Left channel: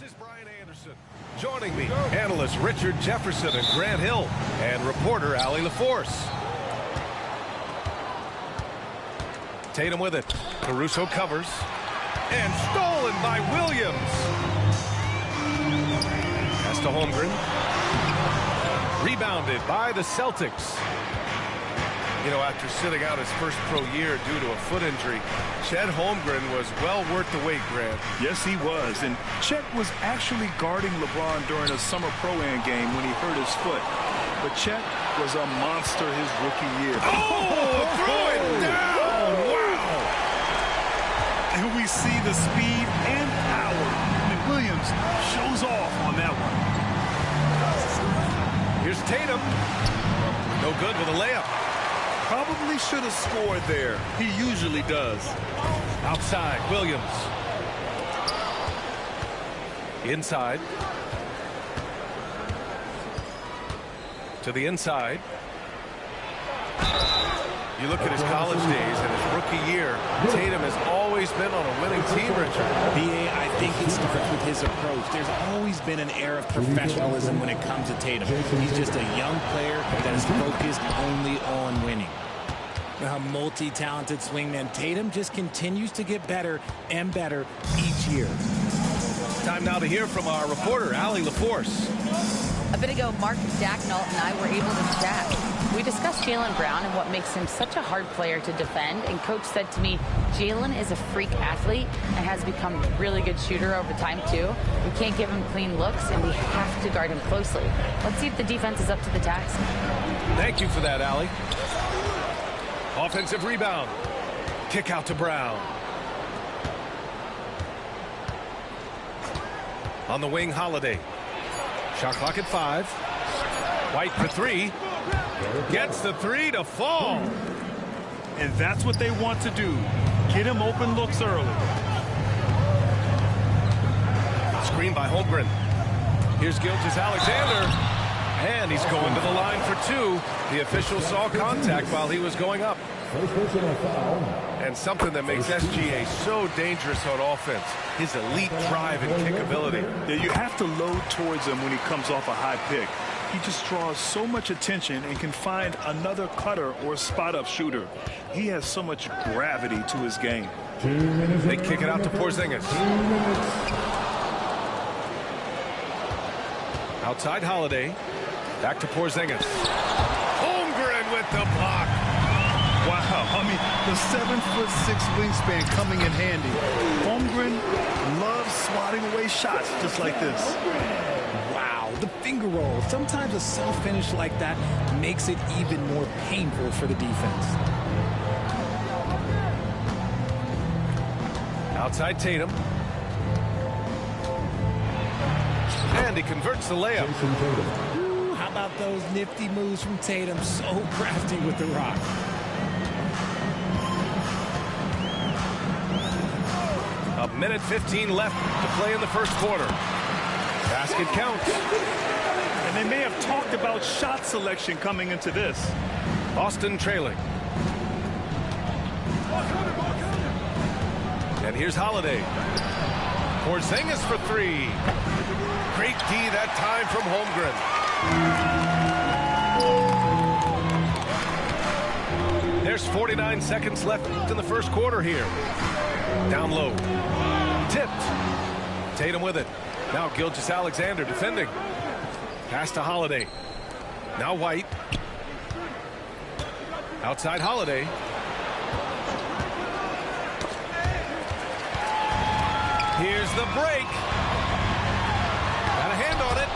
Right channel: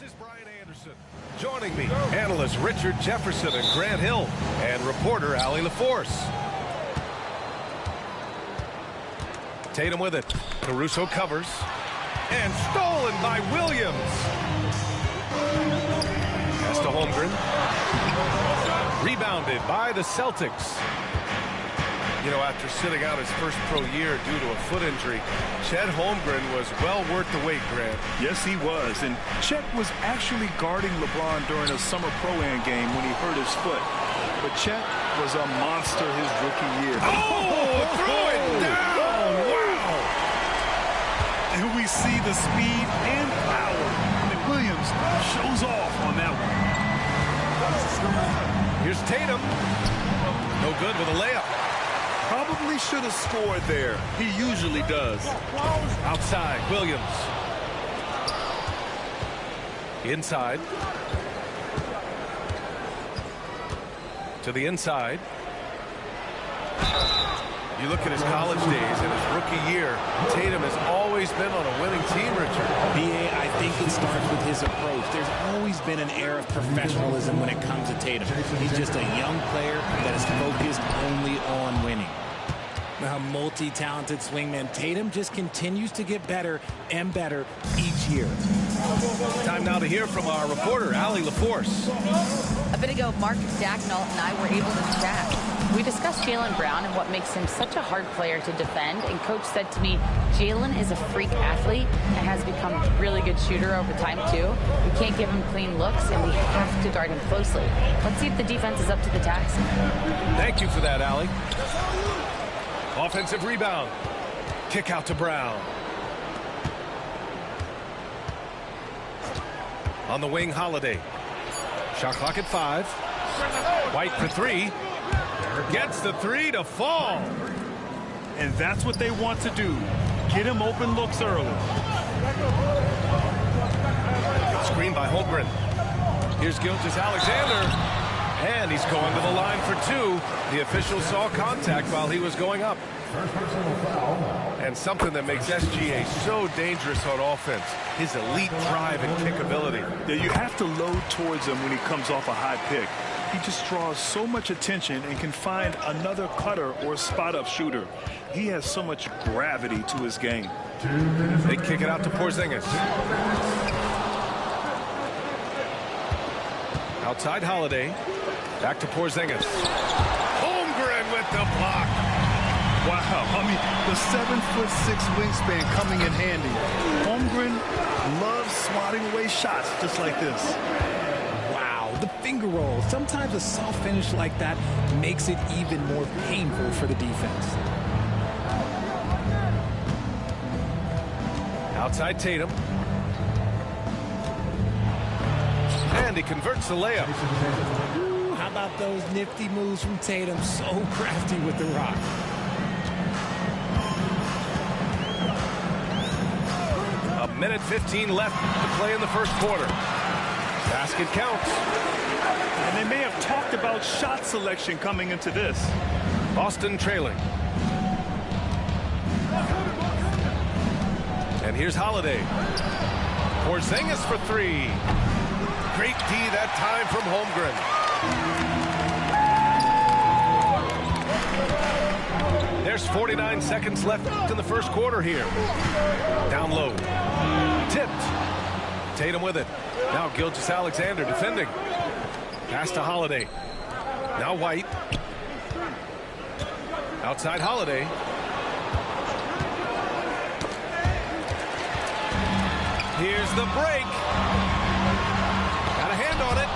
This is Brian Anderson. Joining me, analysts Richard Jefferson and Grant Hill, and reporter Allie LaForce. Tatum with it. Caruso covers. And stolen by Williams. Pass to Holmgren. Rebounded by the Celtics. You know, after sitting out his first pro year due to a foot injury, Chet Holmgren was well worth the wait, Grant. Yes, he was. And Chet was actually guarding LeBron during a summer pro-am game when he hurt his foot. But Chet was a monster his rookie year. Oh, throw it down! Wow! And we see the speed and power. And Williams shows off on that one. Here's Tatum. No good with a layup. Probably should have scored there. He usually does. Outside, Williams. Inside. To the inside. You look at his college days and his rookie year, Tatum has always been on a winning team, Richard. B.A., I think it starts with his approach. There's always been an air of professionalism when it comes to Tatum. He's just a young player that is focused only on winning. A multi-talented swingman, Tatum just continues to get better and better each year. Time now to hear from our reporter, Allie LaForce. A bit ago, Mark Dacknault and I were able to chat. We discussed Jaylen Brown and what makes him such a hard player to defend. And Coach said to me, Jaylen is a freak athlete and has become a really good shooter over time, too. We can't give him clean looks, and we have to guard him closely. Let's see if the defense is up to the task. Thank you for that, Allie. Offensive rebound. Kick out to Brown. On the wing, Holiday. Shot clock at 5. White for 3. Gets the 3 to fall. And that's what they want to do. Get him open looks early. Screen by Holmgren. Here's Gilgeous-Alexander. And he's going to the line for 2. The official saw contact while he was going up. First personal foul. And something that makes SGA so dangerous on offense, his elite drive and kick ability. Yeah, you have to load towards him when he comes off a high pick. He just draws so much attention and can find another cutter or spot-up shooter. He has so much gravity to his game. 2 minutes. They kick it out to Porzingis. 2 minutes. Outside Holiday. Back to Porzingis. Holmgren with the block. Wow, I mean, the 7'6" wingspan coming in handy. Holmgren loves swatting away shots just like this. Wow, the finger roll. Sometimes a soft finish like that makes it even more painful for the defense. Outside Tatum. And he converts the layup. Ooh, how about those nifty moves from Tatum? So crafty with the rock. A minute 15 left to play in the first quarter. Basket counts. And they may have talked about shot selection coming into this. Boston trailing. And here's Holiday. Porzingis for 3. Great D that time from Holmgren. There's 49 seconds left in the first quarter here. Down low. Tipped. Tatum with it. Now Gilgeous-Alexander defending. Pass to Holiday. Now White. Outside Holiday. Here's the break. Got a hand on it.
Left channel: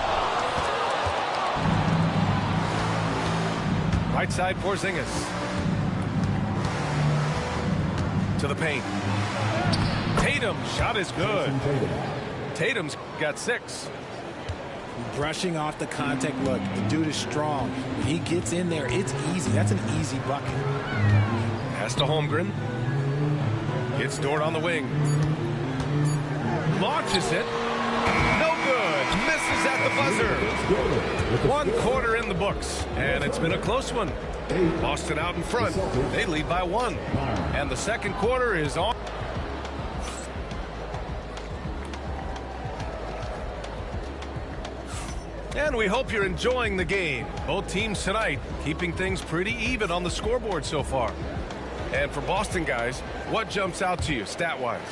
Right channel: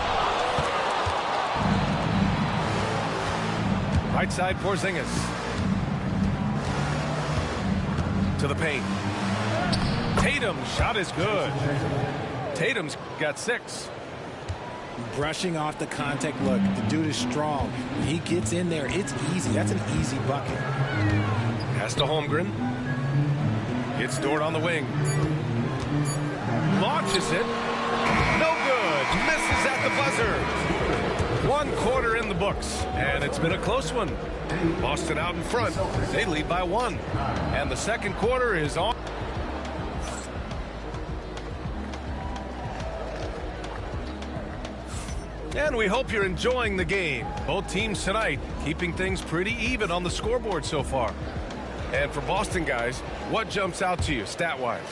Right side Porzingis. To the paint. Tatum's shot is good. Tatum's got 6. Brushing off the contact. Look, the dude is strong. When he gets in there, it's easy. That's an easy bucket. Pass to Holmgren. Gets Dort on the wing. Launches it. No good. Misses at the buzzer. 1 quarter in the books. And it's been a close one. Boston out in front. They lead by 1. And the second quarter is on. And we hope you're enjoying the game. Both teams tonight keeping things pretty even on the scoreboard so far. And for Boston guys, what jumps out to you stat-wise?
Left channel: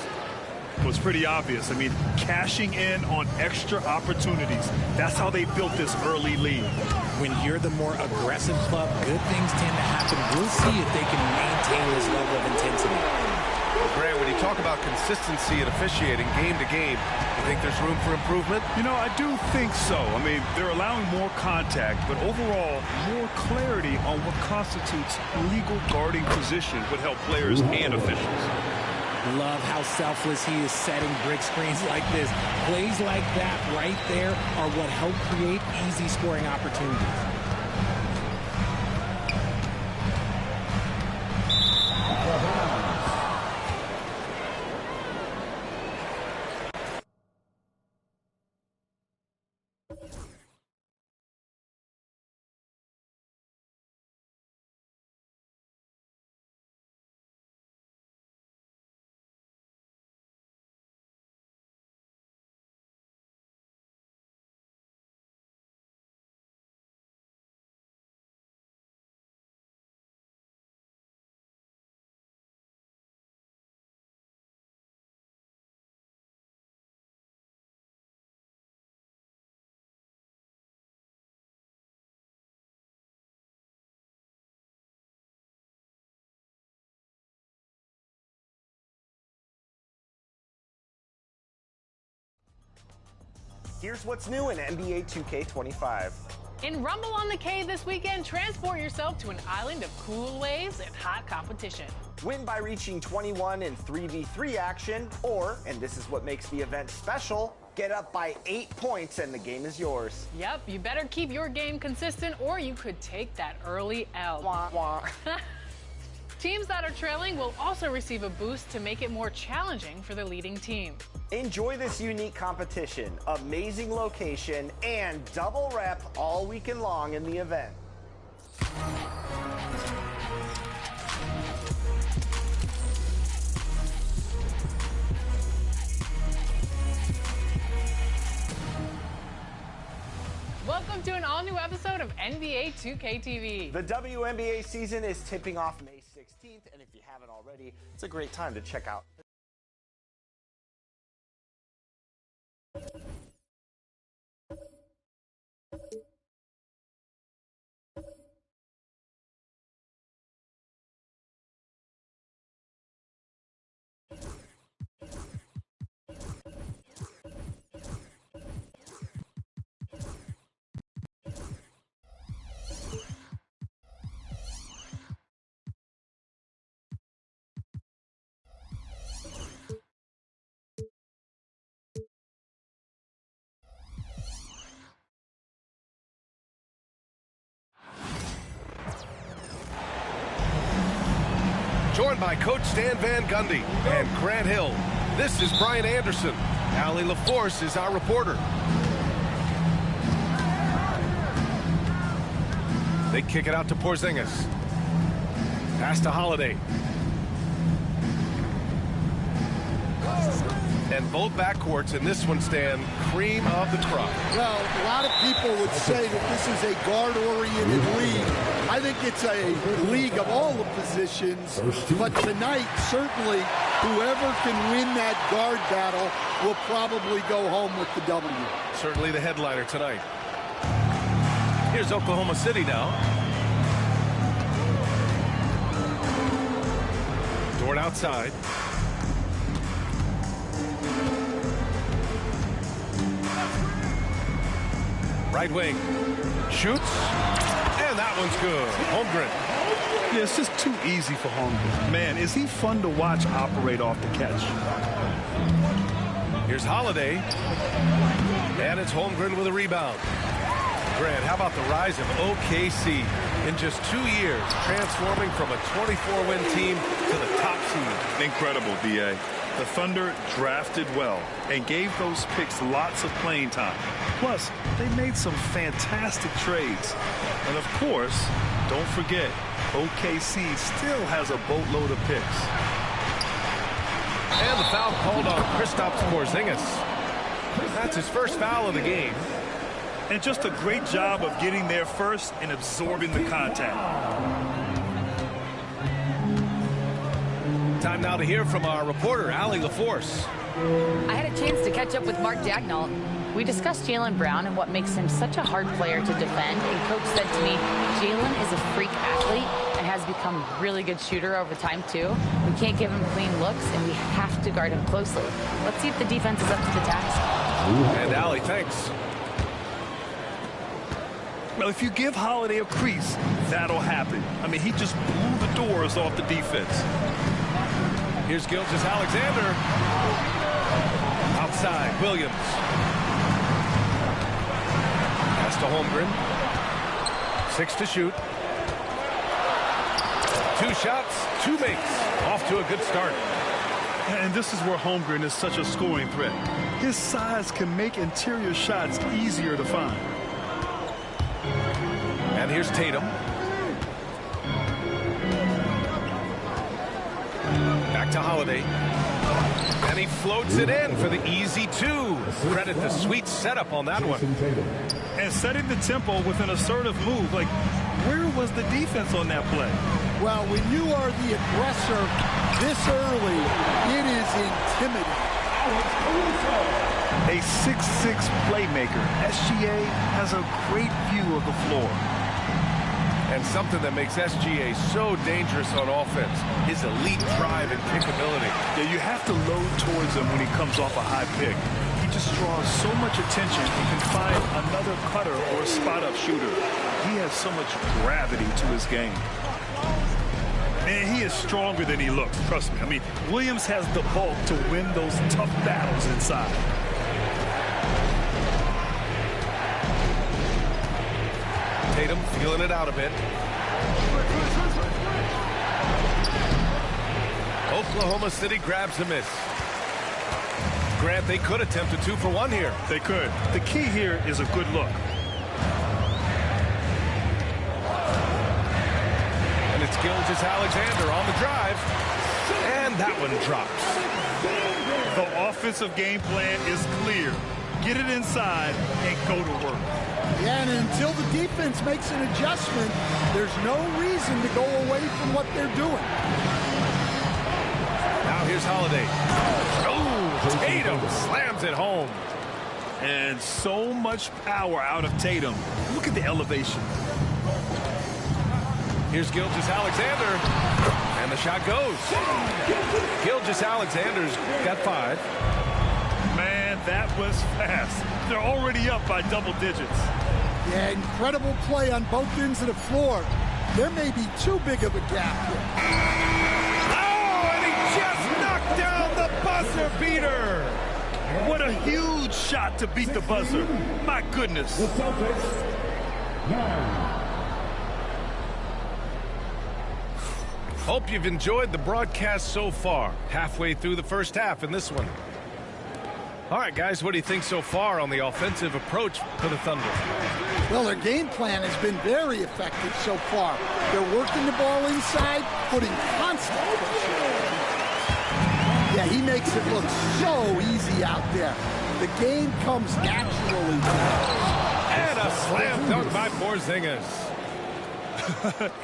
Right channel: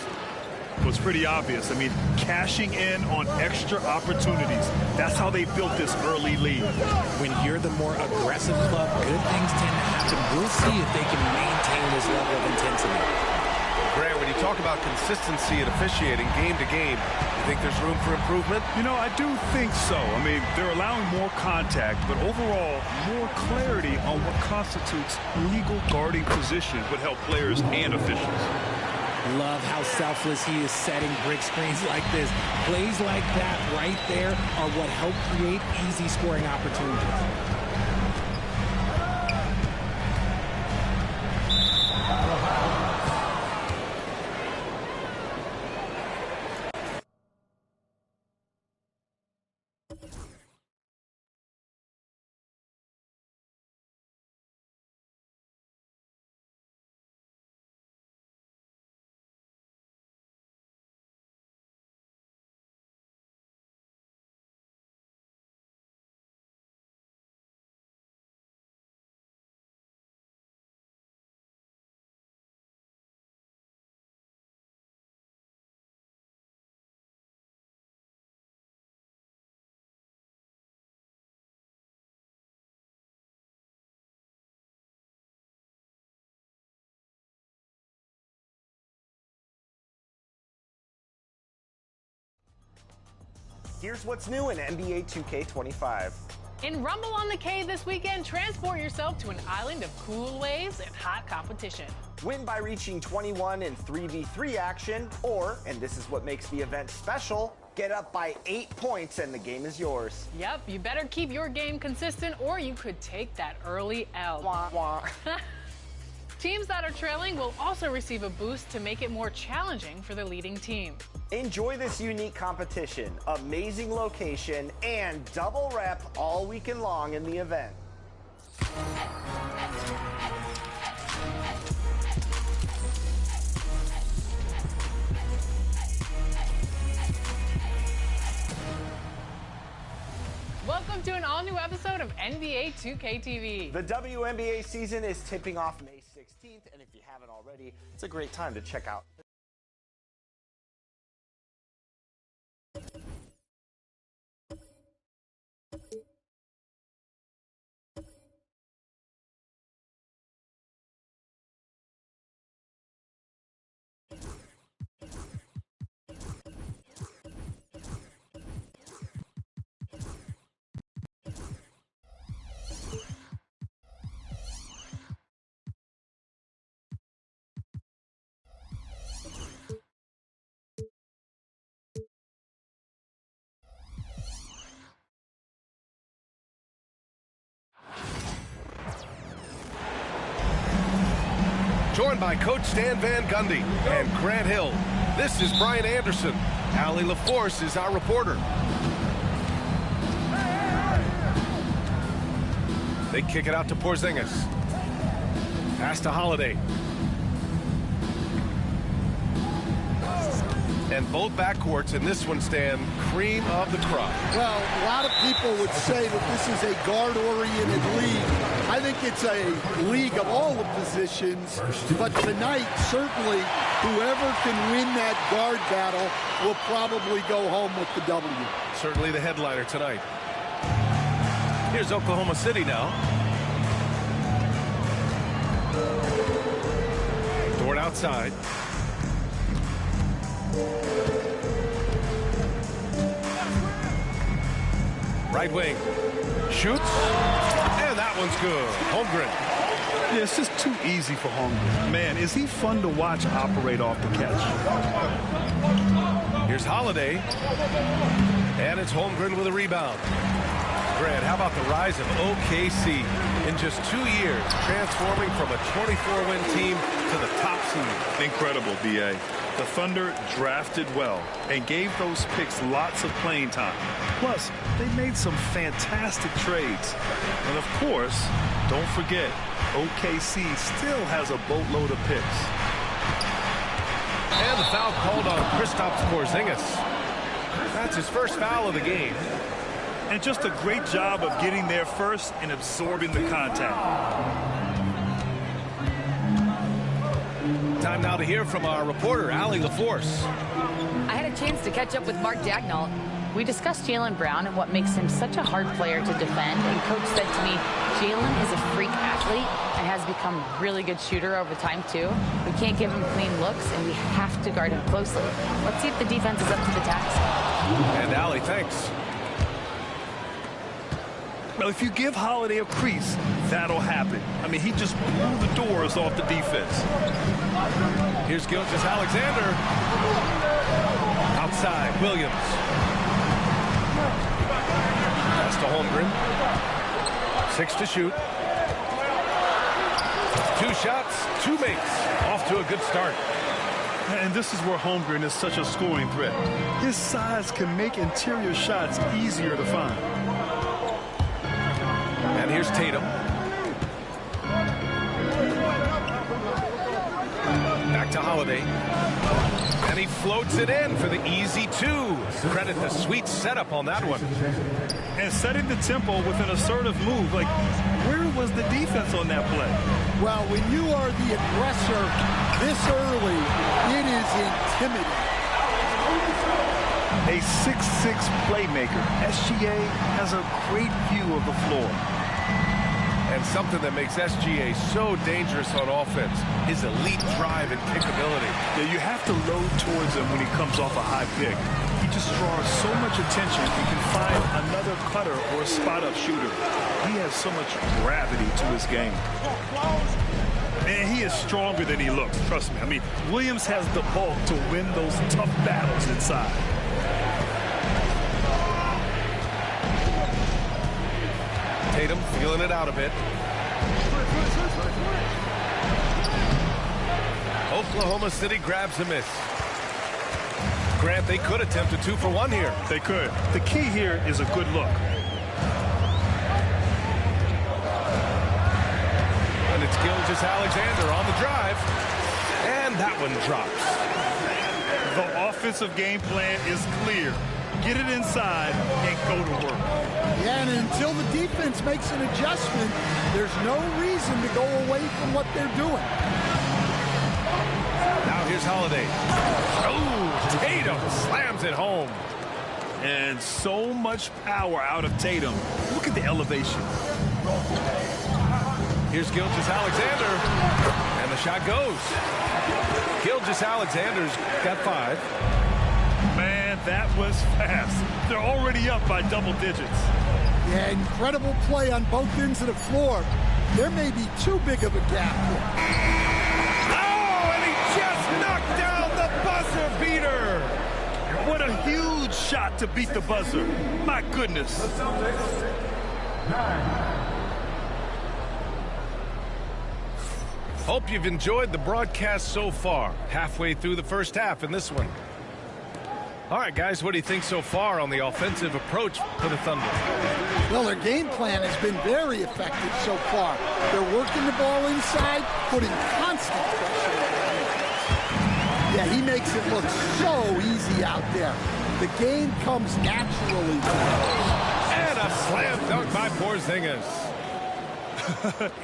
Well, it's pretty obvious. I mean, cashing in on extra opportunities. That's how they built this early lead. When you're the more aggressive club, good things tend to happen. We'll see if they can maintain this level of intensity. Grant, when you talk about consistency and officiating game to game, you think there's room for improvement? You know, I do think so. I mean, they're allowing more contact, but overall, more clarity on what constitutes legal guarding position would help players and officials. Love how selfless he is setting brick screens like this. Plays like that right there are what help create easy scoring opportunities. Here's what's new in NBA 2K25. In Rumble on the K this weekend, transport yourself to an island of cool waves and hot competition. Win by reaching 21 in 3v3 action, or, and this is what makes the event special, get up by 8 points and the game is yours. Yep, you better keep your game consistent or you could take that early L. Wah, wah. Teams that are trailing will also receive a boost to make it more challenging for the leading team. Enjoy this unique competition, amazing location, and double rep all weekend long in the event. Welcome to an all-new episode of NBA 2K TV. The WNBA season is tipping off May 16th, and if you haven't already, it's a great time to check out. Joined by Coach Stan Van Gundy and Grant Hill. This is Brian Anderson. Allie LaForce is our reporter. They kick it out to Porzingis. Pass to Holiday. And both backcourts in this one stand cream of the crop. Well, a lot of people would say that this is a guard-oriented league. I think it's a league of all the positions, but tonight, certainly, whoever can win that guard battle will probably go home with the W. Certainly the headliner tonight. Here's Oklahoma City now. Dort outside. Right wing. Shoots. And that one's good. Holmgren. Yeah, it's just too easy for Holmgren. Man, is he fun to watch operate off the catch. Here's Holiday. And it's Holmgren with a rebound. Grant, how about the rise of OKC in just 2 years, transforming from a 24-win team to the top seed? Incredible, D.A. The Thunder drafted well and gave those picks lots of playing time. Plus, they made some fantastic trades. And of course, don't forget, OKC still has a boatload of picks. And the foul called on Kristaps Porzingis. That's his first foul of the game. And just a great job of getting there first and absorbing the contact. Time now to hear from our reporter, Allie LaForce. I had a chance to catch up with Mark Daigneault. We discussed Jaylen Brown and what makes him such a hard player to defend, and Coach said to me, Jaylen is a freak athlete and has become a really good shooter over time, too. We can't give him clean looks, and we have to guard him closely. Let's see if the defense is up to the task. And Allie, thanks. Well, if you give Holiday a crease, that'll happen. I mean, he just blew the doors off the defense. Here's Gilgeous-Alexander. Outside, Williams. Pass to Holmgren. 6 to shoot. 2 shots, 2 makes. Off to a good start. And this is where Holmgren is such a scoring threat. His size can make interior shots easier to find. And here's Tatum. Back to Holiday. And he floats it in for the easy 2. Credit the sweet setup on that one. And setting the tempo with an assertive move. Like, where was the defense on that play? Well, when you are the aggressor this early, it is intimidating. A 6'6" playmaker, SGA has a great view of the floor. And something that makes SGA so dangerous on offense, his elite drive and kickability. Yeah, you have to load towards him when he comes off a high pick. He just draws so much attention and can find another cutter or a spot-up shooter. He has so much gravity to his game. And he is stronger than he looks, trust me. I mean, Williams has the bulk to win those tough battles inside. Tatum feeling it out a bit. Oklahoma City grabs a miss. Grant, they could attempt a 2-for-1 here. They could. The key here is a good look. And it's Gilgeous-Alexander on the drive. And that one drops. The offensive game plan is clear. Get it inside and go to work. Yeah, and until the defense makes an adjustment, there's no reason to go away from what they're doing. Now here's Holiday. Oh, Tatum slams it home. And so much power out of Tatum. Look at the elevation. Here's Gilgeous-Alexander. And the shot goes. Gilgeous-Alexander's got 5. Man, that was fast. They're already up by double digits. Yeah, incredible play on both ends of the floor. There may be too big of a gap here. Oh, and he just knocked down the buzzer beater. What a huge shot to beat the buzzer. My goodness. The Celtics, 9. Hope you've enjoyed the broadcast so far. Halfway through the first half in this one. All right, guys, what do you think so far on the offensive approach for the Thunder? Well, their game plan has been very effective so far. They're working the ball inside, putting constant pressure on the defense. Yeah, he makes it look so easy out there. The game comes naturally. And a slam dunk by Porzingis.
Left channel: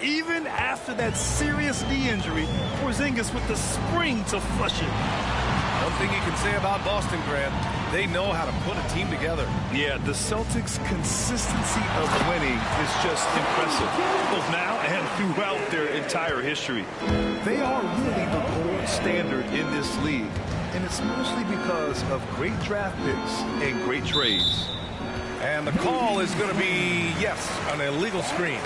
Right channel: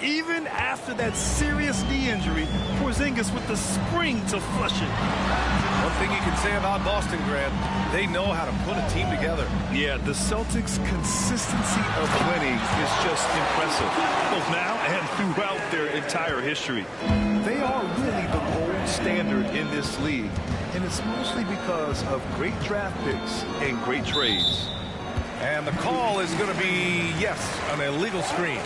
Even after that serious knee injury, Porzingis with the spring to flush it. One thing you can say about Boston, Grant, they know how to put a team together. Yeah, the Celtics' consistency of winning is just impressive, both now and throughout their entire history. They are really the gold standard in this league, and it's mostly because of great draft picks and great trades. And the call is going to be, yes, an illegal screen.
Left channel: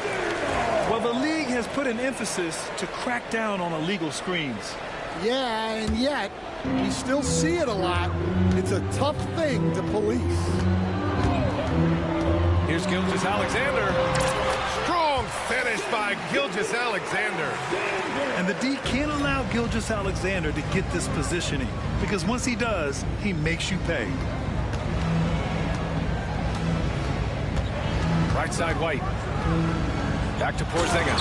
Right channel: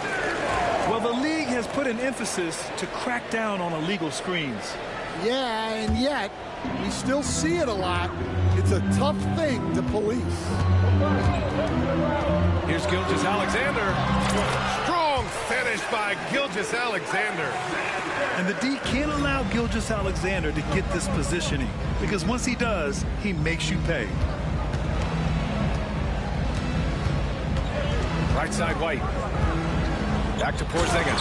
Well, the league has put an emphasis to crack down on illegal screens. Yeah, and yet, we still see it a lot. It's a tough thing to police. Here's Gilgeous-Alexander. Strong finish by Gilgeous-Alexander. And the D can't allow Gilgeous-Alexander to get this positioning, because once he does, he makes you pay. Right side, White. Back to Porzingis.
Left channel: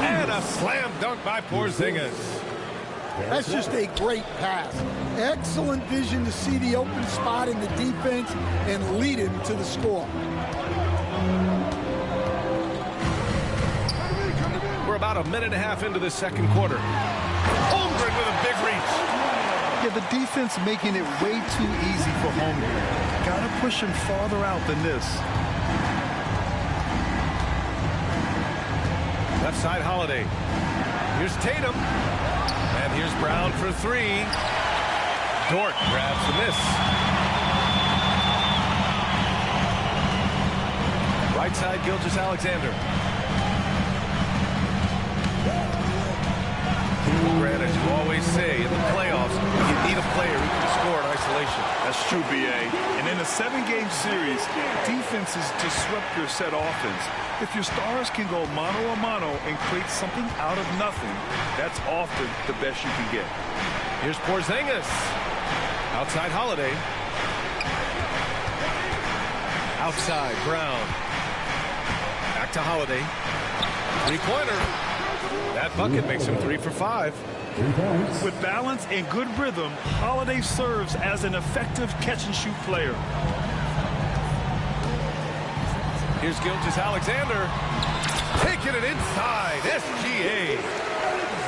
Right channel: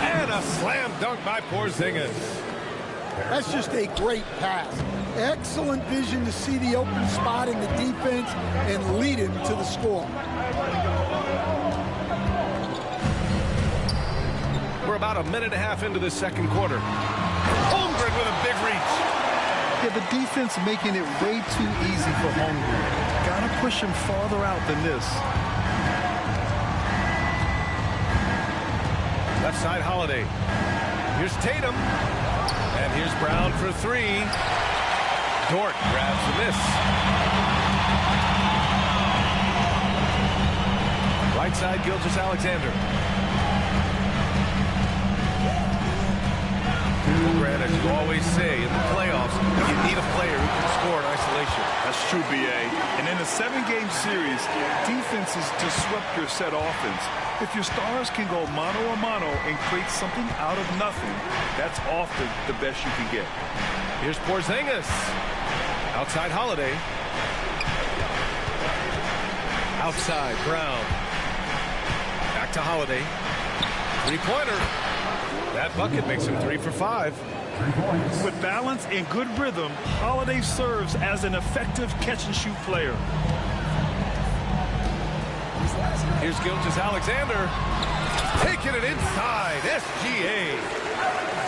And a slam dunk by Porzingis. That's just a great pass. Excellent vision to see the open spot in the defense and lead him to the score. We're about a minute and a half into this second quarter. Holmgren with a big reach. Yeah, the defense making it way too easy for Holmgren. Gotta push him farther out than this. Left side, Holiday. Here's Tatum. And here's Brown for three. Dort grabs the miss. Right side, Gilgeous-Alexander. Grant, as you always say, in the playoffs, you need a player who can score in isolation. That's true, B.A. And in a 7-game series, defenses disrupt your set offense. If your stars can go mano-a-mano and create something out of nothing, that's often the best you can get. Here's Porzingis. Outside, Holiday. Outside, Brown. Back to Holiday. Three-pointer. That bucket makes him 3 for 5. With balance and good rhythm, Holiday serves as an effective catch-and-shoot player. Here's Gilgeous-Alexander. Taking it inside. SGA.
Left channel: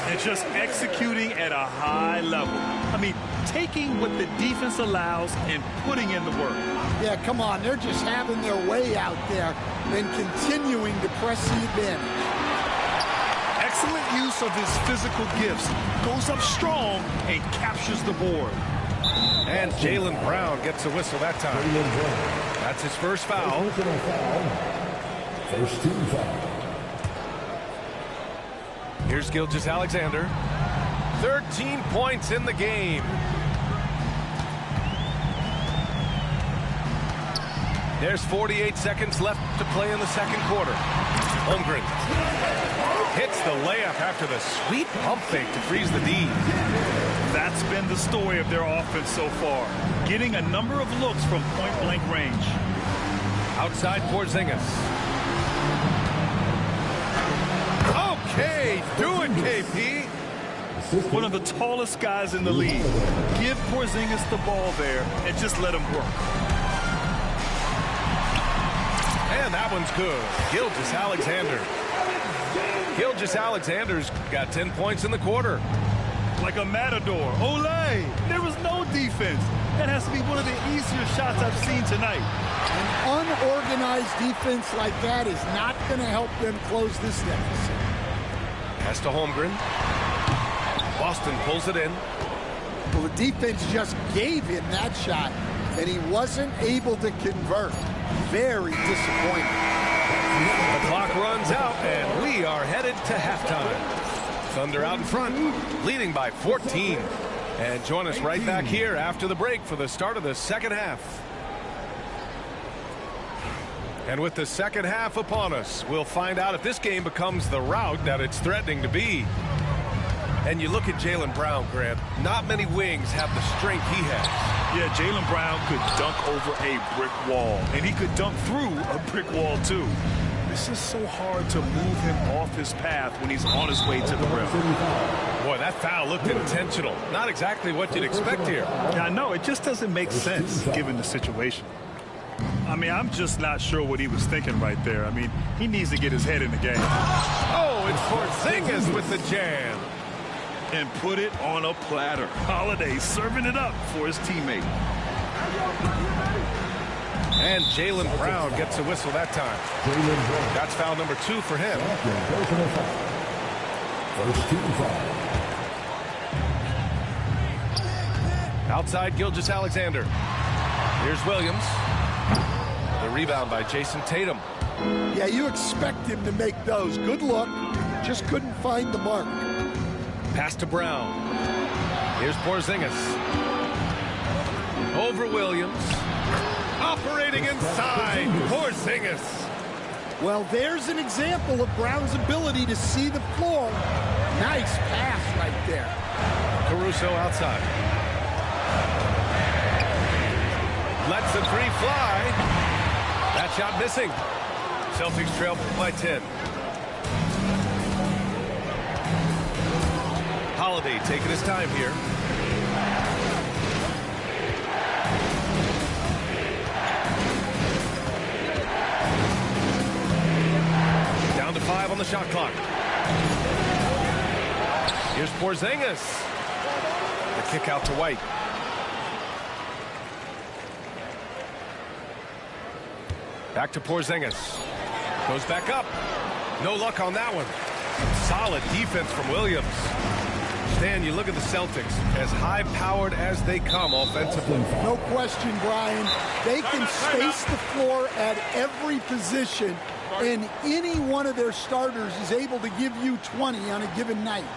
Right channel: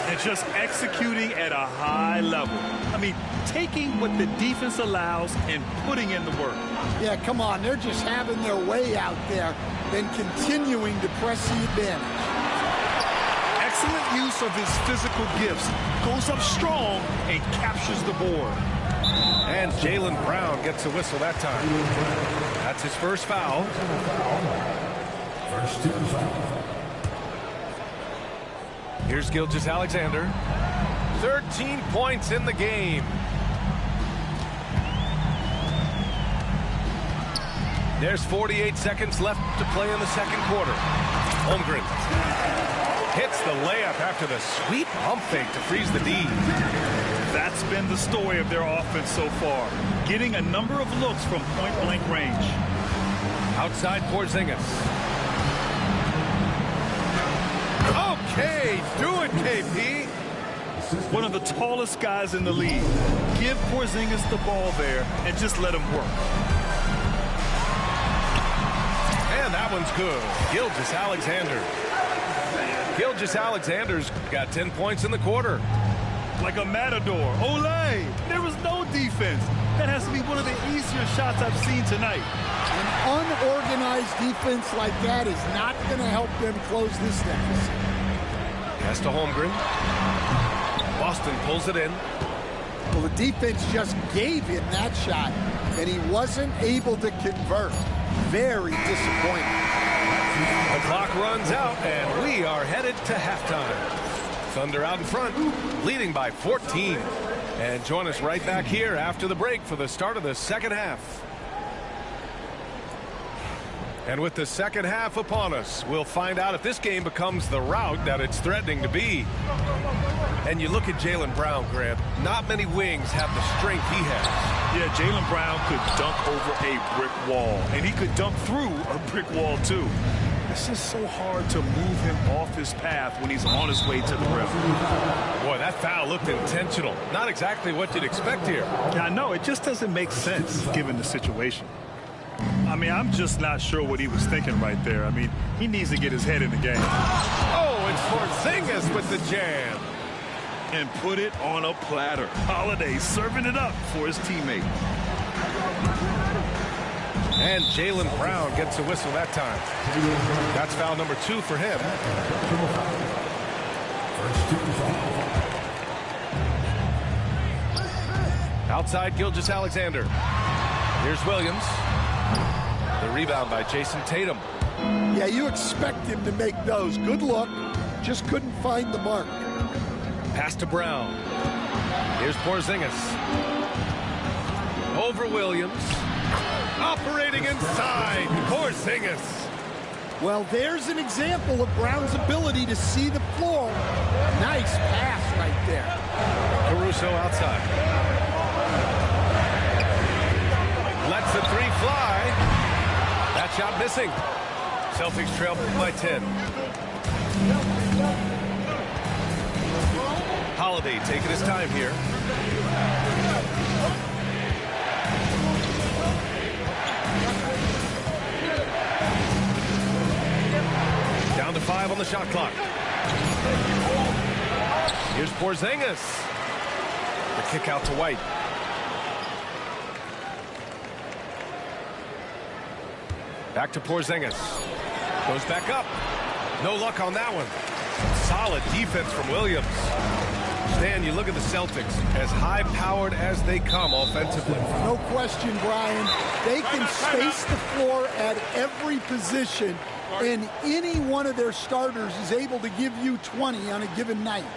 And just executing at a high level. I mean, taking what the defense allows and putting in the work. Yeah, come on. They're just having their way out there and continuing to press the advantage. Excellent use of his physical gifts. Goes up strong and captures the board. And Jaylen Brown gets a whistle that time. That's his first foul. First team foul. Here's Gilgeous-Alexander. 13 points in the game. There's 48 seconds left to play in the second quarter. Holmgren hits the layup after the sweet pump fake to freeze the D. That's been the story of their offense so far. Getting a number of looks from point-blank range. Outside Porzingis. Okay, do it, KP. One of the tallest guys in the league. Give Porzingis the ball there and just let him work. And that one's good. Gilgeous-Alexander. Gilgeous-Alexander's got 10 points in the quarter. Like a matador. Olay! There was no defense. That has to be one of the easier shots I've seen tonight. An unorganized defense like that is not going to help them close this deficit. Pass to Holmgren. Boston pulls it in. Well, the defense just gave him that shot, and he wasn't able to convert. Very disappointing. The clock runs out, and we are headed to halftime. Thunder out in front, leading by 14. And join us right back here after the break for the start of the second half. And with the second half upon us, we'll find out if this game becomes the rout that it's threatening to be. And you look at Jaylen Brown, Grant, not many wings have the strength he has. Yeah, Jaylen Brown could dunk over a brick wall, and he could dunk through a brick wall, too. It's just so hard to move him off his path when he's on his way to the rim. Boy, that foul looked intentional. Not exactly what you'd expect here. Yeah, I know. It just doesn't make sense given the situation. I mean, I'm just not sure what he was thinking right there. I mean, he needs to get his head in the game. Oh, it's Porzingis with the jam. And put it on a platter. Holiday serving it up for his teammate. And Jaylen Brown gets a whistle that time. That's foul number 2 for him. First team foul. Outside Gilgeous-Alexander. Here's Williams. The rebound by Jason Tatum. Yeah, you expect him to make those. Good look. Just couldn't find the mark. Pass to Brown. Here's Porzingis. Over Williams. Operating inside. Porzingis. Well, there's an example of Brown's ability to see the floor. Nice pass right there. Caruso outside. Lets the three fly. That shot missing. Celtics trail by 10. Holiday taking his time here. Down to 5 on the shot clock. Here's Porzingis. The kick out to White. Back to Porzingis. Goes back up. No luck on that one. Solid defense from Williams. Stan, you look at the Celtics, as high-powered as they come offensively. No question, Brian. They can space the floor at every position, and any one of their starters is able to give you 20 on a given night.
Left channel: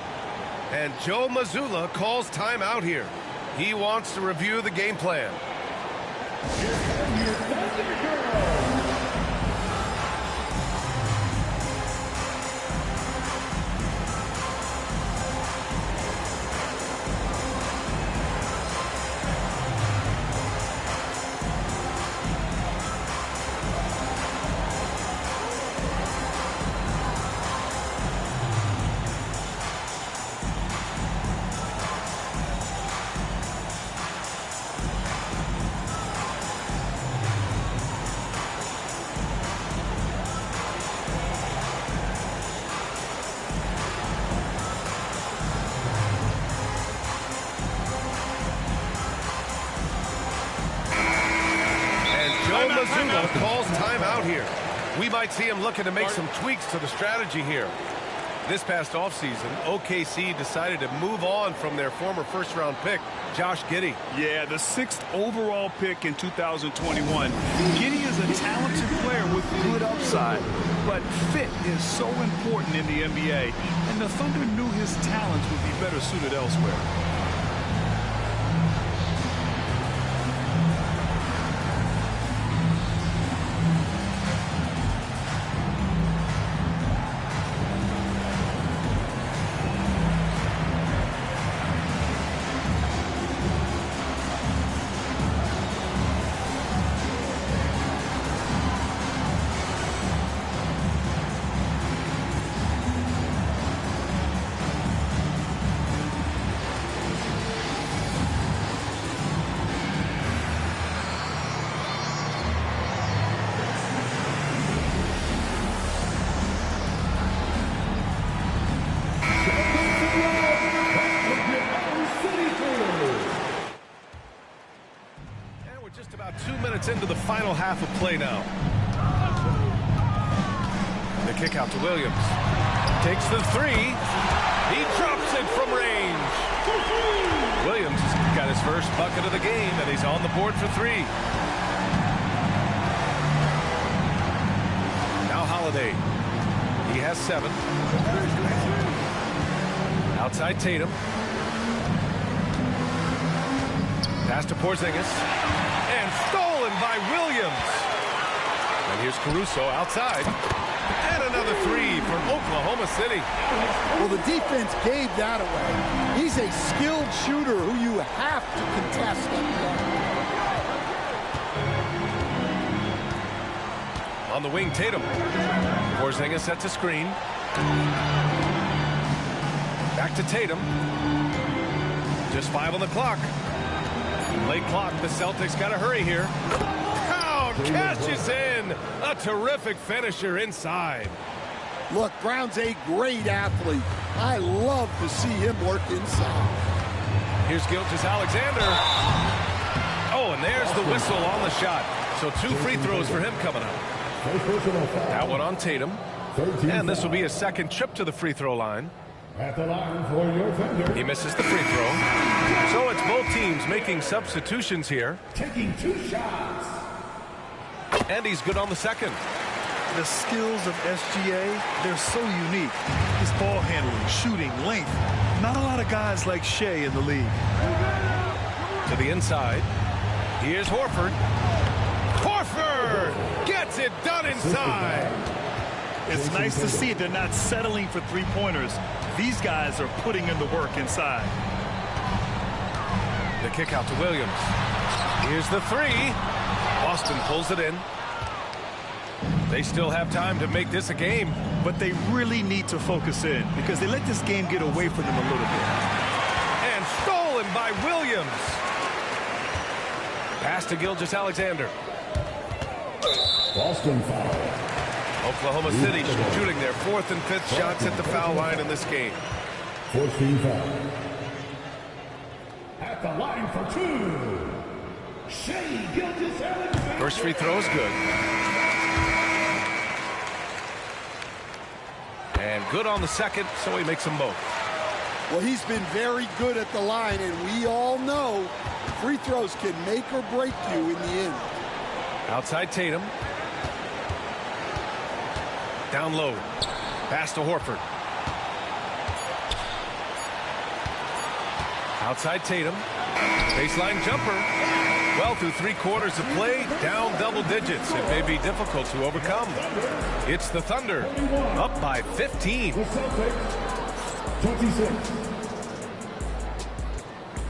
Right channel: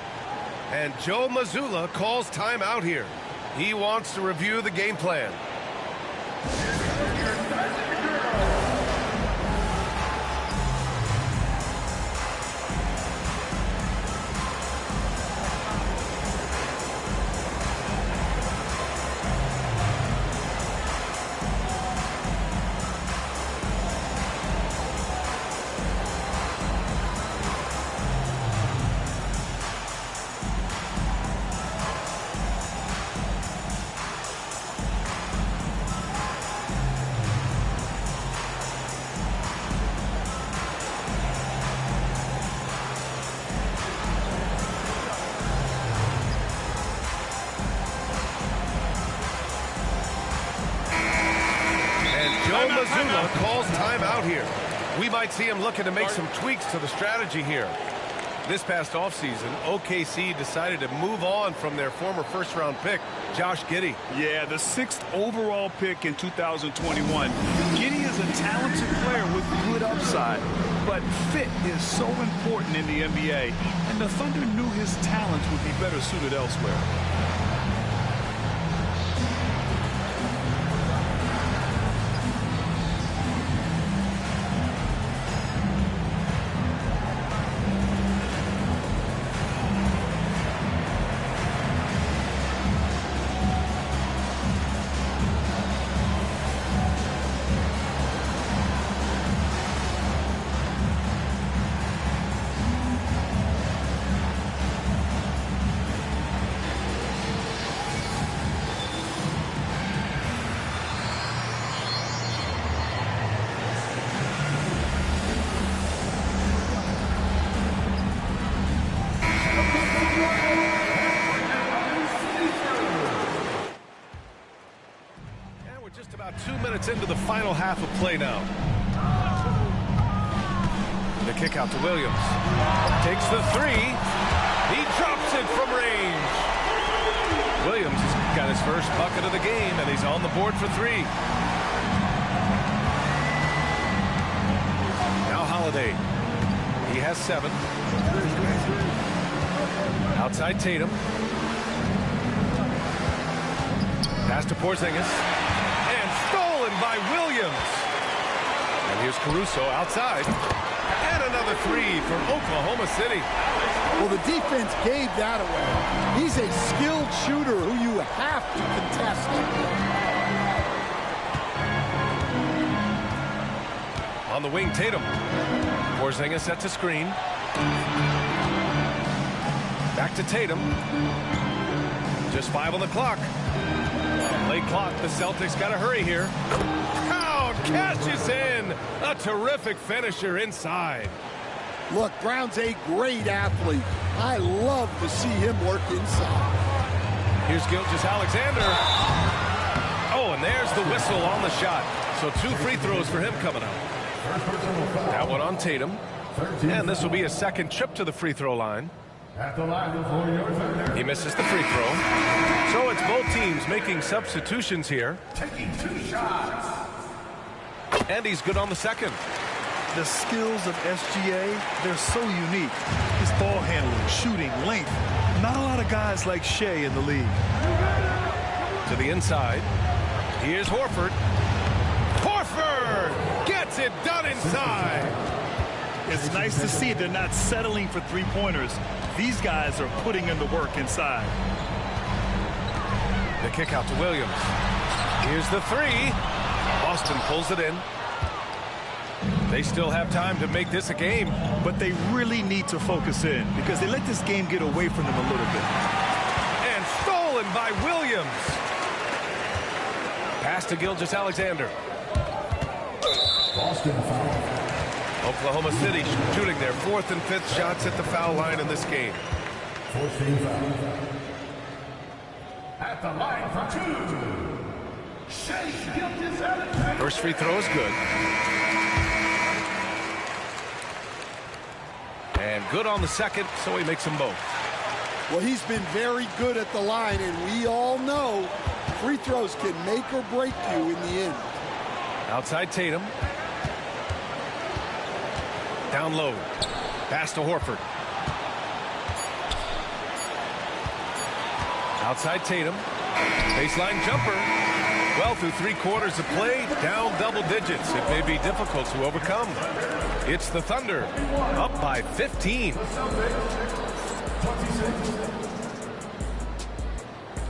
And Joe Mazzulla calls timeout here. He wants to review the game plan. Joe Mazzulla calls timeout here. We might see him looking to make some tweaks to the strategy here. This past offseason, OKC decided to move on from their former first-round pick, Josh Giddey. Yeah, the 6th overall pick in 2021. Giddey is a talented player with good upside, but fit is so important in the NBA, and the Thunder knew his talents would be better suited elsewhere. Just about 2 minutes into the final half of play now. The kick out to Williams. Takes the three. He drops it from range. Williams has got his first bucket of the game, and he's on the board for 3. Now Holiday. He has 7. Outside Tatum. Pass to Porzingis. And stolen by Williams. And here's Caruso outside. And another 3 for Oklahoma City. Well, the defense gave that away. He's a skilled shooter who you have to contest on the wing, Tatum. Porzingis sets a screen. Back to Tatum. Just 5 on the clock. Late clock, the Celtics got to hurry here. Brown cashes in. A terrific finisher inside. Look, Brown's a great athlete. I love to see him work inside. Here's Gilgeous-Alexander. Oh, and there's the whistle on the shot. So 2 free throws for him coming up. That one on Tatum. And this will be a second trip to the free throw line. At the line for your Thunder. He misses the free throw. So it's both teams making substitutions here. Taking 2 shots. And he's good on the second. The skills of SGA, they're so unique. His ball handling, shooting, length. Not a lot of guys like Shea in the league. To the inside. Here's Horford. Horford gets it done inside. It's nice to see they're not settling for 3-pointers. These guys are putting in the work inside. The kick out to Williams. Here's the 3. Boston pulls it in. They still have time to make this a game. But they really need to focus in because they let this game get away from them a little bit. stolen by Williams. Pass to Gilgeous-Alexander. Boston foul. Oklahoma City shooting their 4th and 5th shots at the foul line in this game. 14 foul. At the line for 2. Shea Gilgeous-Alexander. First free throw is good. And good on the second, so he makes them both. Well, he's been very good at the line, and we all know free throws can make or break you in the end. Outside Tatum. Down low. Pass to Horford. Outside Tatum. Baseline jumper. Well, through 3/4 of play, down double digits. It may be difficult to overcome. It's the Thunder, up by 15. The Celtics, 26.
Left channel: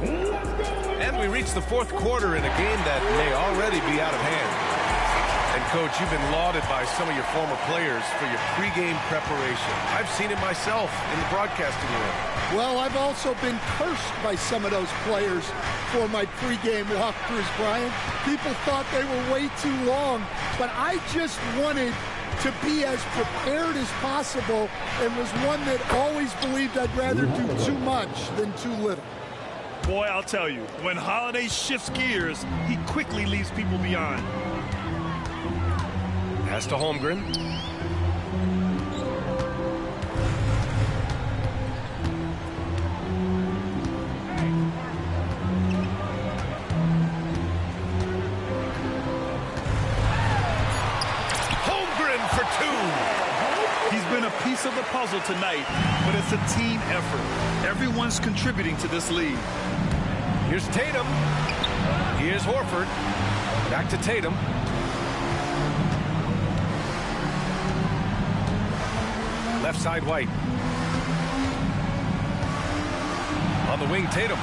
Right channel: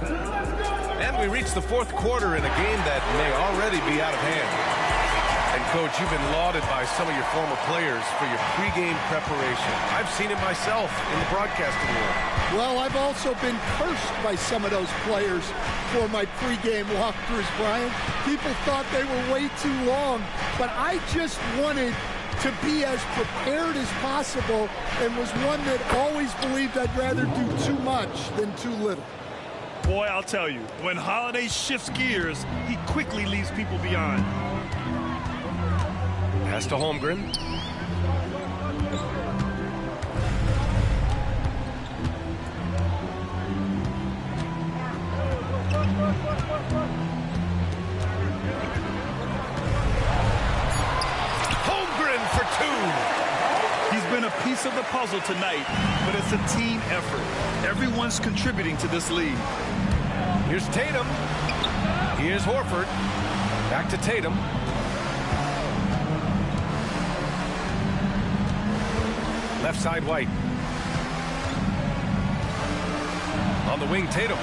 Let's go. And we reach the 4th quarter in a game that may already be out of hand. And, Coach, you've been lauded by some of your former players for your pregame preparation. I've seen it myself in the broadcasting world. Well, I've also been cursed by some of those players for my pregame walkthroughs, Brian. People thought they were way too long, but I just wanted to be as prepared as possible and was one that always believed I'd rather do too much than too little. Boy, I'll tell you, when Holiday shifts gears, he quickly leaves people behind. Pass to Holmgren. Holmgren for 2. He's been a piece of the puzzle tonight, but it's a team effort. Everyone's contributing to this lead. Here's Tatum. Here's Horford. Back to Tatum. Left side White. On the wing, Tatum.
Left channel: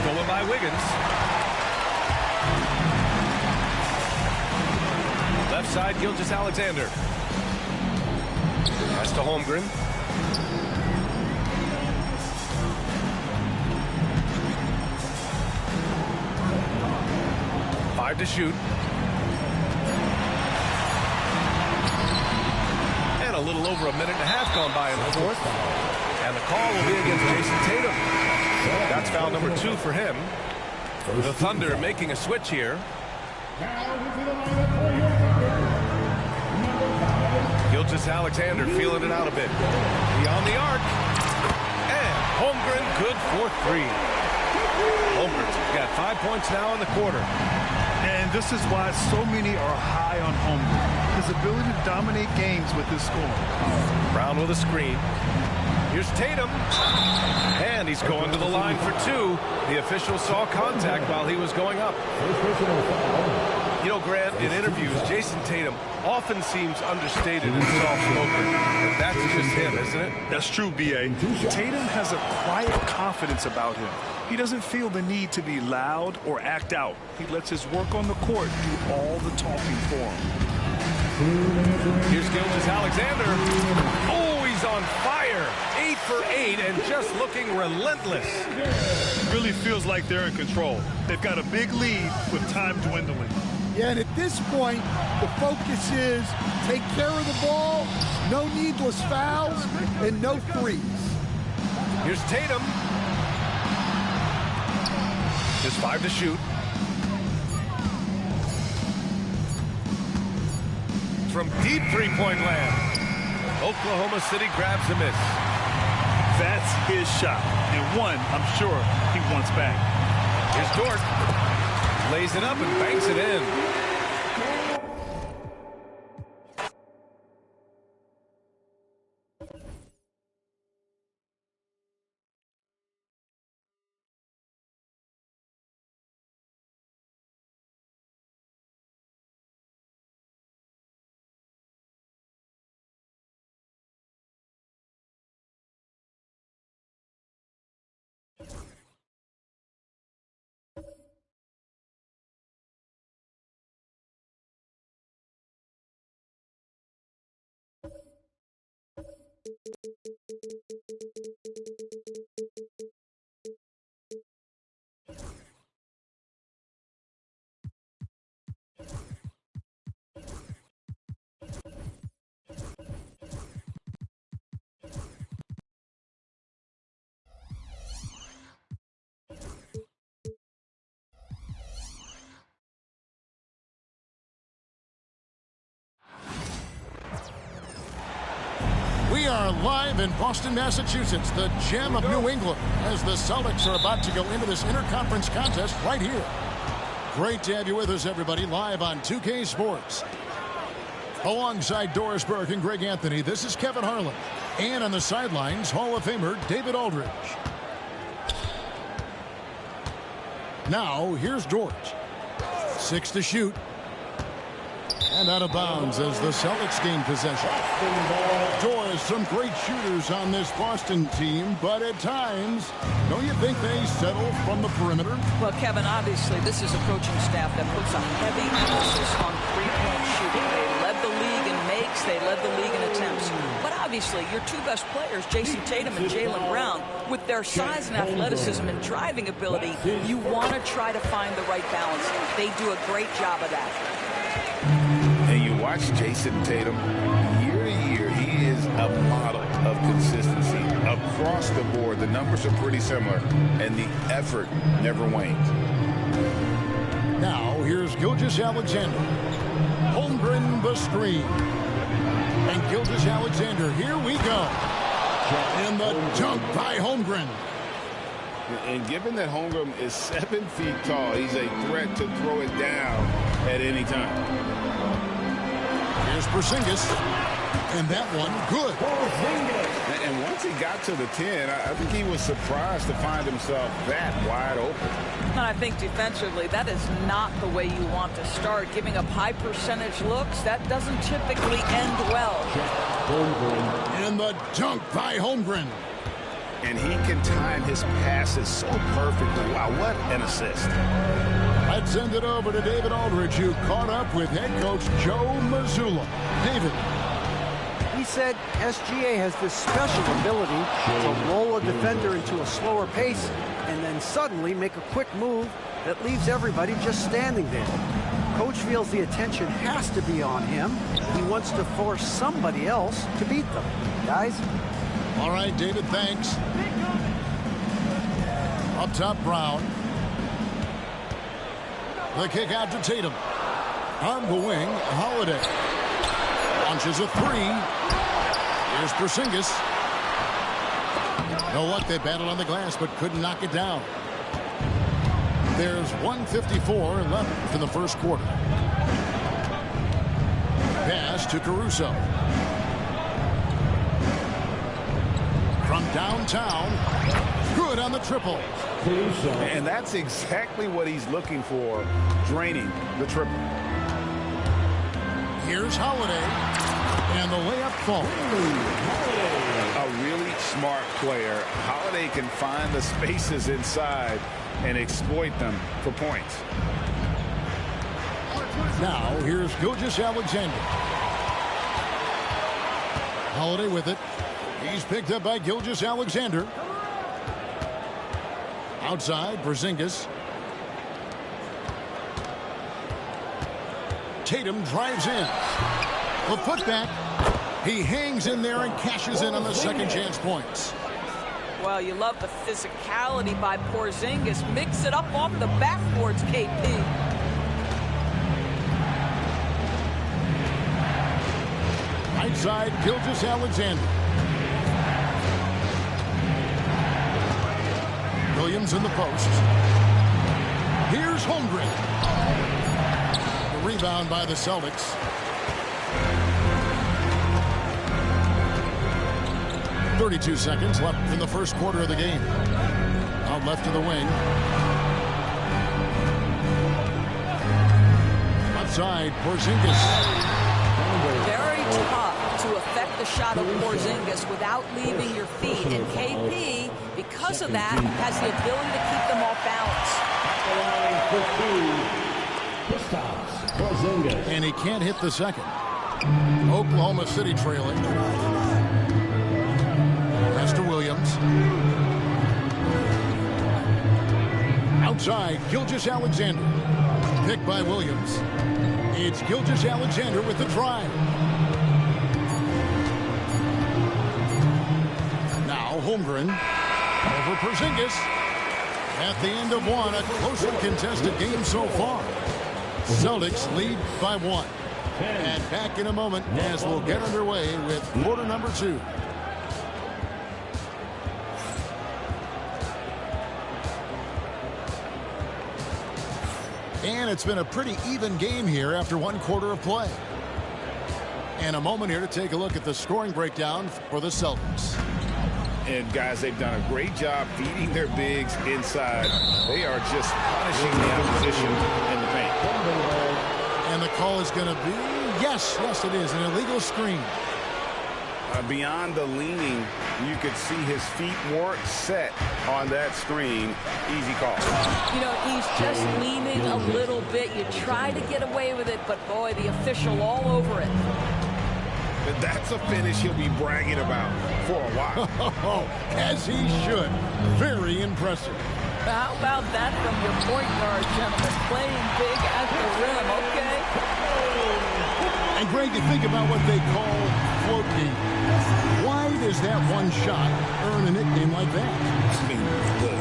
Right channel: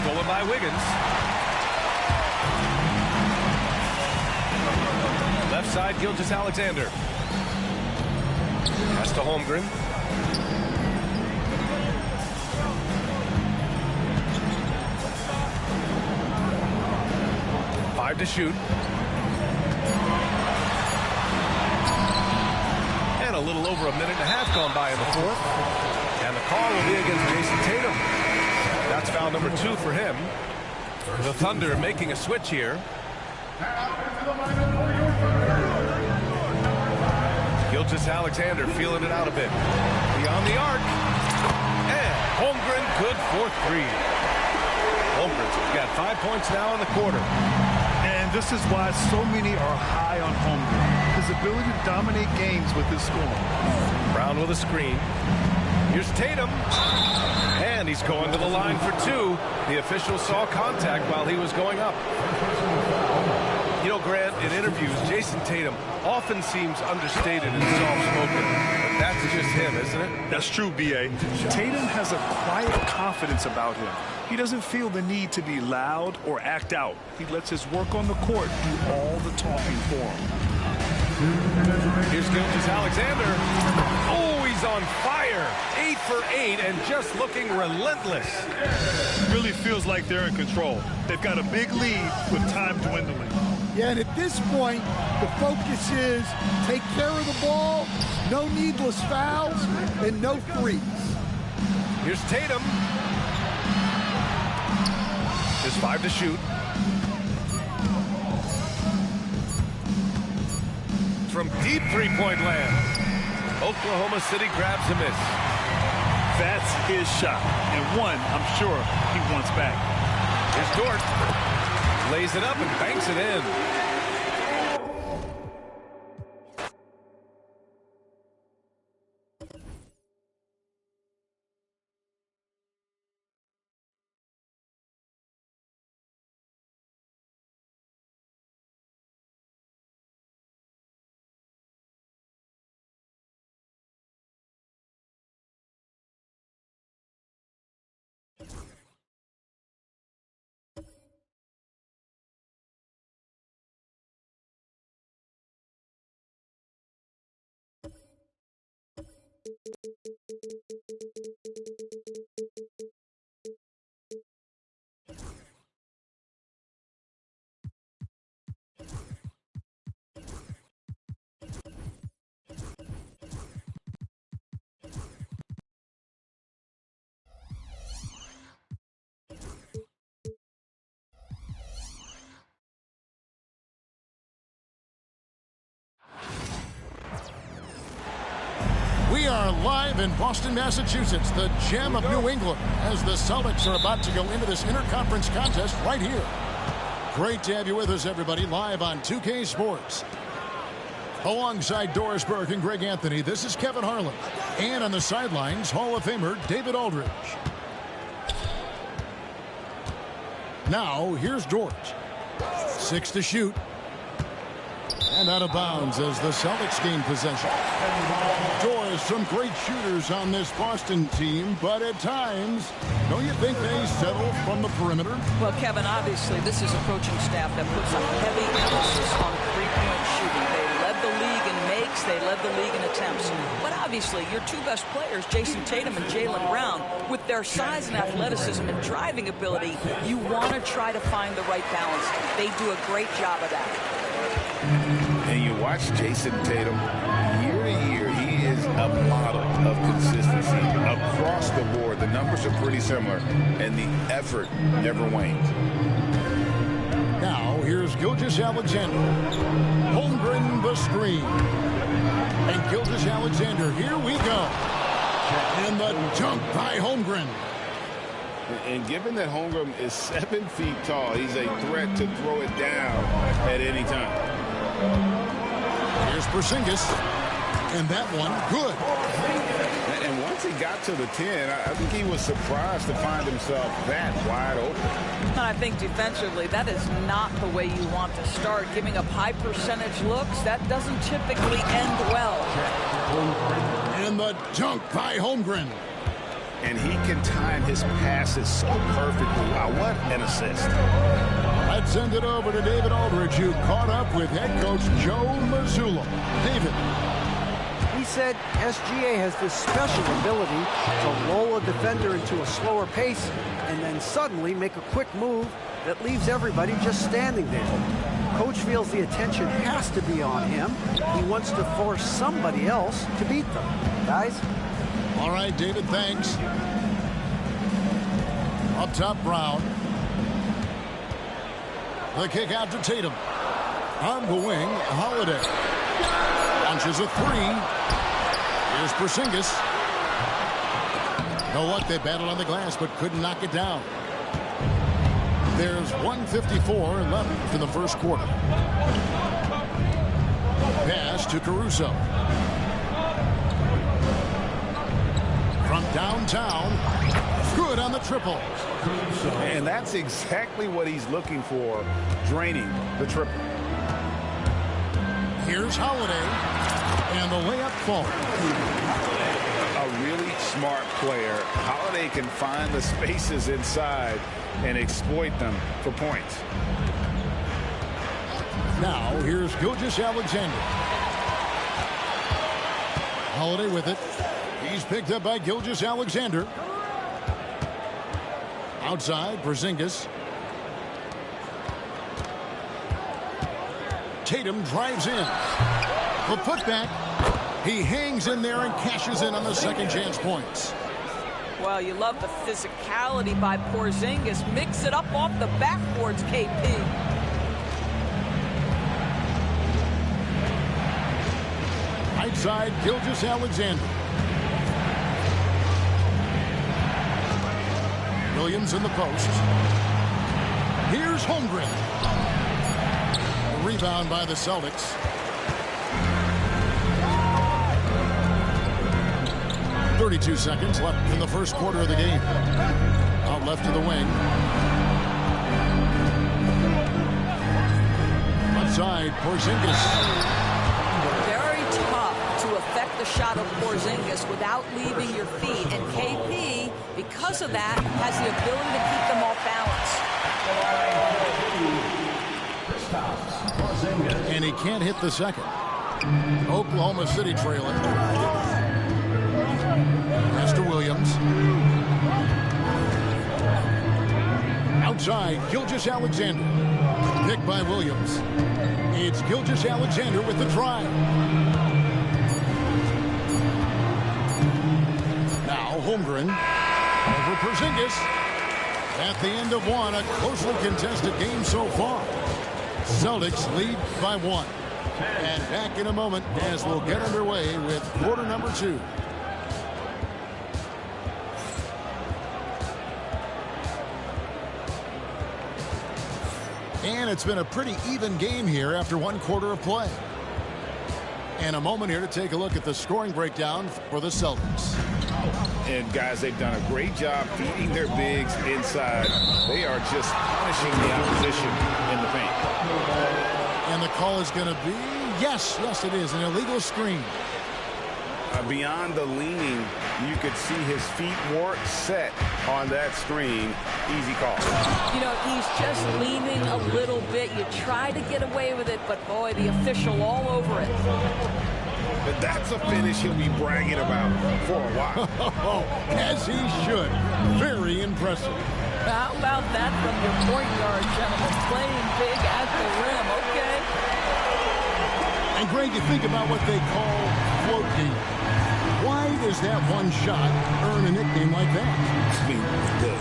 Stolen by Wiggins. Left side, Gilgeous-Alexander. Pass to Holmgren. Five to shoot. And a little over a minute and a half gone by in the 4th. And the call will be against Jason Tatum. That's foul number 2 for him. The Thunder making a switch here. Gilgeous-Alexander feeling it out a bit. Beyond the arc. And Holmgren good for 3. Holmgren's got 5 points now in the quarter. And this is why so many are high on Holmgren. His ability to dominate games with his scoring. Brown with a screen. Here's Tatum. And he's going to the line for 2. The official saw contact while he was going up. You know, Grant, in interviews, Jason Tatum often seems understated and soft-spoken. But that's just him, isn't it? That's true, B.A. Tatum has a quiet confidence about him. He doesn't feel the need to be loud or act out. He lets his work on the court do all the talking for him. Here's Gilgeous-Alexander. Oh, he's on fire. 8 for 8 and just looking relentless. Really feels like they're in control. They've got a big lead with time dwindling. Yeah, and at this point, the focus is take care of the ball, no needless fouls, and no threes. Here's Tatum. Just 5 to shoot. From deep three-point land. Oklahoma City grabs a miss. That's his shot, and one I'm sure he wants back. Here's Dort. Lays it up and banks it in. are live in Boston, Massachusetts, the gem of New England, as the Celtics are about to go into this interconference contest right here. Great to have you with us, everybody, live on 2K Sports. Alongside Doris Burke and Greg Anthony, this is Kevin Harlan. And on the sidelines, Hall of Famer David Aldridge. Now, here's George. 6 to shoot. And out of bounds as the Celtics gain possession. Doris, some great shooters on this Boston team, but at times, don't you think they settle from the perimeter? Well, Kevin, obviously, this is a coaching staff that puts a heavy emphasis on three-point shooting. They led the league in makes, they led the league in attempts. But obviously, your two best players, Jason Tatum and Jaylen Brown, with their size and athleticism and driving ability, you want to try to find the right balance. They do a great job of that. And you watch Jason Tatum, year to year, he is a model of consistency across the board. The numbers are pretty similar, and the effort never wanes. Now, here's Gilgeous-Alexander. Holmgren the screen. And Gilgeous-Alexander, here we go. And the dunk by Holmgren. And given that Holmgren is 7 feet tall, he's a threat to throw it down at any time. Here's Porzingis, and that one good. And once he got to the 10, I think he was surprised to find himself that wide open. And I think defensively, that is not the way you want to start. Giving up high percentage looks, that doesn't typically end well. And the dunk by Holmgren. And he can time his passes so perfectly. Wow, what an assist. Let's send it over to David Aldridge, who caught up with head coach Joe Mazzulla. David. He said SGA has this special ability to lull a defender into a slower pace and then suddenly make a quick move that leaves everybody just standing there. Coach feels the attention has to be on him. He wants to force somebody else to beat them. Guys? All right, David, thanks. Up top, Brown. The kick out to Tatum. On the wing, Holiday. Launches a three. Here's Porzingis. No luck, they battled on the glass, but couldn't knock it down. There's 1:54 left in the first quarter. Pass to Caruso. From downtown, good on the triple. And that's exactly what he's looking for, draining the triple. Here's Holiday, and the layup falls. A really smart player. Holiday can find the spaces inside and exploit them for points. Now, here's Gilgeous-Alexander. Holiday with it. He's picked up by Gilgeous-Alexander. Outside, Porzingis. Tatum drives in. The putback. He hangs in there and cashes in on the second chance points. Well, you love the physicality by Porzingis. Mix it up off the backboards, KP. Outside, Gilgeous-Alexander. Williams in the post. Here's Holmgren. The rebound by the Celtics. .32 seconds left in the first quarter of the game. Out left to the wing. Outside, Porzingis. Very tough to affect the shot of Porzingis without leaving your feet. And KP, because of that, has the ability to keep them off balance. And he can't hit the second. Oklahoma City trailing. Pass to Williams. Outside, Gilgeous-Alexander. Picked by Williams. It's Gilgeous-Alexander with the drive. Now Holmgren over Porzingis. At the end of one, a closely contested game so far. Celtics lead by 1. And back in a moment as we'll get underway with quarter number 2. And it's been a pretty even game here after one quarter of play. And a moment here to take a look at the scoring breakdown for the Celtics. And guys, they've done a great job feeding their bigs inside. They are just punishing the opposition in the paint. And the call is going to be, yes, it is, an illegal screen. Beyond the leaning, you could see his feet weren't set on that screen. Easy call. You know, he's just leaning a little bit. You try to get away with it, but boy, the official all over it. But that's a finish he'll be bragging about for a while. As he should. Very impressive. How about that from your point guard, gentlemen? Playing big at the rim, okay? And Greg, you think about what they call float game. Why does that one shot earn a nickname like that? I mean,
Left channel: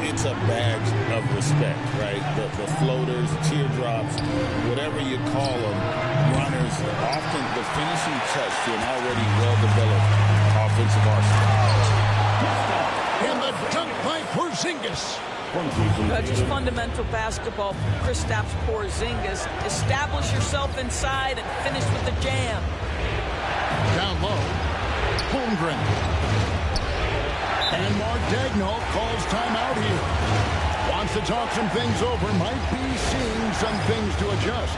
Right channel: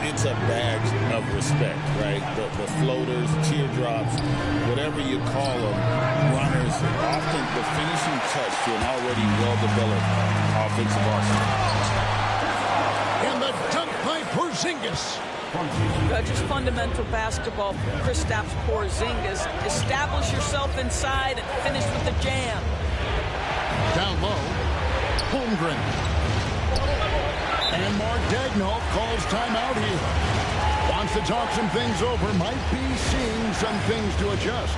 it's a badge of respect, right? The floaters, teardrops, whatever you call them, runners, often the finishing touch to an already well-developed offensive arsenal. And the dunk by Porzingis. Just fundamental basketball from Kristaps Porzingis. Establish yourself inside and finish with the jam. Down low, Holmgren. And Mark Daigneault calls timeout here. Wants to talk some things over, might be seeing some things to adjust.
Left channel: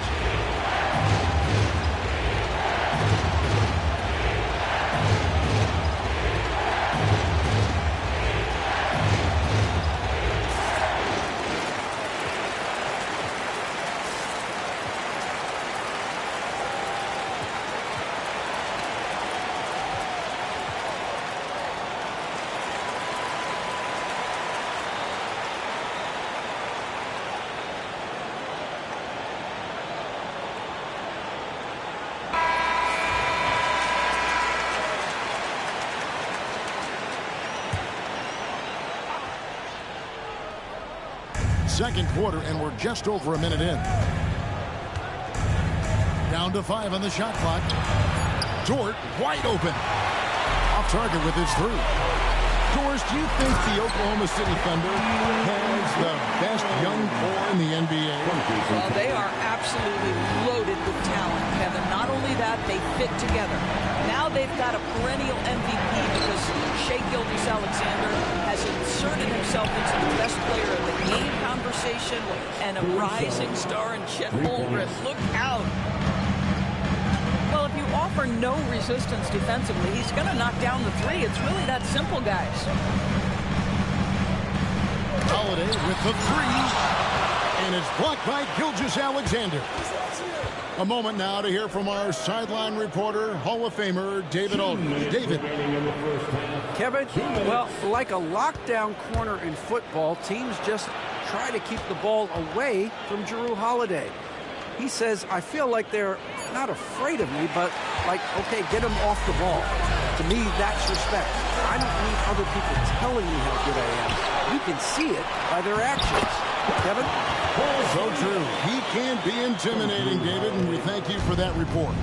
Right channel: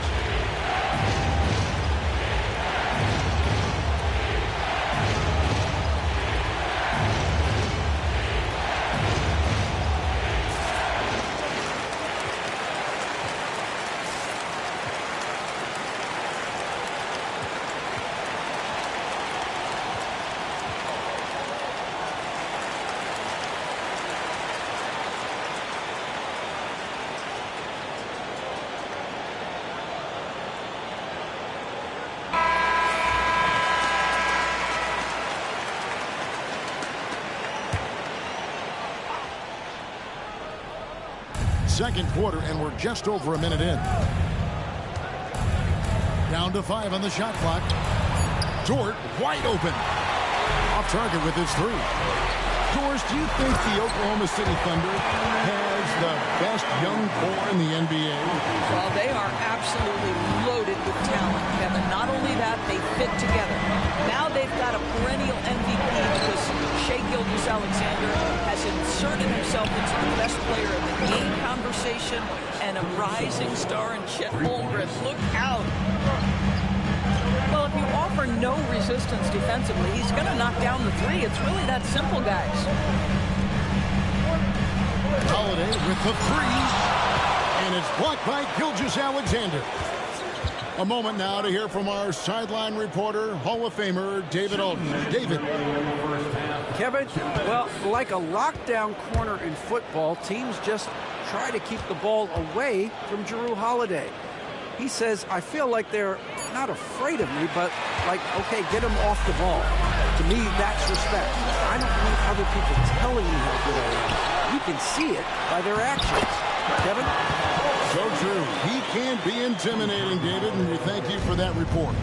Second quarter, and we're just over a minute in. Down to 5 on the shot clock. Dort wide open. Off target with his three. Doris, do you think the Oklahoma City Thunder has the best young core in the NBA? Well, they are absolutely loaded with talent, Kevin. Not only that, they fit together. Now they've got a perennial MVP because Shai Gilgeous-Alexander has inserted himself into the best player in the game conversation and a rising star in Chet Holmgren. Look out. Well, if you offer no resistance defensively, he's going to knock down the three. It's really that simple, guys. Holiday with the three, and it's blocked by Gilgeous-Alexander. A moment now to hear from our sideline reporter, Hall of Famer David Alden. David. Kevin, well, like a lockdown corner in football, teams just try to keep the ball away from Jrue Holiday. He says, I feel like they're not afraid of me, but like, okay, get him off the ball. To me, that's respect. I don't need other people telling me how good I am. You can see it by their actions. Kevin? So true. He can be intimidating, David, and we thank you for that report.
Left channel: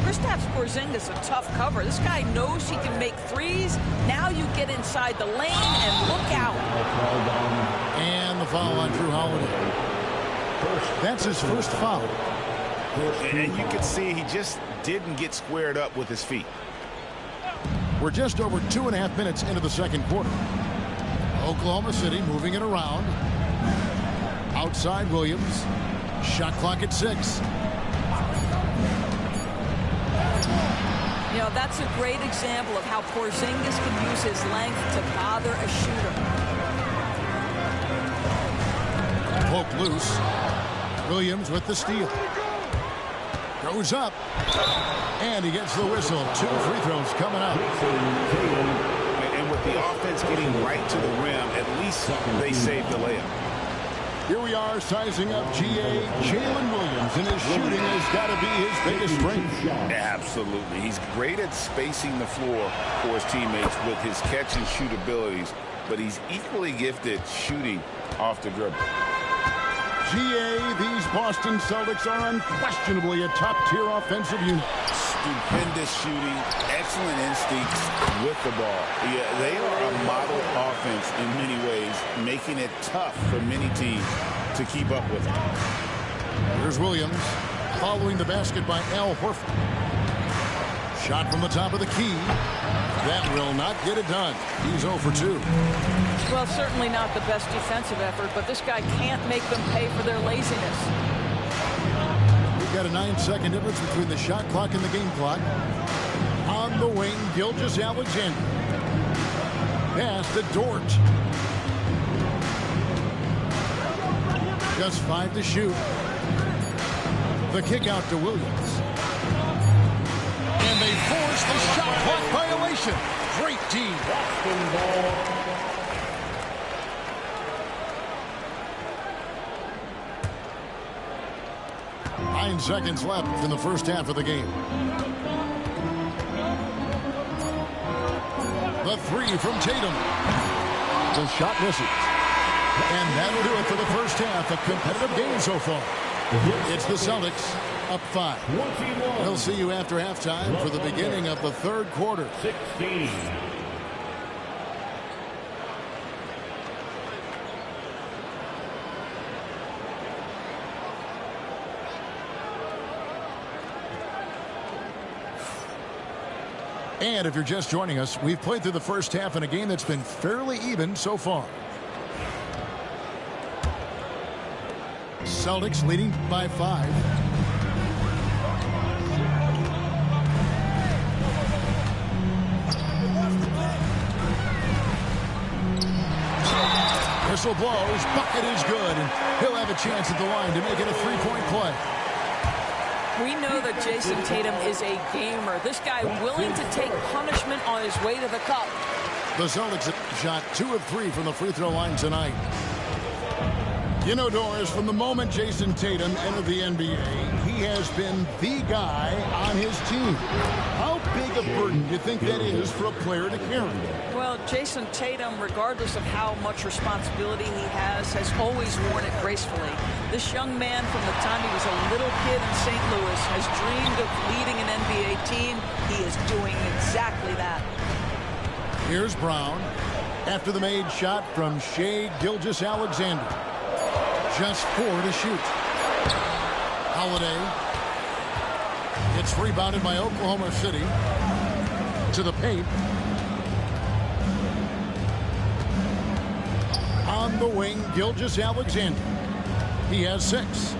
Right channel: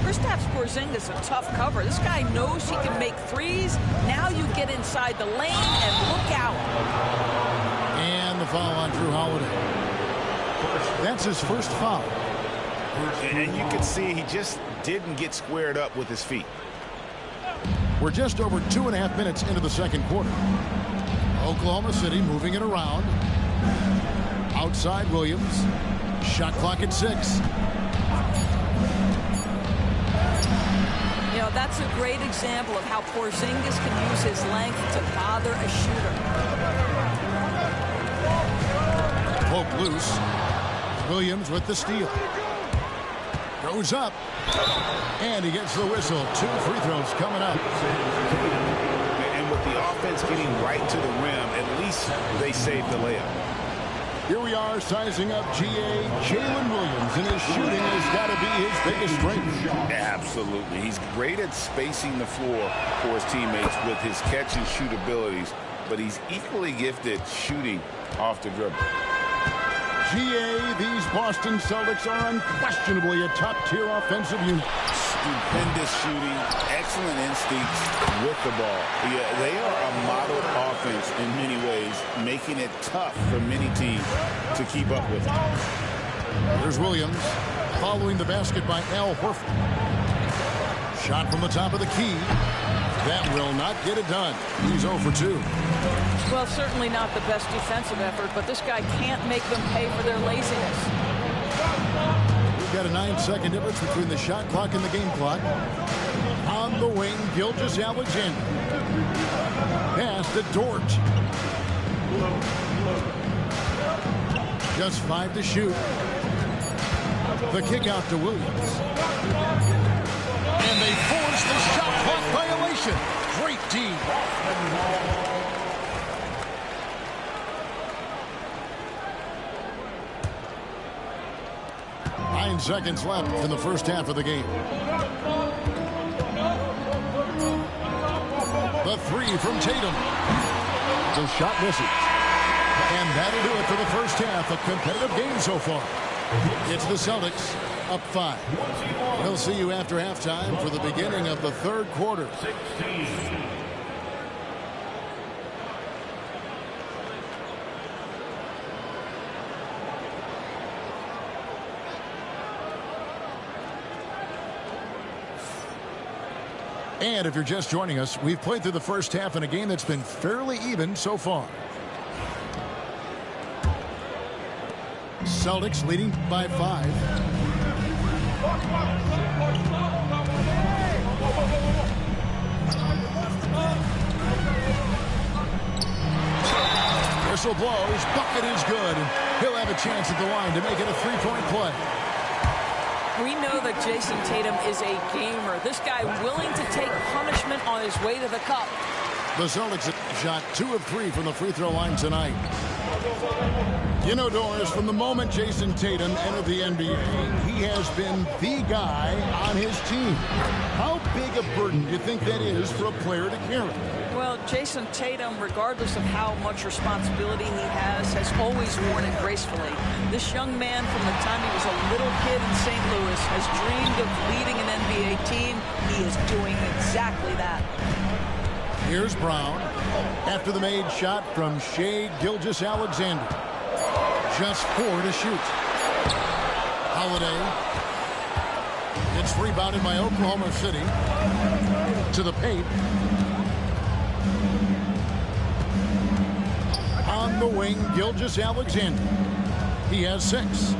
Kristaps Porzingis a tough cover. This guy knows he can make threes. Now you get inside the lane and look out. And the foul on Jrue Holiday. That's his first foul. And you can see he just didn't get squared up with his feet. We're just over 2.5 minutes into the second quarter. Oklahoma City moving it around. Outside Williams. Shot clock at 6. You know, that's a great example of how Porzingis can use his length to bother a shooter. Poke loose. Williams with the steal. Goes up. And he gets the whistle. 2 free throws coming up. And with the offense getting right to the rim, at least they saved the layup. Here we are sizing up GA Jalen Williams, and his shooting has got to be his biggest strength. Absolutely. He's great at spacing the floor for his teammates with his catch and shoot abilities, but he's equally gifted shooting off the dribble. GA, these Boston Celtics are unquestionably a top-tier offensive unit. Stupendous shooting, excellent instincts with the ball. Yeah, they are a model offense in many ways, making it tough for many teams to keep up with him. Here's Williams following the basket by Al Horford. Shot from the top of the key. That will not get it done. He's 0 for 2. Well, certainly not the best defensive effort, but this guy can't make them pay for their laziness. We've got a 9-second difference between the shot clock and the game clock. On the wing, Gilgeous-Alexander. Pass to Dort. Just 5 to shoot. The kick out to Williams. And they force the shot clock violation. Great D. 9 seconds left in the first half of the game. The three from Tatum. The shot misses. And that'll do it for the first half. A competitive game so far. It's the Celtics up 5. We'll see you after halftime for the beginning of the third quarter. 16. And if you're just joining us, we've played through the first half in a game that's been fairly even so far. Celtics leading by 5. Whistle blows, bucket is good, and he'll have a chance at the line to make it a 3-point play. We know that Jason Tatum is a gamer. This guy willing to take punishment on his way to the cup. The Celtics have shot 2 of 3 from the free throw line tonight. You know, Doris, from the moment Jason Tatum entered the NBA, he has been the guy on his team. How big a burden do you think that is for a player to carry? Well, Jason Tatum, regardless of how much responsibility he has always worn it gracefully. This young man, from the time he was a little kid in St. Louis, has dreamed of leading an NBA team. He is doing exactly that. Here's Brown after the made shot from Shai Gilgeous-Alexander. Just 4 to shoot. Holiday. It's rebounded by Oklahoma City. To the paint. On the wing, Gilgeous-Alexander. He has 6.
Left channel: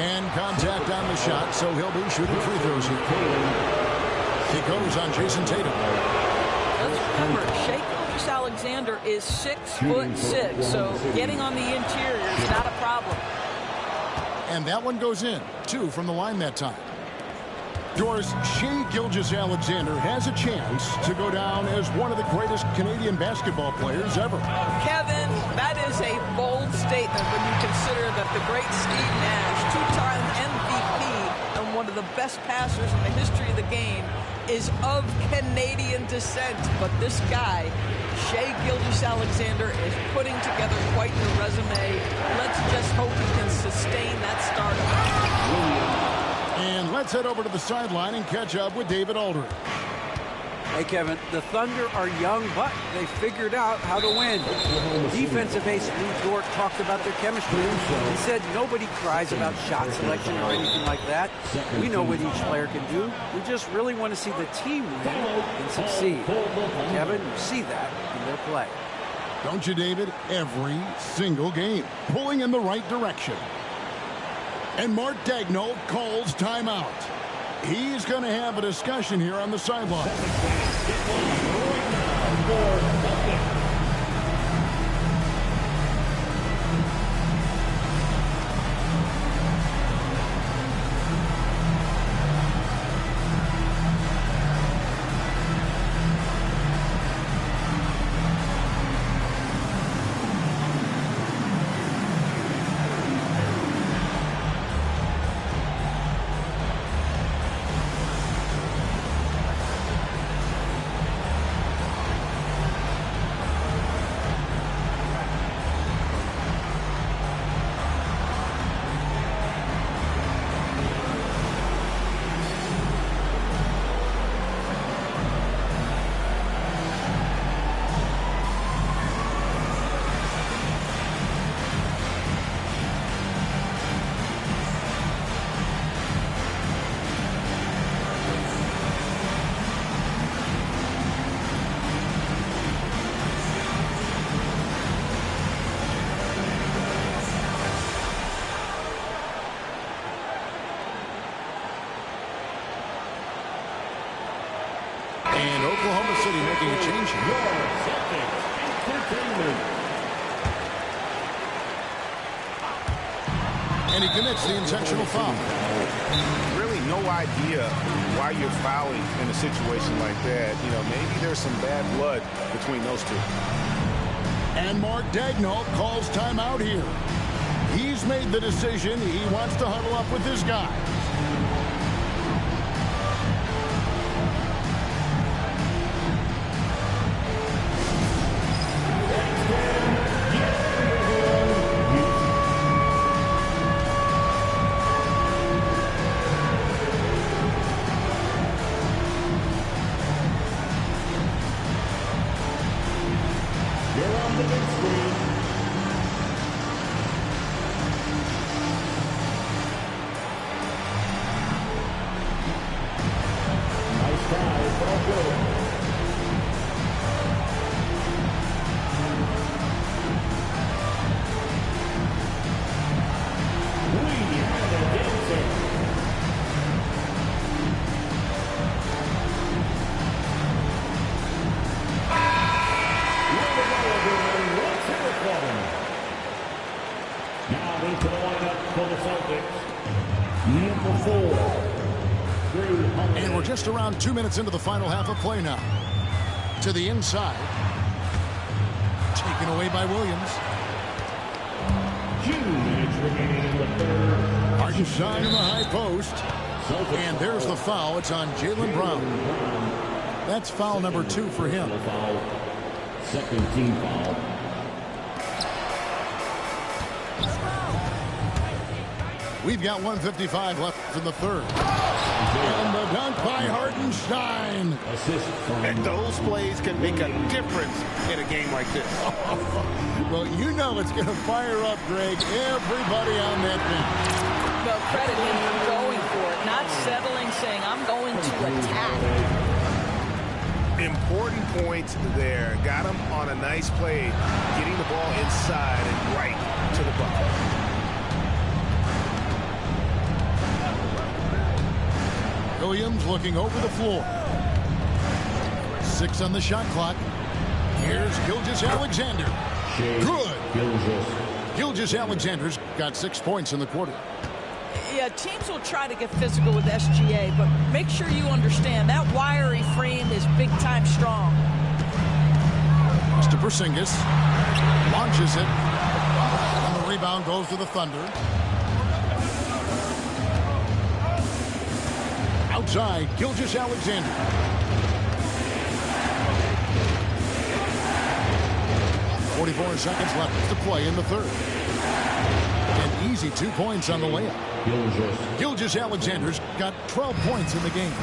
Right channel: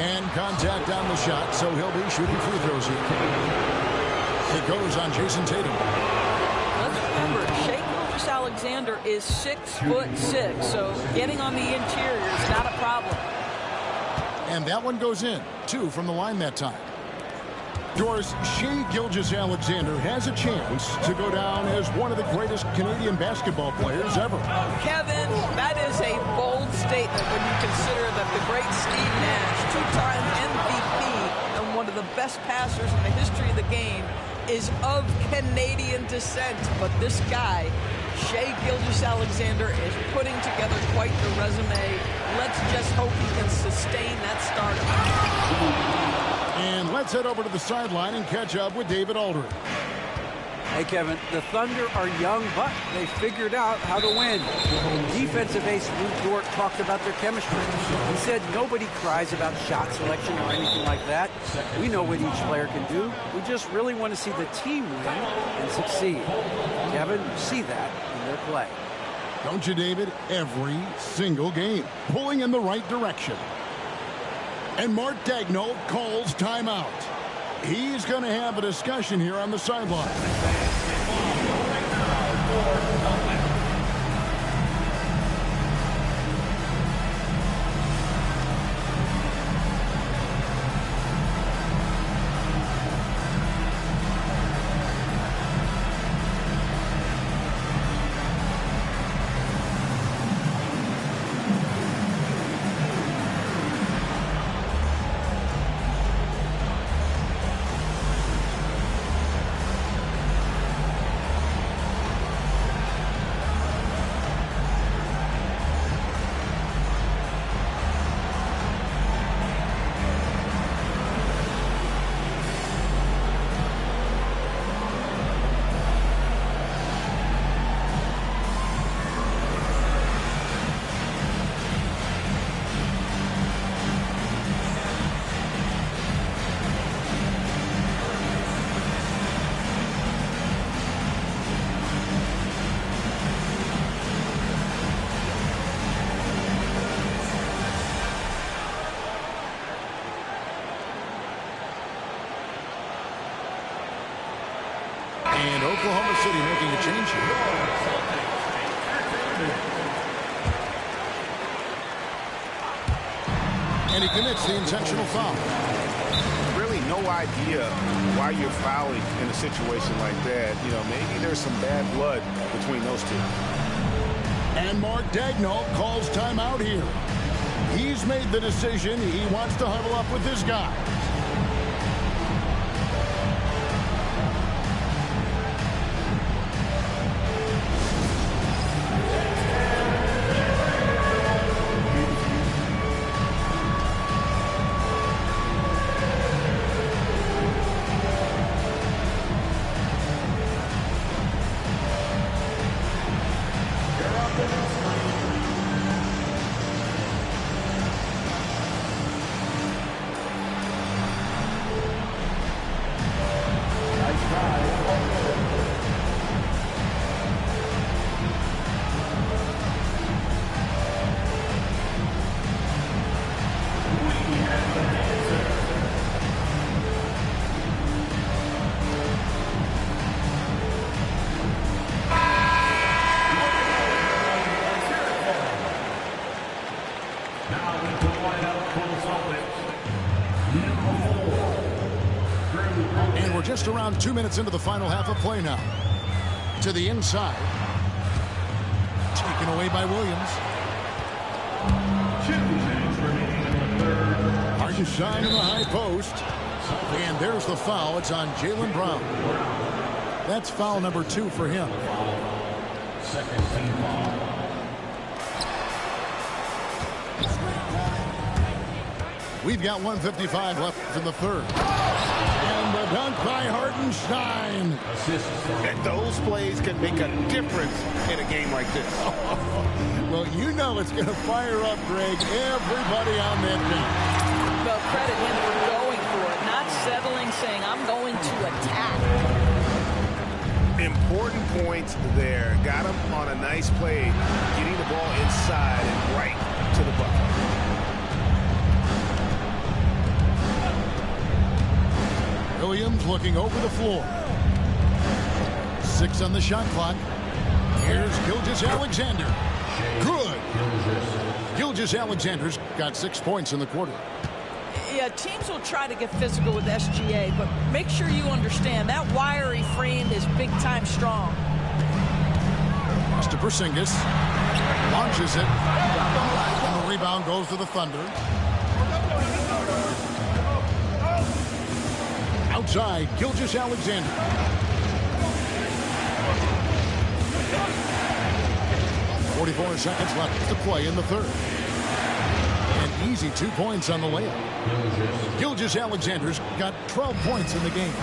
And contact on the shot, so he'll be shooting free throws here. He goes on Jason Tatum. Let's remember, Shai Gilgeous-Alexander is 6'6", so getting on the interior is not a problem. And that one goes in. 2 from the line that time. Doris, Shai Gilgeous-Alexander has a chance to go down as one of the greatest Canadian basketball players ever. Kevin, that is a bold statement when you consider that the great Steve Nash, 2-time MVP and one of the best passers in the history of the game, is of Canadian descent. But this guy, Shai Gilgeous-Alexander, is putting together quite the resume. Let's just hope he can sustain that stardom. And let's head over to the sideline and catch up with David Aldridge. Hey, Kevin, the Thunder are young, but they figured out how to win. Defensive ace Lou Dort talked about their chemistry. He said nobody cries about shot selection or anything like that. We know what each player can do. We just really want to see the team win and succeed. Kevin, you see that in their play. Don't you, David? Every single game, pulling in the right direction. And Mark Daigneault calls timeout. He's going to have a discussion here on the sideline. And Oklahoma City making a change here. And he commits the intentional foul. Really no idea why you're fouling in a situation like that. You know, maybe there's some bad blood between those two. And Mark Daigneault calls timeout here. He's made the decision. He wants to huddle up with his guys. And we're just around 2 minutes into the final half of play now. To the inside. Taken away by Williams. 2 minutes remaining in the third. Hartenstein in the high post. And there's the foul. It's on Jaylen Brown. That's foul number 2 for him. Second team foul. We've got 1:55 left in the third. And the dunk by Hartenstein. And those plays can make a difference in a game like this. Well, you know it's going to fire up, Greg, everybody on that bench. Well, credit him for going for it, not settling, saying, I'm going to attack. Important points there. Got him on a nice play, getting the ball inside and right to the bucket. Williams looking over the floor. 6 on the shot clock. Here's Gilgeous-Alexander. Good. Gilgeous-Alexander's got 6 points in the quarter. Yeah, teams will try to get physical with SGA, but make sure you understand that wiry frame is big-time strong. Mr. Porzingis launches it. And the rebound goes to the Thunder. Outside, Gilgeous-Alexander. 44 seconds left to play in the third. An easy 2 points on the layup. Gilgeous-Alexander's got 12 points in the game.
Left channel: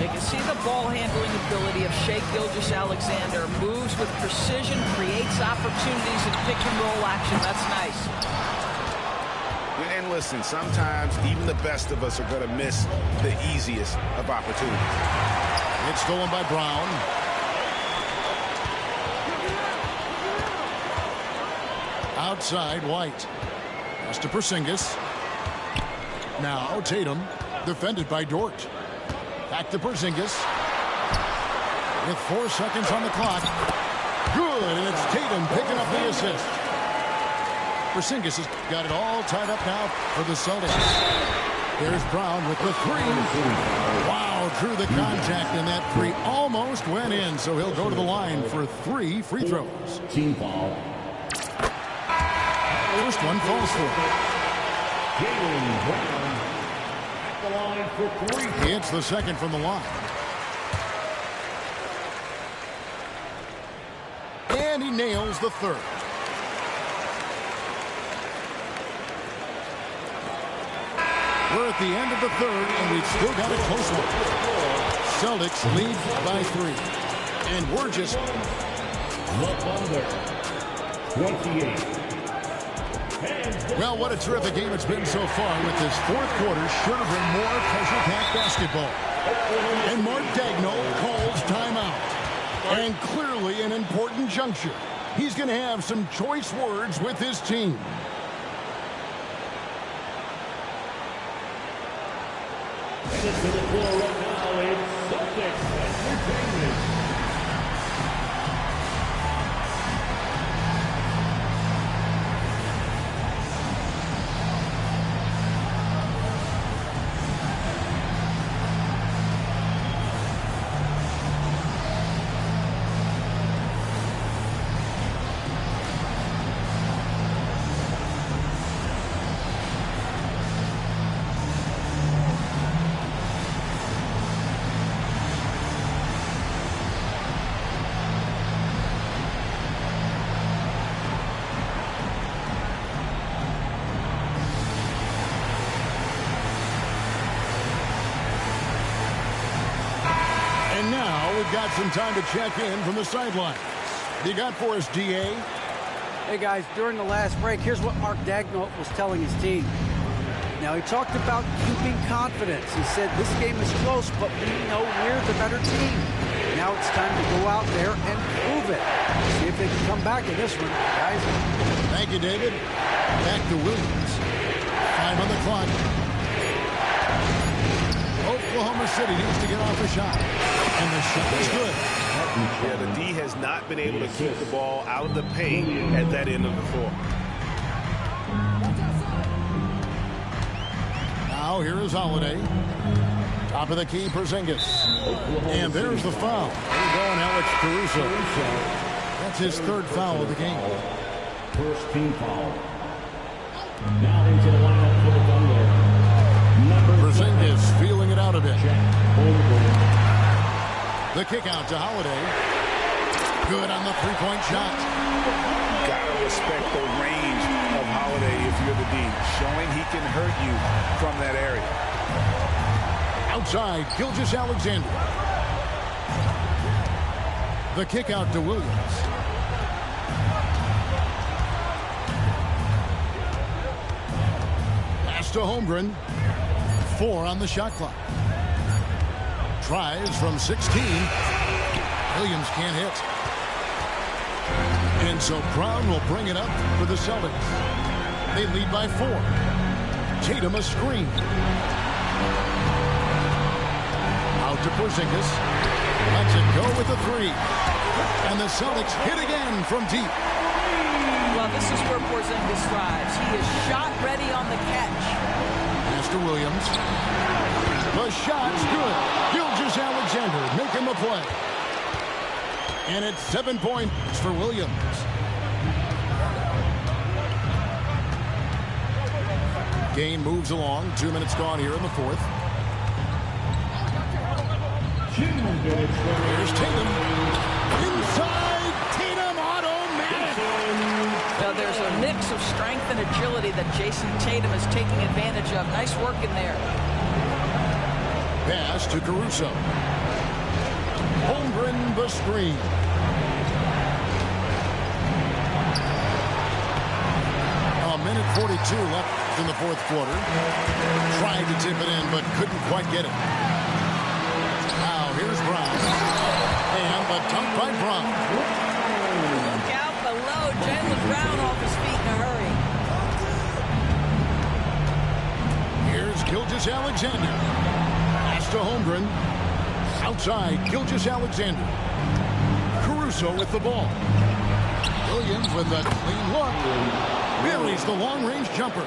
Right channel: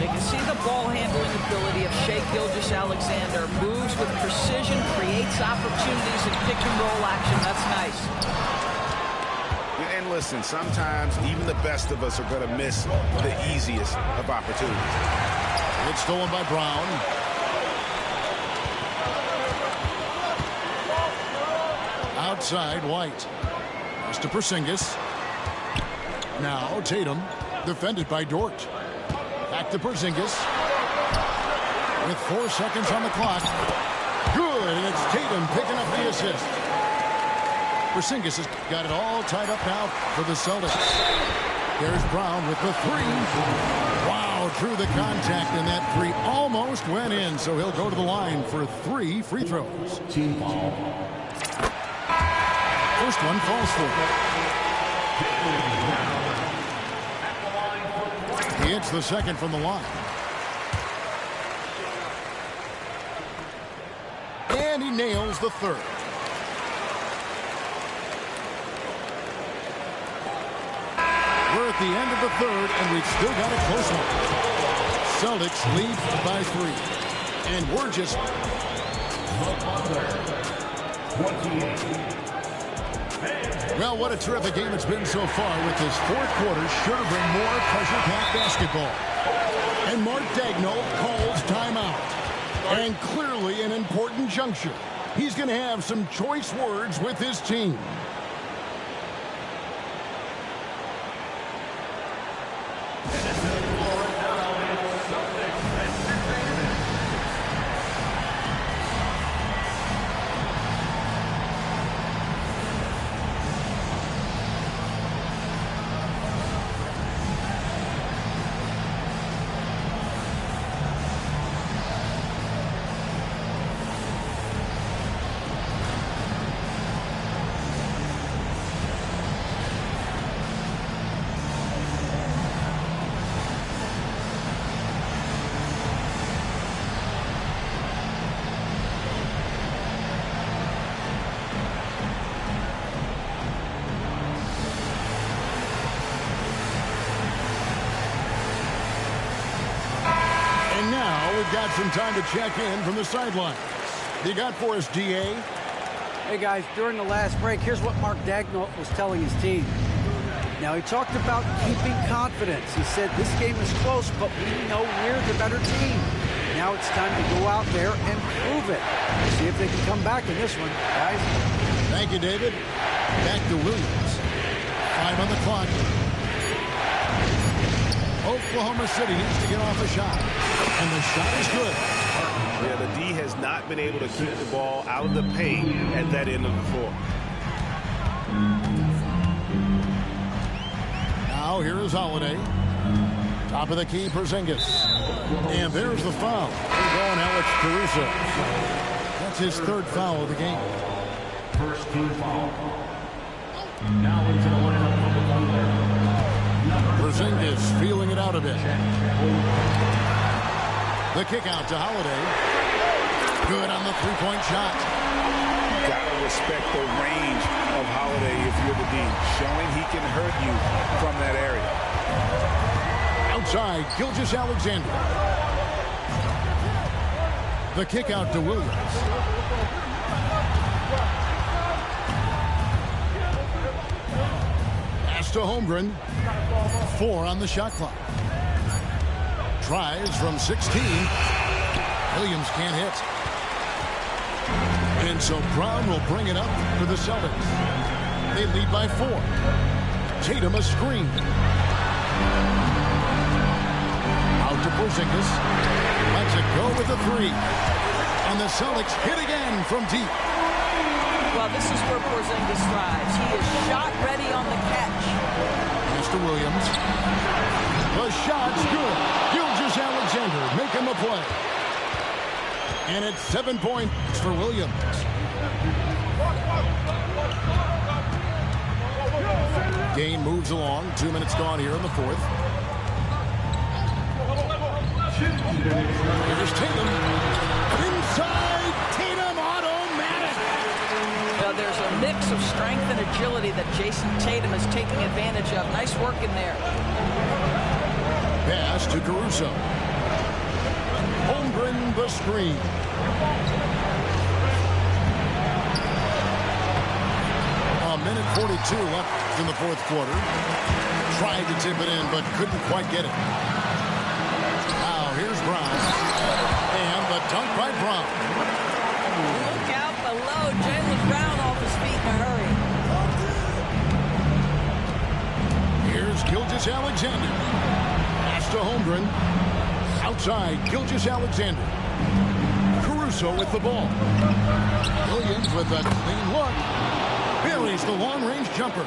You can see the ball handling ability of Shai Gilgeous-Alexander. Moves with precision, creates opportunities in pick and roll action. That's nice. And listen, sometimes even the best of us are going to miss the easiest of opportunities. It's stolen by Brown. Outside, White. Pass to Porzingis. Now Tatum, defended by Dort. Back to Porzingis. With 4 seconds on the clock. Good, and it's Tatum picking up the assist. Porzingis has got it all tied up now for the Celtics. There's Brown with the 3. Wow, drew the contact, and that 3 almost went in, so he'll go to the line for 3 free throws. Team foul. First one falls for him. He hits the second from the line. And he nails the third. We're at the end of the third, and we've still got a close one. Celtics lead by 3. And we're just... Well, what a terrific game it's been so far, with this fourth quarter sure to bring more pressure-packed basketball. And Mark Daigneault calls timeout. And clearly an important juncture. He's going to have some choice words with his team. And now we've got some time to check in from the sidelines. You got for us, DA? Hey, guys, during the last break, here's what Mark Daigneault was telling his team. Now, he talked about keeping confidence. He said, this game is close, but we know we're the better team. Now it's time to go out there and prove it. See if they can come back in this one, guys. Thank you, David. Back to Williams. 5 on the clock. Oklahoma City needs to get off a shot. And the shot is good. Yeah, the D has not been able to keep the ball out of the paint at that end of the floor. Now here is Holiday. Top of the key, Porzingis. And there's the foul. We're going Alex Caruso. That's his 3rd foul of the game. First team foul. Now into the lineup for the Thunder. Porzingis feeling it out a bit. The kick out to Holiday. Good on the three-point shot. Gotta respect the range of Holiday if you're the D, showing he can hurt you from that area. Outside, Gilgeous-Alexander. The kick out to Williams. Pass to Holmgren. 4 on the shot clock. Tries from 16. Williams can't hit. And so Brown will bring it up for the Celtics. They lead by 4. Tatum a screen. Out to Porzingis. Lets it go with a 3. And the Celtics hit again from deep. Well, this is where Porzingis thrives. He is shot ready on the catch. Pass to Williams. The shot's good. Gilgeous-Alexander making the play. And it's 7 points for Williams. Game moves along. 2 minutes gone here in the 4th. Here's Tatum. Inside. Tatum automatic. Now there's a mix of strength and agility that Jason Tatum is taking advantage of. Nice work in there. Pass to Caruso. Holmgren the screen. A minute 42 left in the 4th quarter. Tried to tip it in, but couldn't quite get it. Now here's Brown. And the dunk by Brown. Look out below. Jaylen Brown off his feet in a hurry. Here's Gilgeous-Alexander. Pass to Holmgren. Outside, Gilgeous-Alexander. Caruso with the ball. Williams with a clean look. Buries the long-range jumper.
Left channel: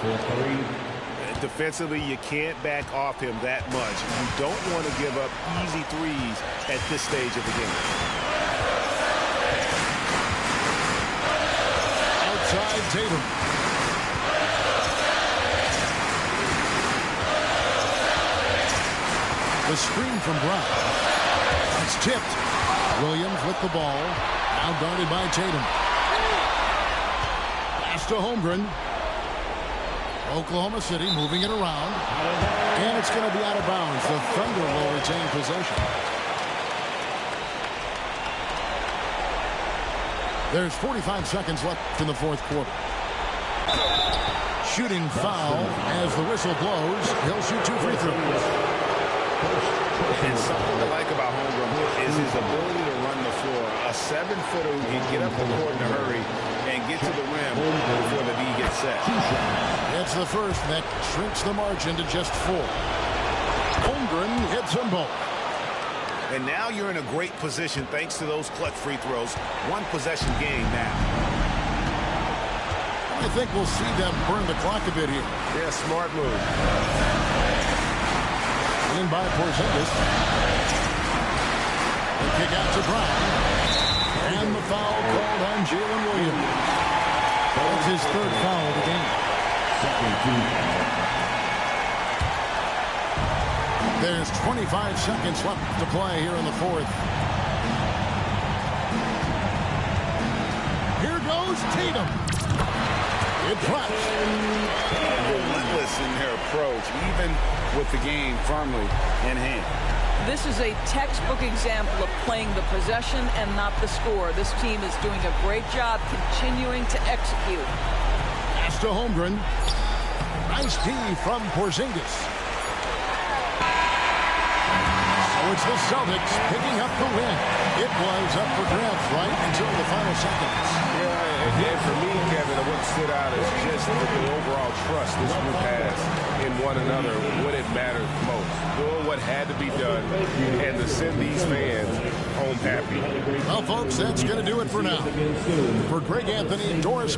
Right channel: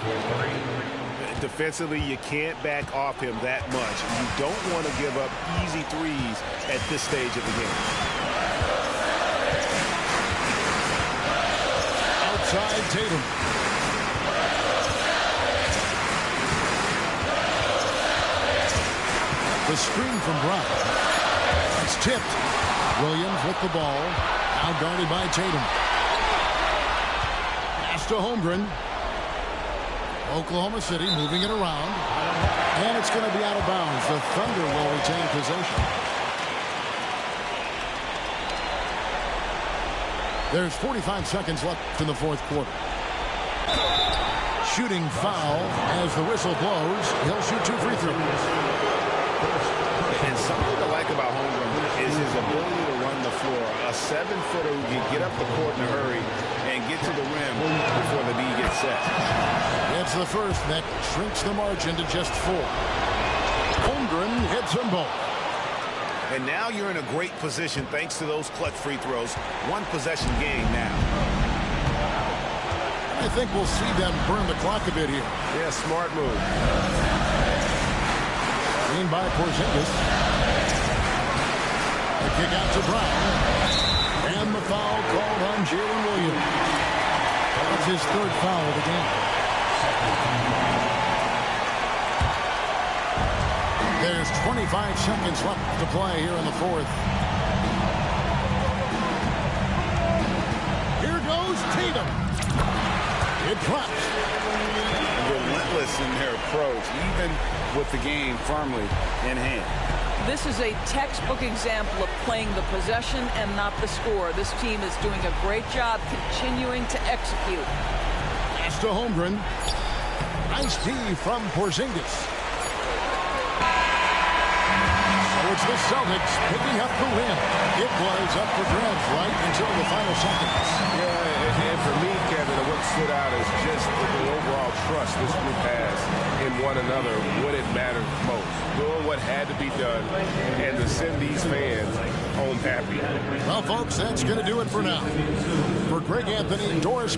Defensively, you can't back off him that much. You don't want to give up easy threes at this stage of the game. Outside, Tatum. The screen from Brown. It's tipped. Williams with the ball. Now guarded by Tatum. Pass to Holmgren. Oklahoma City moving it around. And it's going to be out of bounds. The Thunder will retain possession. There's 45 seconds left in the 4th quarter. Shooting foul as the whistle blows. He'll shoot 2 free throws. And something to like about Holmgren is his ability to run the floor. A 7-footer who can get up the court in a hurry and get to the rim before the D gets set. It's the first that shrinks the margin to just 4. Holmgren hits them both. And now you're in a great position thanks to those clutch free throws. 1 possession game now. I think we'll see them burn the clock a bit here. Yeah, smart move. In by Porzingis. The kick out to Brown. And the foul called on Jalen Williams. That's his 3rd foul of the game. There's 25 seconds left to play here in the 4th. Here goes Tatum. It drops. Relentless in their approach. Even with the game firmly in hand. This is a textbook example of playing the possession and not the score. This team is doing a great job continuing to execute. Pass to Holmgren. Nice D from Porzingis. So it's the Celtics picking up the win. It was up for grabs right until the final seconds. Yeah, and for me, Kevin, what stood out is just the overall trust this group has in one another when it mattered most. Doing what had to be done and to send these fans home happy. Well, folks, that's going to do it for now. For Greg Anthony, Doris.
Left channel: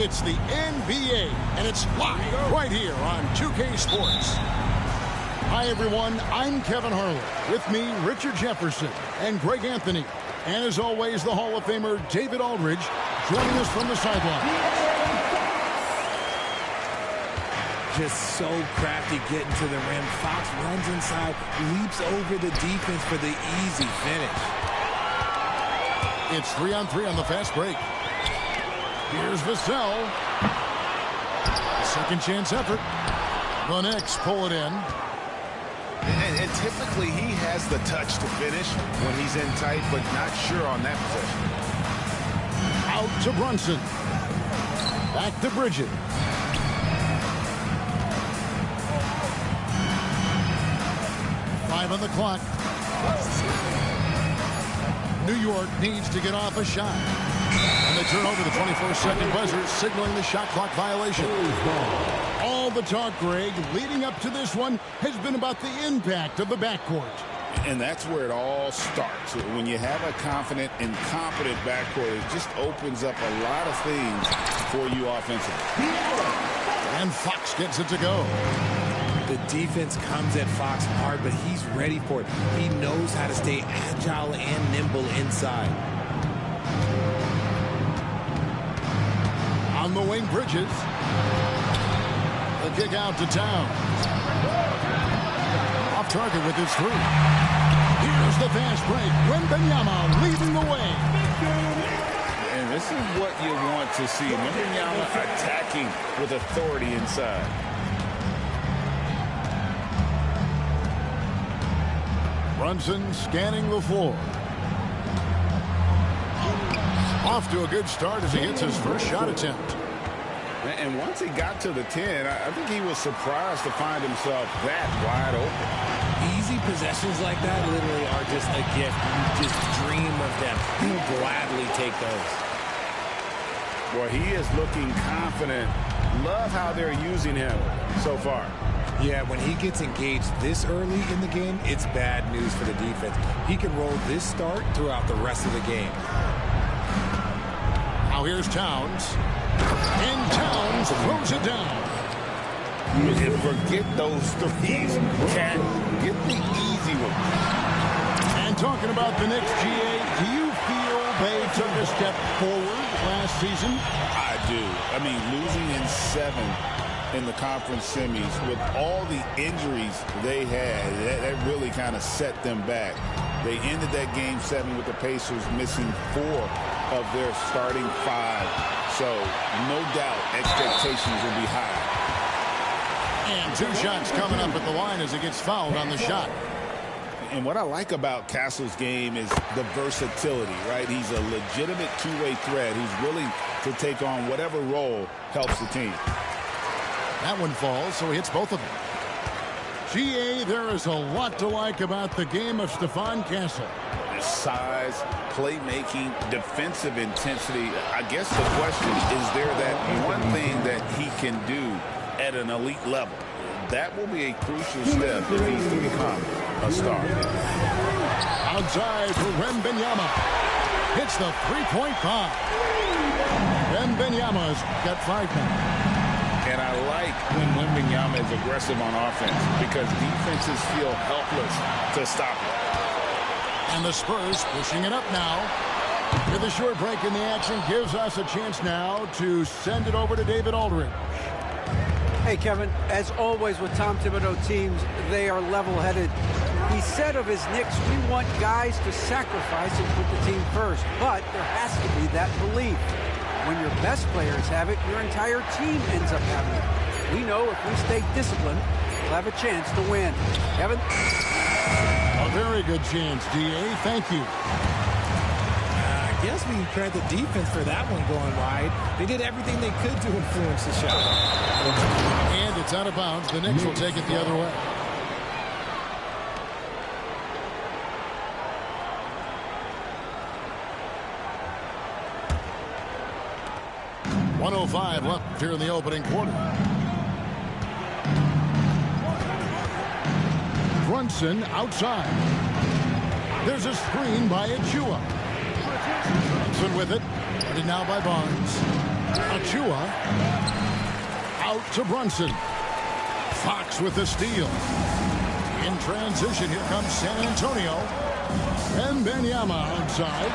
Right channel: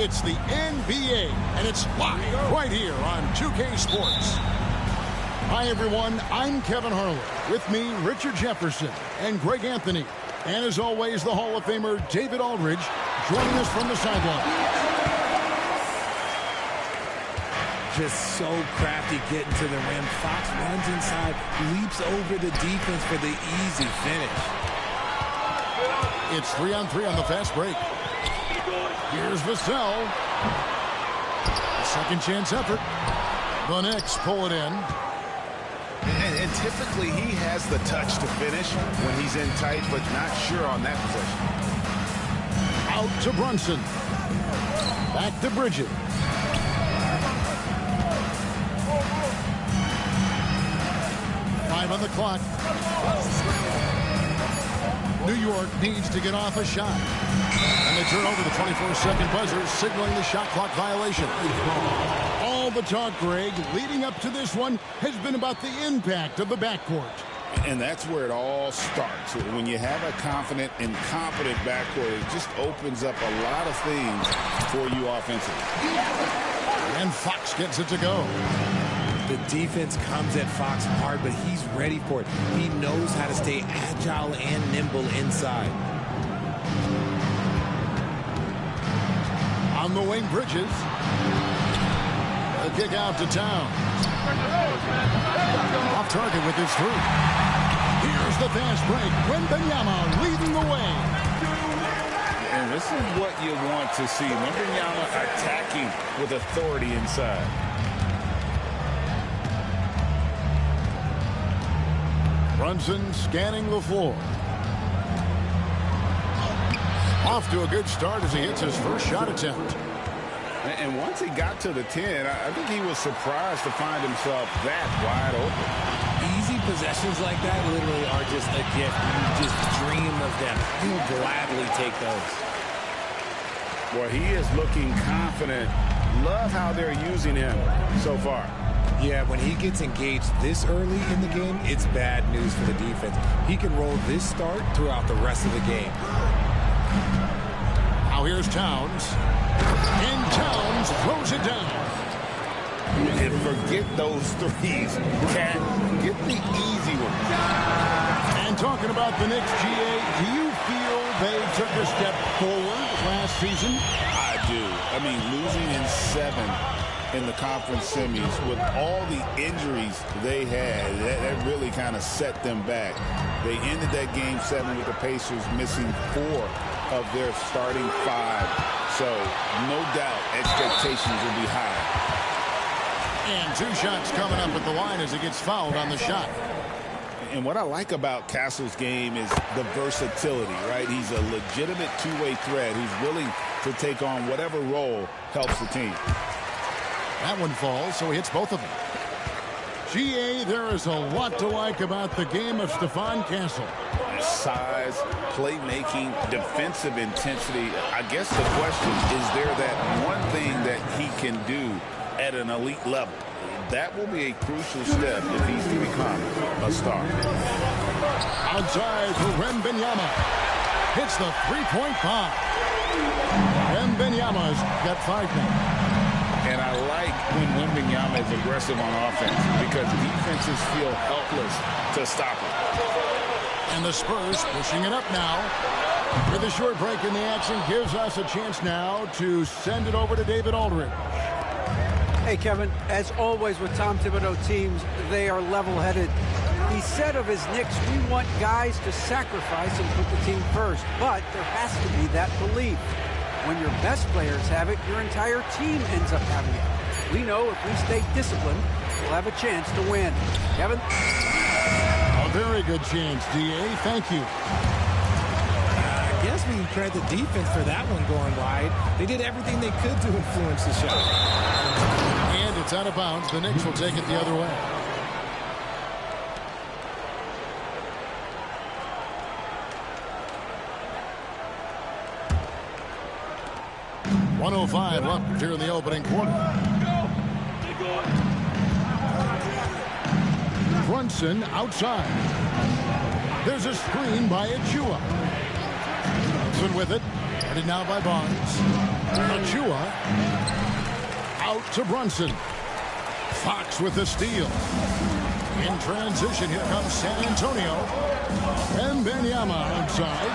It's the NBA, and it's live right here on 2K Sports. Hi, everyone. I'm Kevin Harlan. With me, Richard Jefferson and Greg Anthony. And as always, the Hall of Famer David Aldridge joining us from the sideline. Just so crafty getting to the rim. Fox runs inside, leaps over the defense for the easy finish. It's 3-on-3 on the fast break. Here's Vassell. A second chance effort. The Knicks pull it in. And typically he has the touch to finish when he's in tight, but not sure on that possession. Out to Brunson. Back to Bridges. Five on the clock. New York needs to get off a shot. And they turn over the 24-second buzzer, signaling the shot clock violation. All the talk, Greg, leading up to this one has been about the impact of the backcourt. And that's where it all starts. When you have a confident and competent backcourt, it just opens up a lot of things for you offensively. And Fox gets it to go. The defense comes at Fox hard, but he's ready for it. He knows how to stay agile and nimble inside. On the wing, Bridges. A kick out to Town. Off target with his three. Here's the fast break. Wembanyama leading the way. And this is what you want to see. Wembanyama attacking with authority inside. Brunson scanning the floor. Off to a good start as he hits his first shot attempt. And once he got to the 10, I think he was surprised to find himself that wide open. Easy possessions like that literally are just a gift. You just dream of them. He'll gladly take those. Well, he is looking confident. Love how they're using him so far. Yeah, when he gets engaged this early in the game, it's bad news for the defense. He can roll this start throughout the rest of the game. Now here's Towns. And Towns throws it down. And forget those threes. Cat, get the easy one. And talking about the Knicks, GA, do you feel they took a step forward last season? I do. I mean, losing in 7 in the conference semis with all the injuries they had, that really kind of set them back. They ended that game 7 with the Pacers missing 4 of their starting 5. So no doubt expectations will be high. And 2 shots coming up at the line as he gets fouled on the shot. And what I like about Castle's game is the versatility, right? He's a legitimate two-way threat who's willing to take on whatever role helps the team. That one falls, so he hits both of them. GA, there is a lot to like about the game of Stephon Castle. Size, playmaking, defensive intensity. I guess the question is there that one thing that he can do at an elite level. That will be a crucial step if he's to become a star. Outside for Wembanyama. Hits the three-point-5. Wembanyama's got 5 now. And I like when Wembanyama is aggressive on offense because defenses feel helpless to stop him. And the Spurs pushing it up now. With a short break in the action gives us a chance now to send it over to David Aldridge. Hey, Kevin, as always with Tom Thibodeau teams, they are level-headed. He said of his Knicks, we want guys to sacrifice and put the team first. But there has to be that belief. When your best players have it, your entire team ends up having it. We know if we stay disciplined, we'll have a chance to win. Kevin? A very good chance, DA. Thank you. I guess we can credit the defense for that one going wide. They did everything they could to influence the shot. And it's out of bounds. The Knicks will take it the other way. .105 left here in the opening quarter. Brunson outside. There's a screen by Achua. Brunson with it. Guarded now by Barnes. Achua. Out to Brunson. Fox with the steal. In transition, here comes San Antonio. And Wembanyama outside.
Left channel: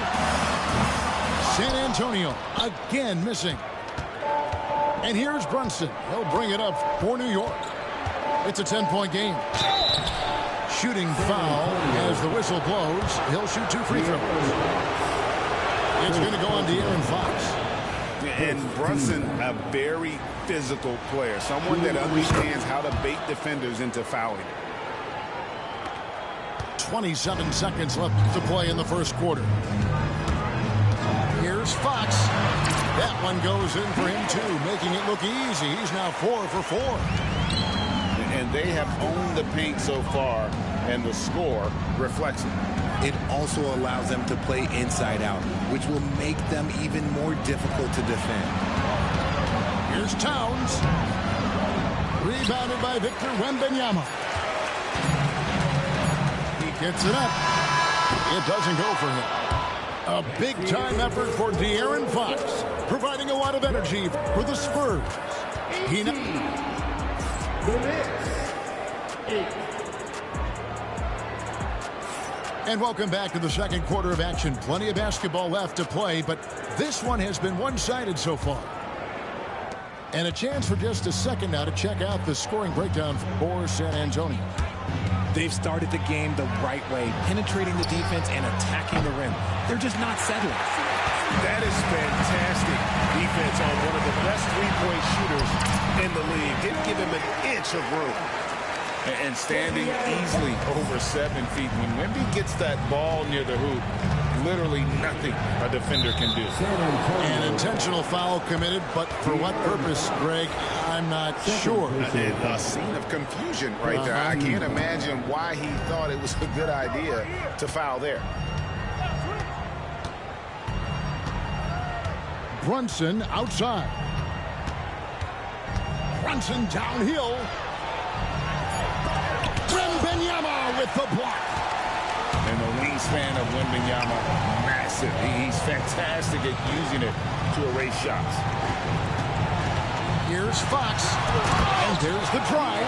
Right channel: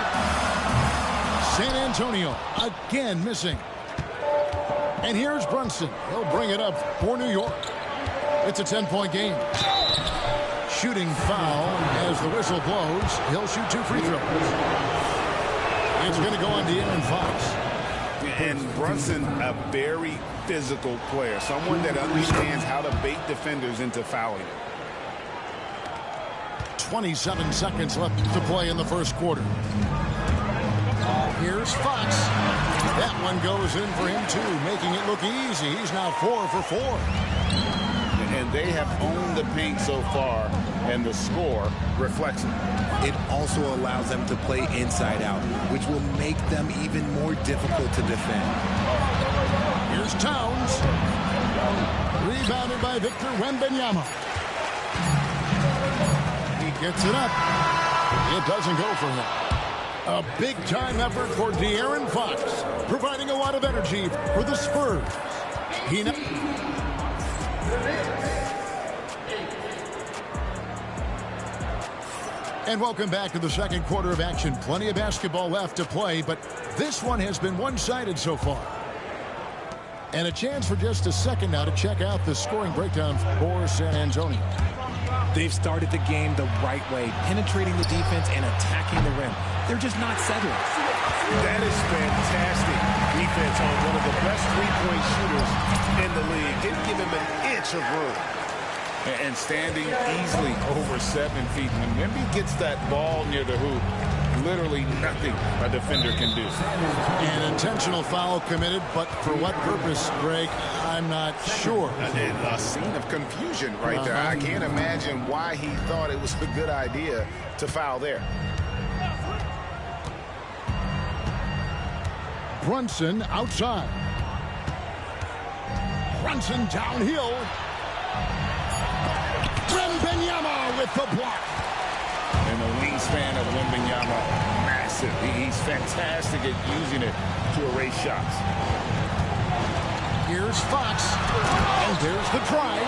San Antonio again missing. And here's Brunson. He'll bring it up for New York. It's a 10-point game. Shooting foul as the whistle blows. He'll shoot 2 free throws. It's going to go on De'Aaron Fox. And Brunson, a very physical player. Someone that understands how to bait defenders into fouling it. 27 seconds left to play in the first quarter. Here's Fox. That one goes in for him, too, making it look easy. He's now 4 for 4. And they have owned the paint so far, and the score reflects it. It also allows them to play inside out, which will make them even more difficult to defend. Here's Towns. Rebounded by Victor Wembanyama. He gets it up. It doesn't go for him. A big-time effort for De'Aaron Fox, providing a lot of energy for the Spurs. And welcome back to the second quarter of action. Plenty of basketball left to play, but this one has been one-sided so far. And a chance for just a second now to check out the scoring breakdown for San Antonio. They've started the game the right way, penetrating the defense and attacking the rim. They're just not settling. That is fantastic defense on one of the best three-point shooters in the league. Didn't give him an inch of room. And standing easily over 7 feet. When Wemby gets that ball near the hoop, literally nothing a defender can do. An intentional foul committed, but for what purpose, Greg, I'm not sure. A scene of confusion right there. I can't imagine why he thought it was a good idea to foul there. Brunson outside. Brunson downhill. Wembanyama with the block. And the wingspan of Wembanyama, massive. He's fantastic at using it to erase shots. Here's Fox. And there's the drive.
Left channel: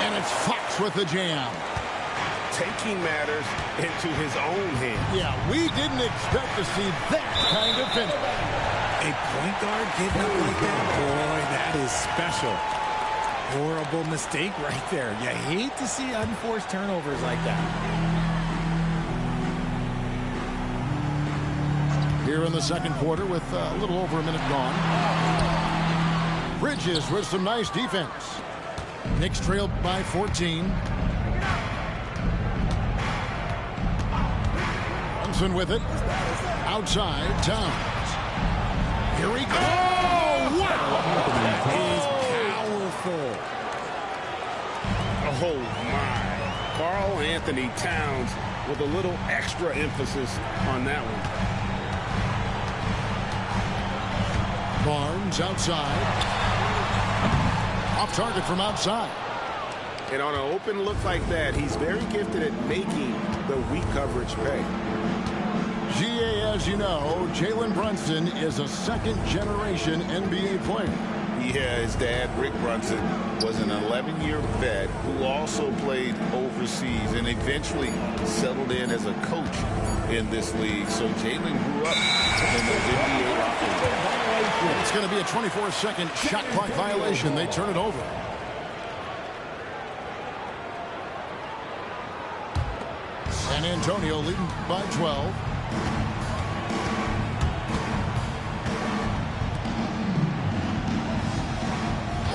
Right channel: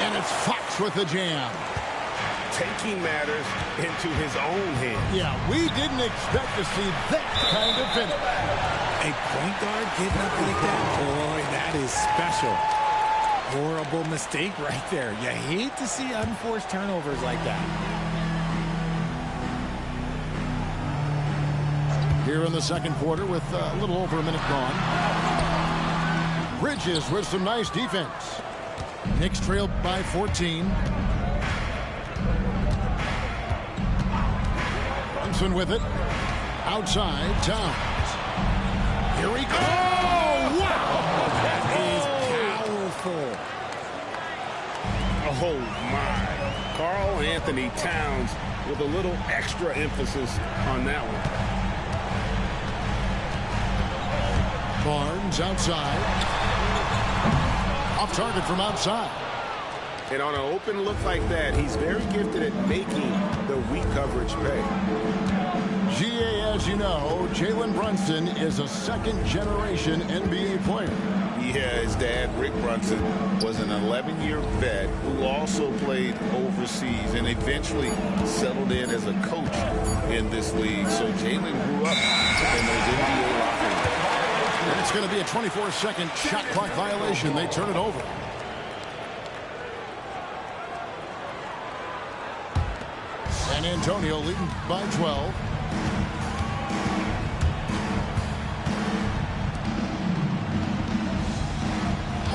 And it's Fox with the jam. Taking matters into his own hands. Yeah, we didn't expect to see that kind of finish. A point guard getting up like that? Boy, that is special. Horrible mistake right there. You hate to see unforced turnovers like that. Here in the second quarter with a little over a minute gone. Bridges with some nice defense. Knicks trailed by 14. Brunson with it. Outside, Towns. Here we go. Oh, wow. That is powerful. Oh, my. Karl Anthony Towns with a little extra emphasis on that one. Barnes outside. Off target from outside. And on an open look like that, he's very gifted at making the weak coverage pay. GA, as you know, Jalen Brunson is a second-generation NBA player. Yeah, his dad, Rick Brunson, was an 11-year vet who also played overseas and eventually settled in as a coach in this league. So Jalen grew up in those NBA locker rooms. And it's going to be a 24-second shot clock violation. They turn it over. San Antonio leading by 12.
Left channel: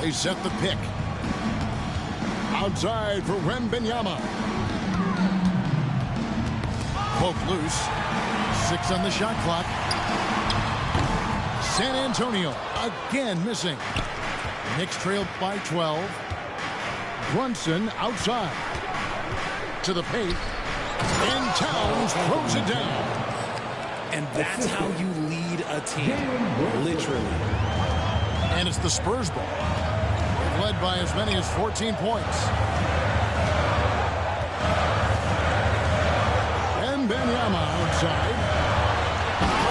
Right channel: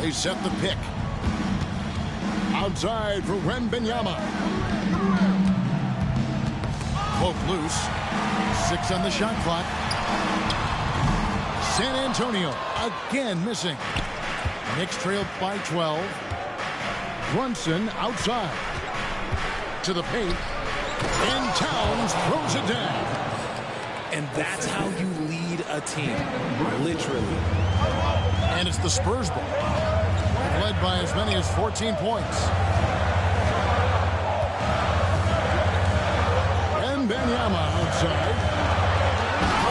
They set the pick. Outside for Wembanyama. Poke loose. 6 on the shot clock. San Antonio again missing. Knicks trailed by 12. Brunson outside. To the paint. And Towns throws it down. And that's how you lead a team. Literally. And it's the Spurs ball. They've led by as many as 14 points. And Wembanyama outside.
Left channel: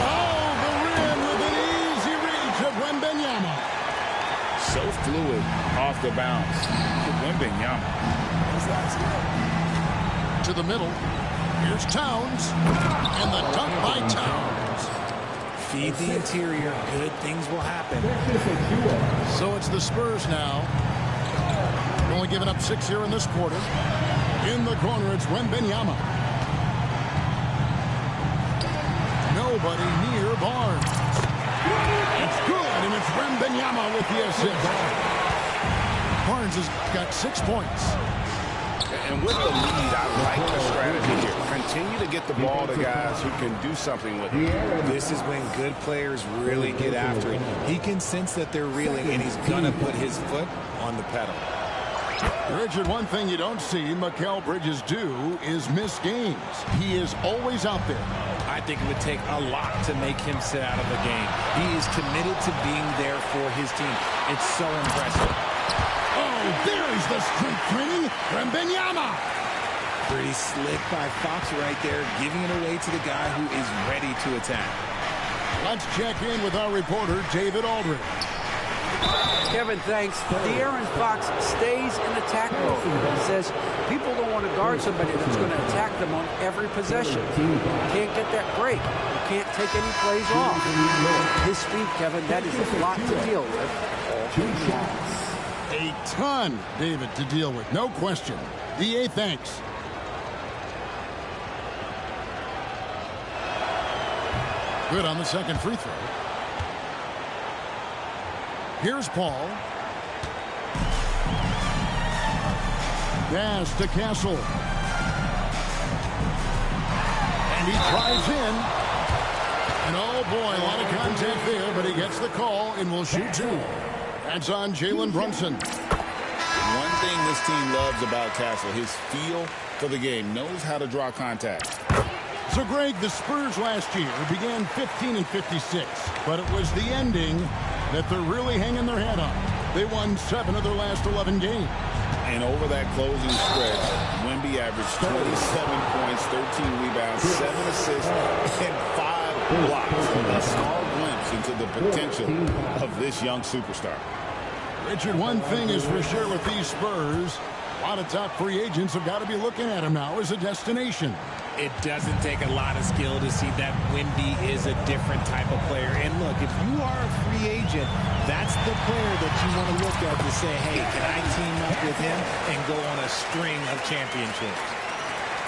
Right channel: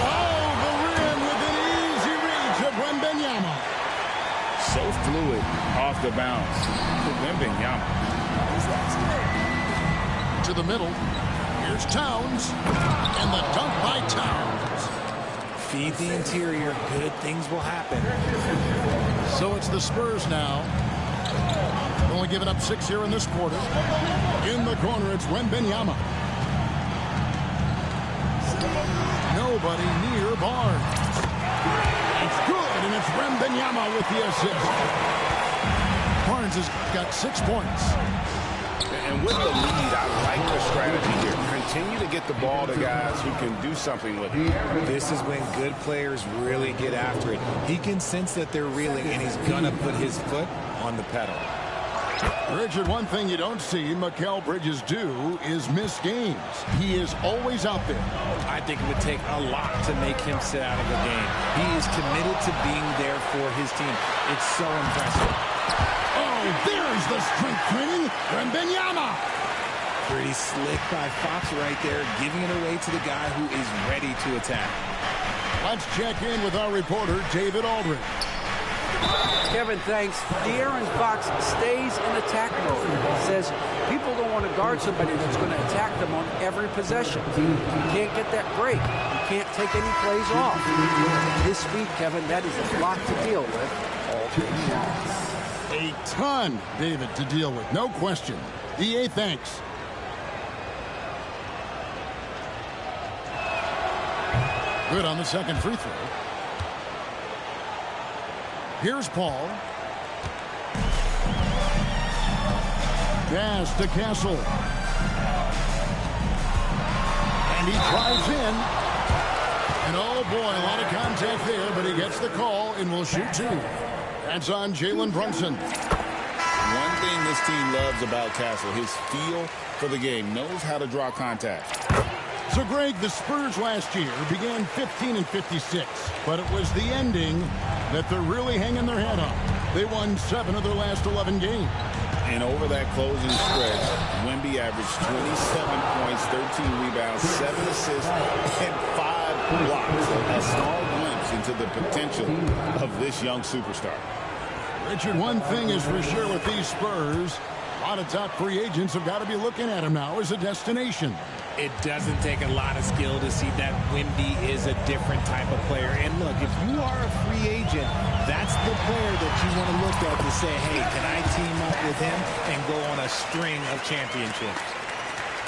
Oh, the rim with an easy reach of Wembanyama. So fluid off the bounce. Wembanyama. To the middle. Here's Towns. And the dunk by Towns. Feed the interior. Good things will happen. So it's the Spurs now. Only giving up 6 here in this quarter. In the corner, it's Wembanyama. Nobody near Barnes. It's good, and it's Wembanyama with the assist. Barnes has got 6 points. And with the lead, I like the strategy here. Continue to get the ball to guys who can do something with it. This is when good players really get after it. He can sense that they're reeling, and he's going to put his foot on the pedal. Richard, one thing you don't see Mikal Bridges do is miss games. He is always out there. I think it would take a lot to make him sit out of a game. He is committed to being there for his team. It's so impressive. Oh, there's the strength training. Wembanyama. Pretty slick by Fox right there, giving it away to the guy who is ready to attack. Let's check in with our reporter, David Aldridge. Kevin, thanks. De'Aaron Fox stays in attack mode. He says people don't want to guard somebody that's going to attack them on every possession. You can't get that break. You can't take any plays off. His speed, Kevin, that is a lot to deal with all game long. A ton, David, to deal with. No question. DA, thanks. Good on the second free throw. Here's Paul. Pass to Castle. And he drives in. And oh boy, a lot of contact there, but he gets the call and will shoot 2. That's on Jalen Brunson. One thing this team loves about Castle, his feel for the game, knows how to draw contact. So, Greg, the Spurs last year began 15-56, but it was the ending that they're really hanging their head on. They won 7 of their last 11 games. And over that closing stretch, Wemby averaged 27 points, 13 rebounds, 7 assists, and 5 blocks. A small glimpse into the potential of this young superstar. Richard, one thing is for sure with these Spurs, a lot of top free agents have got to be looking at him now as a destination. It doesn't take a lot of skill to see that Wemby is a different type of player. And look, if you are a free agent, that's the player that you want to look at to say, hey, can I team up with him and go on a string of championships?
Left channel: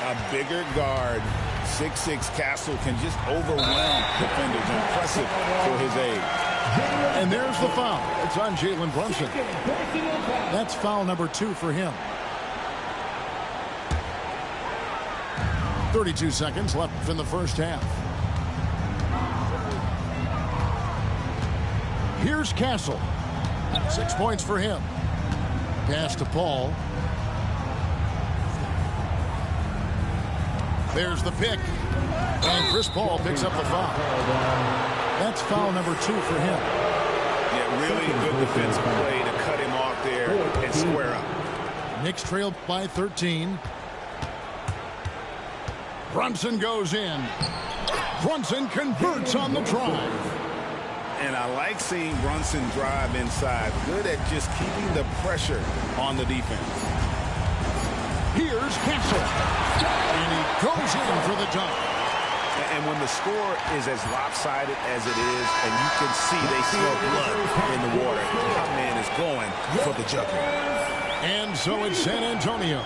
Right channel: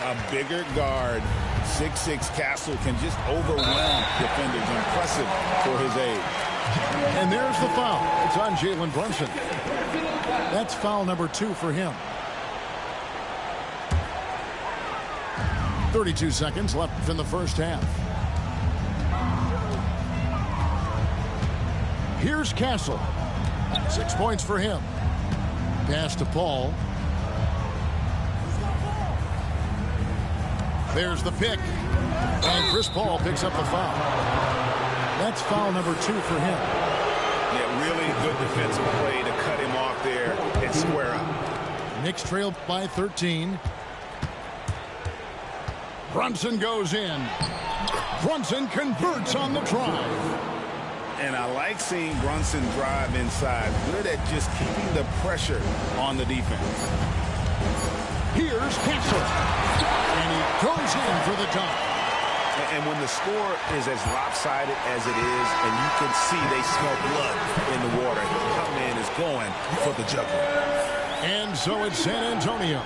A bigger guard, 6'6" Castle, can just overwhelm defenders. Impressive for his age. And there's the foul. It's on Jalen Brunson. That's foul number 2 for him. 32 seconds left in the first half. Here's Castle. 6 points for him. Pass to Paul. There's the pick. And Chris Paul picks up the foul. That's foul number 2 for him. Yeah, really good defensive play to cut him off there and square up. Knicks trail by 13. Brunson goes in. Brunson converts on the drive. And I like seeing Brunson drive inside. Good at just keeping the pressure on the defense. Here's Castle. And he goes in for the dunk. And when the score is as lopsided as it is, and you can see they smell blood in the water, my man is going for the jugular. And so it's San Antonio.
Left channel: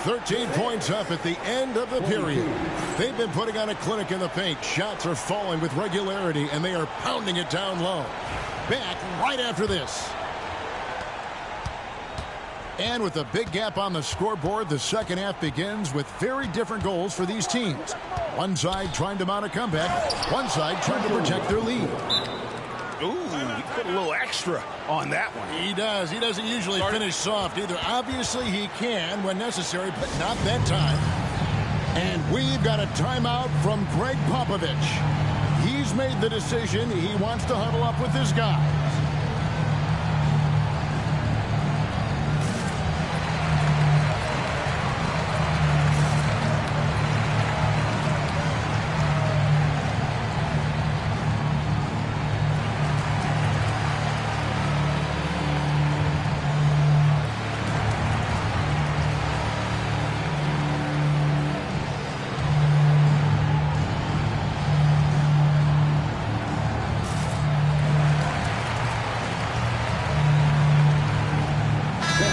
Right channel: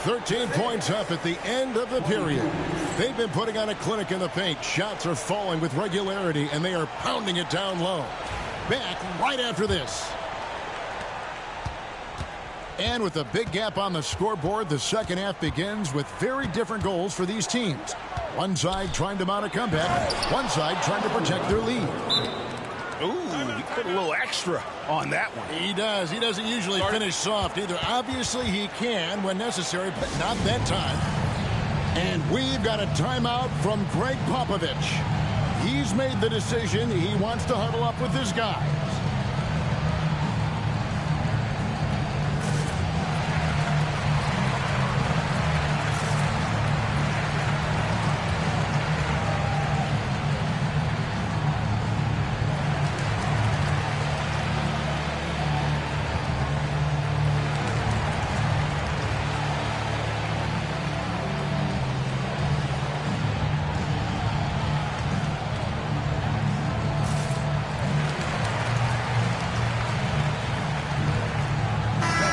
13 points up at the end of the period. They've been putting on a clinic in the paint. Shots are falling with regularity, and they are pounding it down low. Back right after this. And with a big gap on the scoreboard, the second half begins with very different goals for these teams. One side trying to mount a comeback, one side trying to protect their lead. Ooh, he put a little extra on that one. He does. He doesn't usually finish soft either. Obviously, he can when necessary, but not that time. And we've got a timeout from Greg Popovich. He's made the decision. He wants to huddle up with his guys.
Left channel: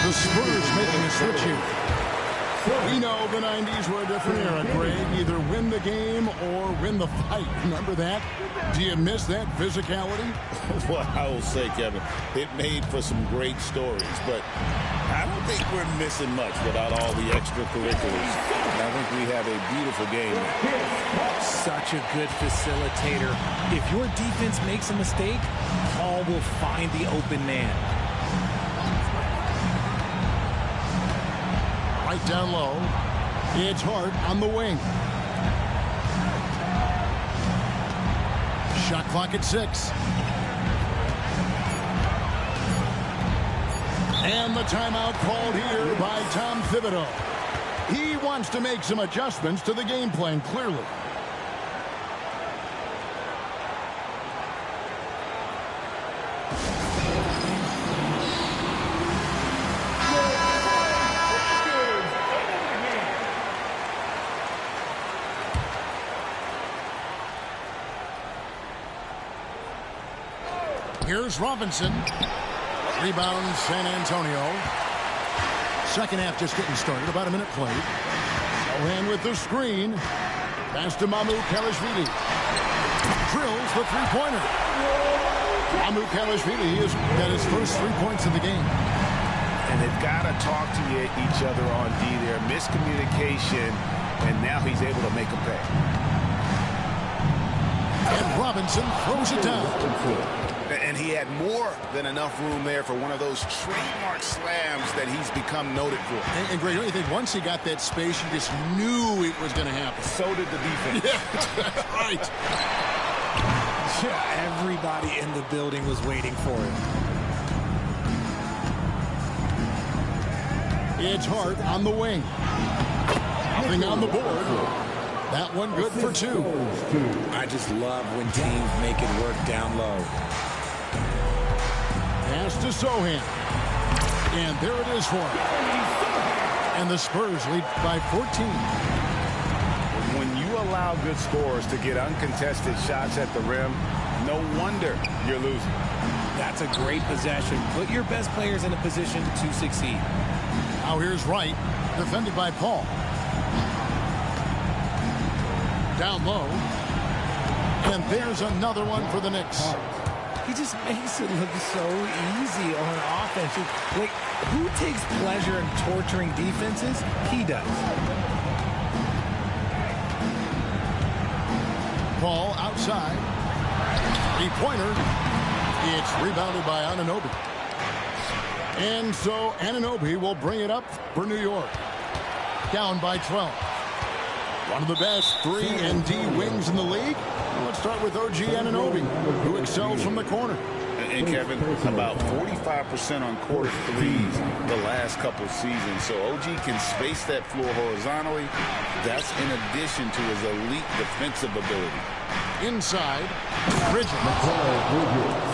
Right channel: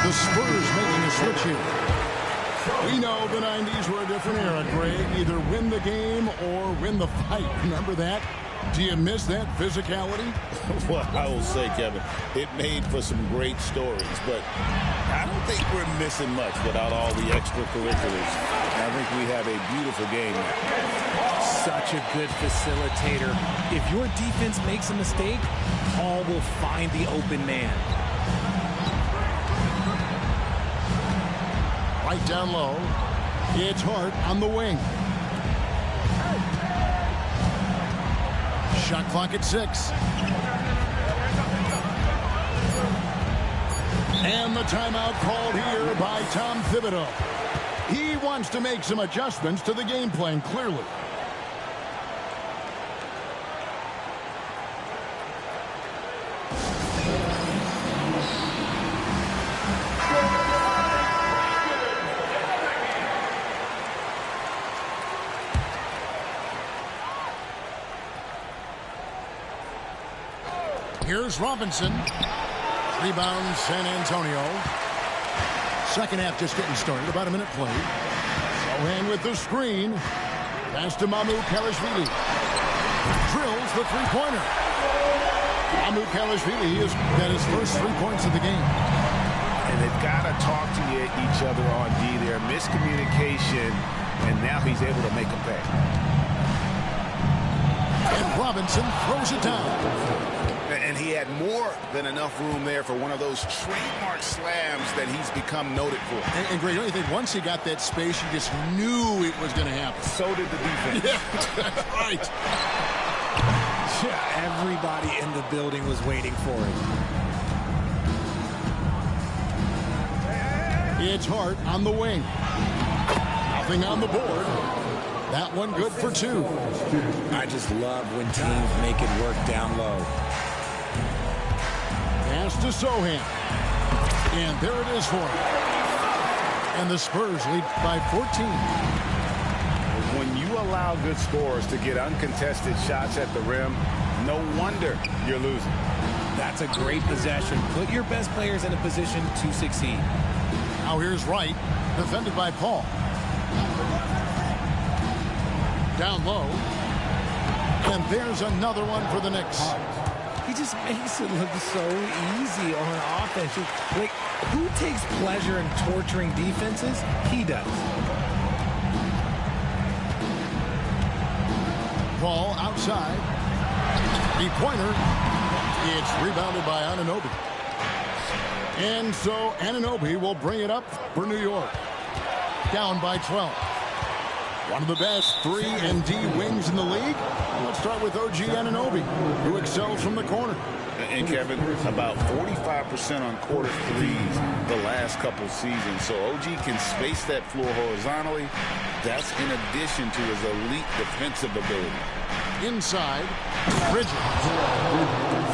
The Spurs making a switch here. We know the 90s were a different era, Greg. Either win the game or win the fight. Remember that? Do you miss that physicality? Well, I will say, Kevin, it made for some great stories, but I don't think we're missing much without all the extracurriculars. And I think we have a beautiful game now. Such a good facilitator. If your defense makes a mistake, Paul will find the open man. Right down low. It's Hart on the wing. Shot clock at 6. And the timeout called here by Tom Thibodeau. He wants to make some adjustments to the game plan, clearly. Here's Robinson. Rebound, San Antonio. Second half just getting started. About a minute played. Sohan with the screen. Pass to Mamoukelashvili. Drills the three-pointer. Mamoukelashvili has got his first 3 points of the game. And they've got to talk to each other on D there. Miscommunication, and now he's able to make a pay. And Robinson throws it down. And he had more than enough room there for one of those trademark slams that he's become noted for. And Greg, don't you think once he got that space, you just knew it was going to happen? So did the defense. Yeah, that's right. Yeah, everybody in the building was waiting for it. It's Hart on the wing. Nothing on the board. That one good for 2. I just love when teams make it work down low. Pass to Sohan. And there it is for him. And the Spurs lead by 14. When you allow good scorers to get uncontested shots at the rim, no wonder you're losing. That's a great possession. Put your best players in a position to succeed. Now here's Wright, defended by Paul. Down low. And there's another one for the Knicks. He just makes it look so easy on offense. Like, who takes pleasure in torturing defenses? He does. Paul outside. 3-pointer. It's rebounded by Anunoby. And so Anunoby will bring it up for New York. Down by 12. One of the best 3 and D wings in the league. Well, let's start with OG Anunoby, who excels from the corner. And Kevin, about 45% on quarter threes the last couple seasons. So OG can space that floor horizontally. That's in addition to his elite defensive ability. Inside, Bridges.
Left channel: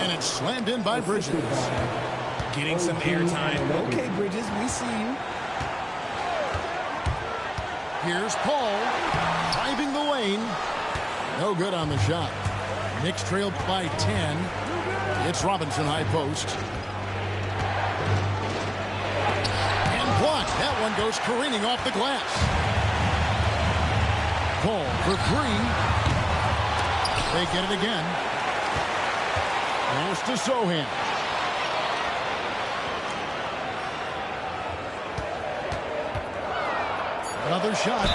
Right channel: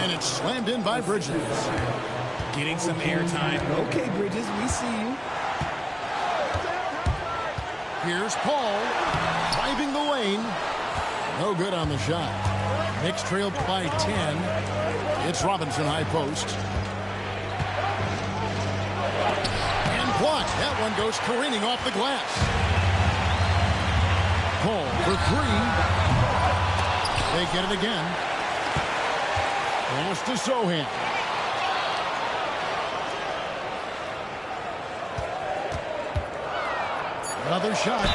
And it's slammed in by Bridges. Getting some airtime. Okay, Bridges, we see you. Here's Paul, driving the lane. No good on the shot. Knicks trailed by 10. It's Robinson high post. And blocked. That one goes careening off the glass. Paul for 3. They get it again. Pass to Sohan. Another shot.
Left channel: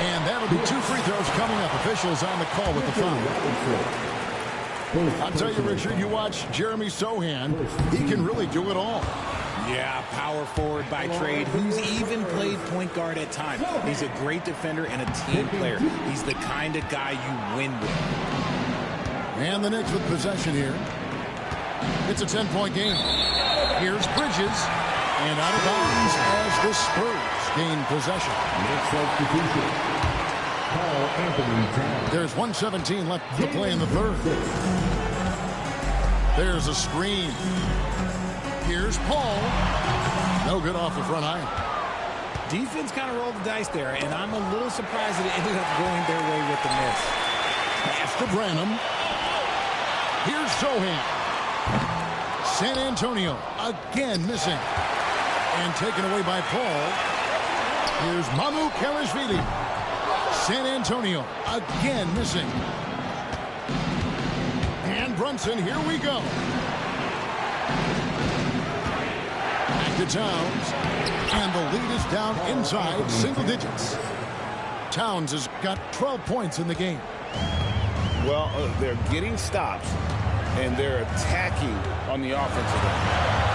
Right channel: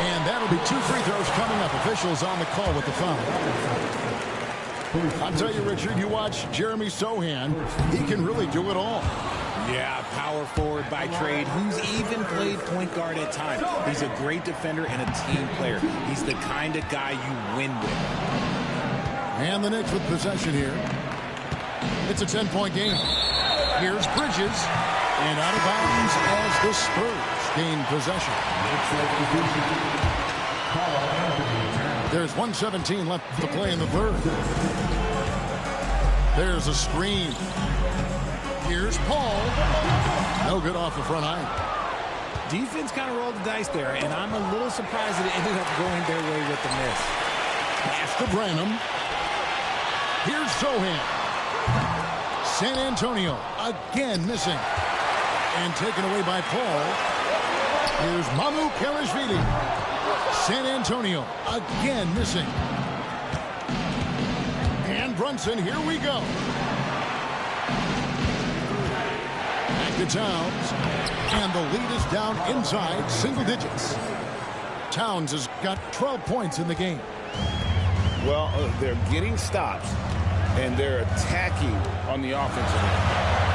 And that'll be 2 free throws coming up. Officials on the call with the foul. I'll tell you, Richard, you watch Jeremy Sohan. He can really do it all. Yeah, power forward by trade, who's even played point guard at times. He's a great defender and a team player. He's the kind of guy you win with. And the Knicks with possession here. It's a 10-point game. Here's Bridges. And out of bounds as the Spurs gain possession. There's 1:17 left to play in the third. There's a screen. Here's Paul. No good off the front iron. Defense kind of rolled the dice there, and I'm a little surprised that it ended up going their way with the miss. Pass to Branham. Here's Sohan. San Antonio again missing. And taken away by Paul. Here's Mamu Kelishvili. San Antonio again missing. And Brunson, here we go. Back to Towns. And the lead is down inside single digits. Towns has got 12 points in the game. Well, they're getting stops, and they're attacking on the offensive end.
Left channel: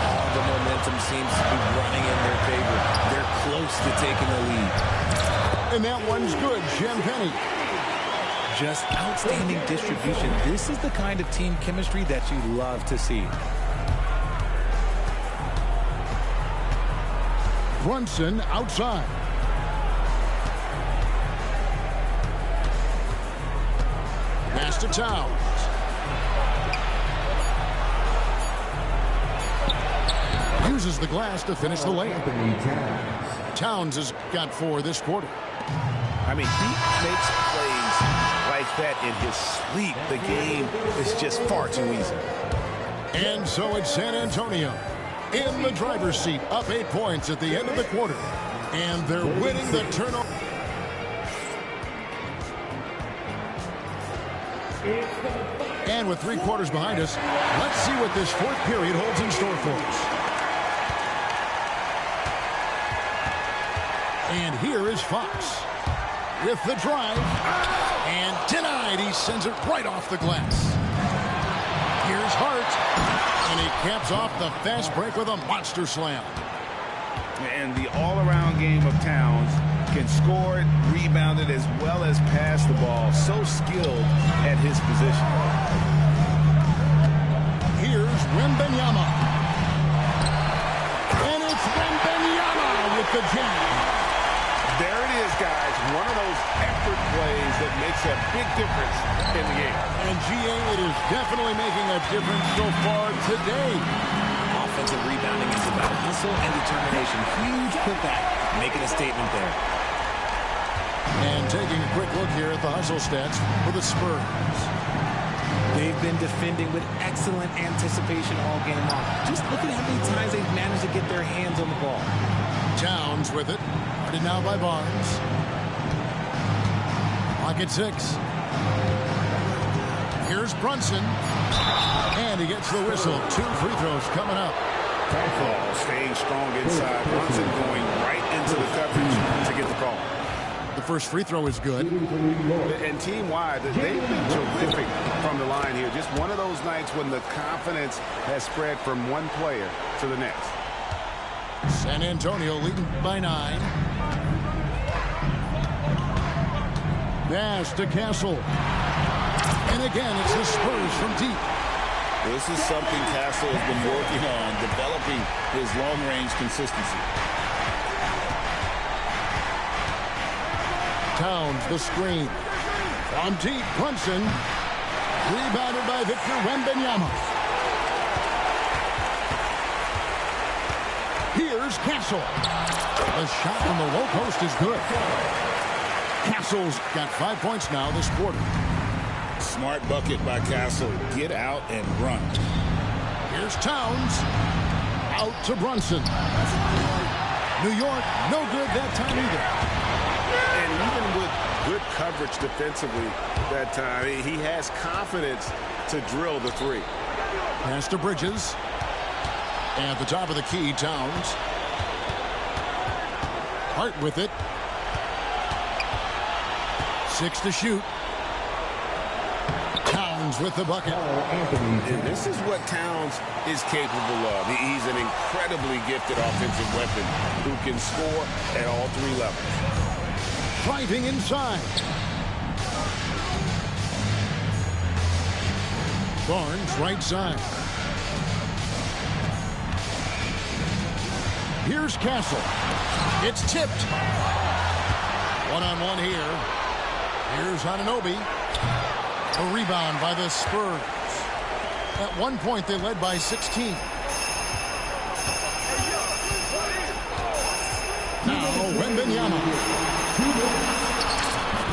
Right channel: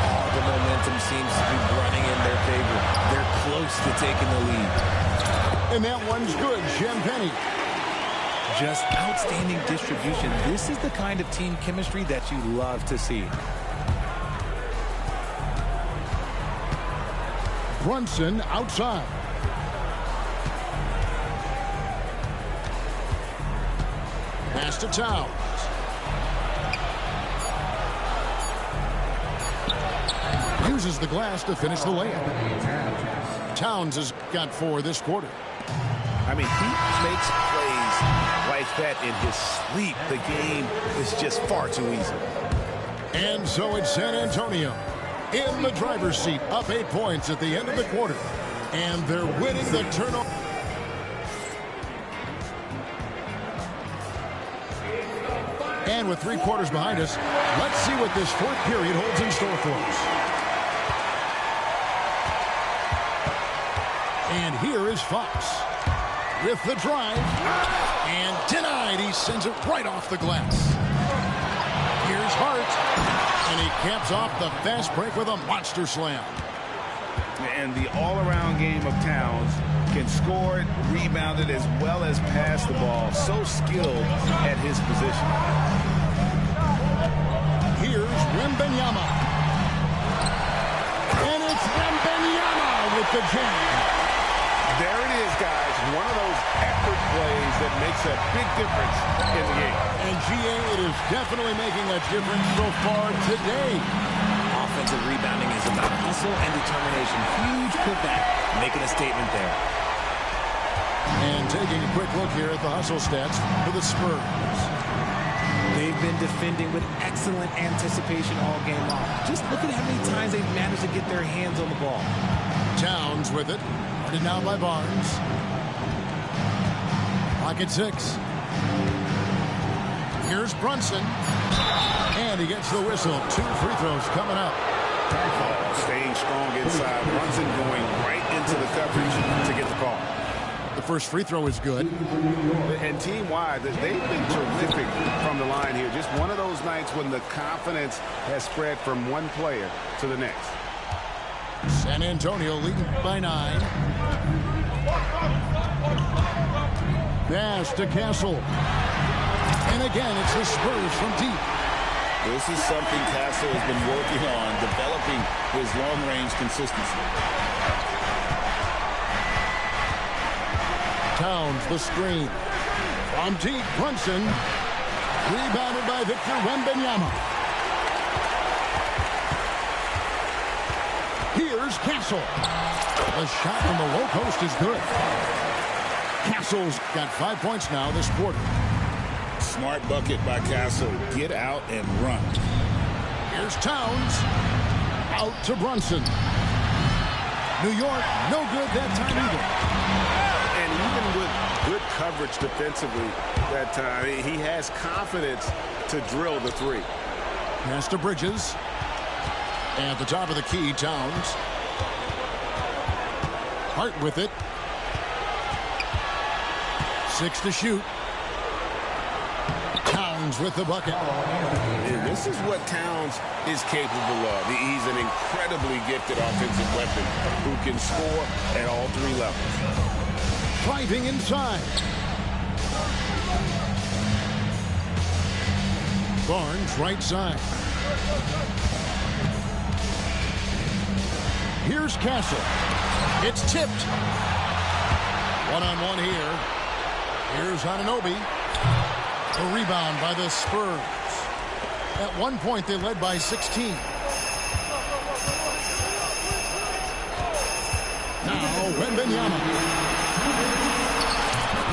All the momentum seems to be running in their favor. They're close to taking the lead. And that one's good, Champagnie. Just outstanding distribution. This is the kind of team chemistry that you love to see. Brunson outside. Pass to Towns. Uses the glass to finish the layup. Towns has got 4 this quarter. I mean, he makes plays like that in his sleep. The game is just far too easy. And so it's San Antonio in the driver's seat, up 8 points at the end of the quarter. And they're winning the turnover. And with 3 quarters behind us, let's see what this 4th period holds in store for us. And here is Fox with the drive. And denied. He sends it right off the glass. Here's Hart. And he caps off the fast break with a monster slam. And the all-around game of Towns can score it, rebound it, as well as pass the ball. So skilled at his position. Here's Wembanyama. And it's Wembanyama with the jam. There it is, guys. One of those effort plays that makes a big difference in the game. And GA, it is definitely making a difference so far today. Offensive rebounding is about hustle and determination. Huge putback, making a statement there. And taking a quick look here at the hustle stats for the Spurs. They've been defending with excellent anticipation all game long. Just look at how many times they've managed to get their hands on the ball. Towns with it. Guarded now by Barnes. Clock at 6. Here's Brunson. And he gets the whistle. 2 free throws coming up. Oh, staying strong inside. Brunson going right into the coverage to get the call. The first free throw is good. And team-wide, they've been terrific from the line here. Just one of those nights when the confidence has spread from one player to the next. San Antonio leading by 9. Pass to Castle. And again, it's the Spurs from deep. This is something Castle has been working on, developing his long-range consistency. Towns, the screen. From deep, Brunson. Rebounded by Victor Wembanyama. Here's Castle. The shot from the low post is good. Castle's got 5 points now this quarter. Smart bucket by Castle. Get out and run. Here's Towns. Out to Brunson. New York, no good that time either. And even with good coverage defensively that time, he has confidence to drill the 3. Pass to Bridges. At the top of the key, Towns. Hart with it. 6 to shoot. Towns with the bucket. This is what Towns is capable of. He's an incredibly gifted offensive weapon who can score at all 3 levels. Driving inside. Barnes right side. Here's Castle. It's tipped. One-on-one here. Here's Anunoby. A rebound by the Spurs. At one point, they led by 16. Now, Wembanyama.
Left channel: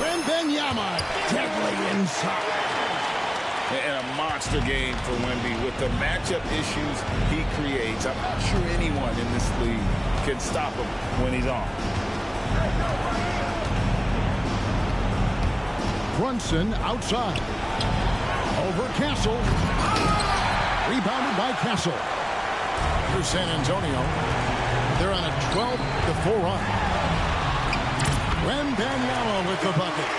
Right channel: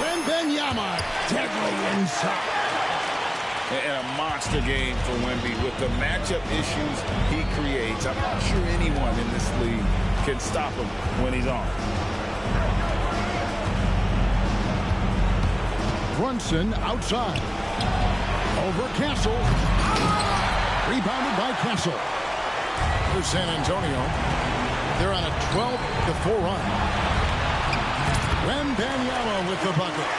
Wembanyama, deadly inside. And a monster game for Wemby. With the matchup issues he creates, I'm not sure anyone in this league can stop him when he's on. Brunson outside. Over Castle. Rebounded by Castle. Here's San Antonio. They're on a 12-4 run. Wembanyama with the bucket.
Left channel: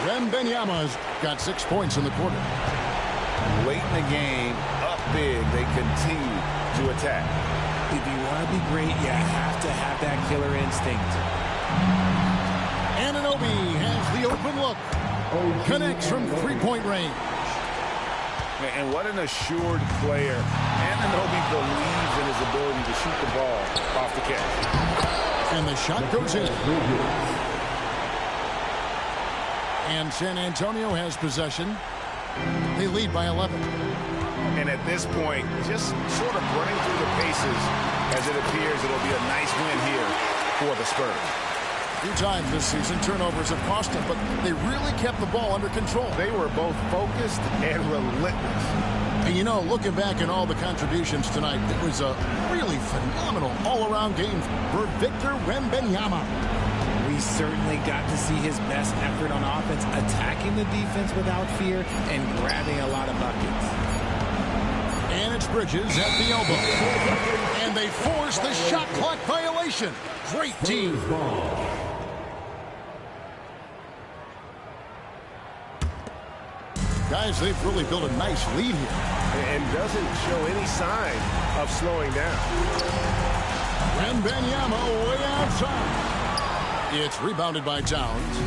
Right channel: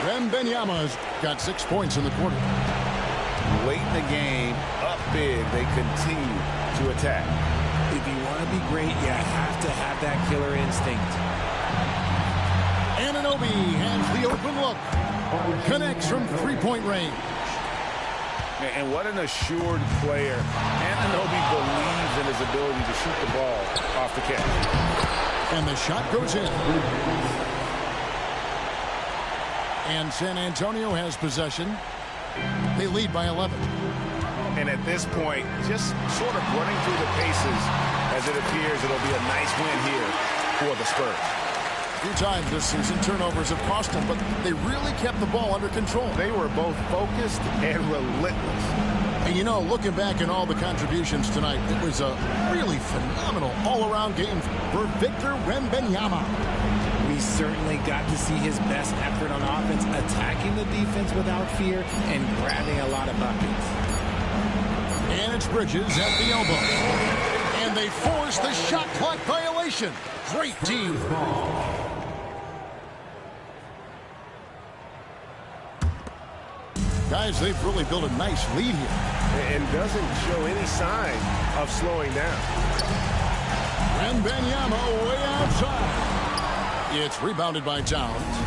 Wembanyama's got 6 points in the quarter. Late in the game, up big, they continue to attack. If you want to be great, you have to have that killer instinct. Anunoby has the open look. Connects from three-point range. And what an assured player. Anunoby believes in his ability to shoot the ball off the catch. And the shot goes in. And San Antonio has possession. They lead by 11. And at this point, just sort of running through the paces as it appears it'll be a nice win here for the Spurs. A few times this season, turnovers have cost them, but they really kept the ball under control. They were both focused and relentless. And you know, looking back at all the contributions tonight, it was a really phenomenal all-around game for Victor Wembanyama. We certainly got to see his best effort on offense, attacking the defense without fear and grabbing a lot of buckets. And it's Bridges at the elbow. And they force the shot clock violation. Great team. Guys, they've really built a nice lead here. And doesn't show any sign of slowing down. Wembanyama way outside. It's rebounded by Towns.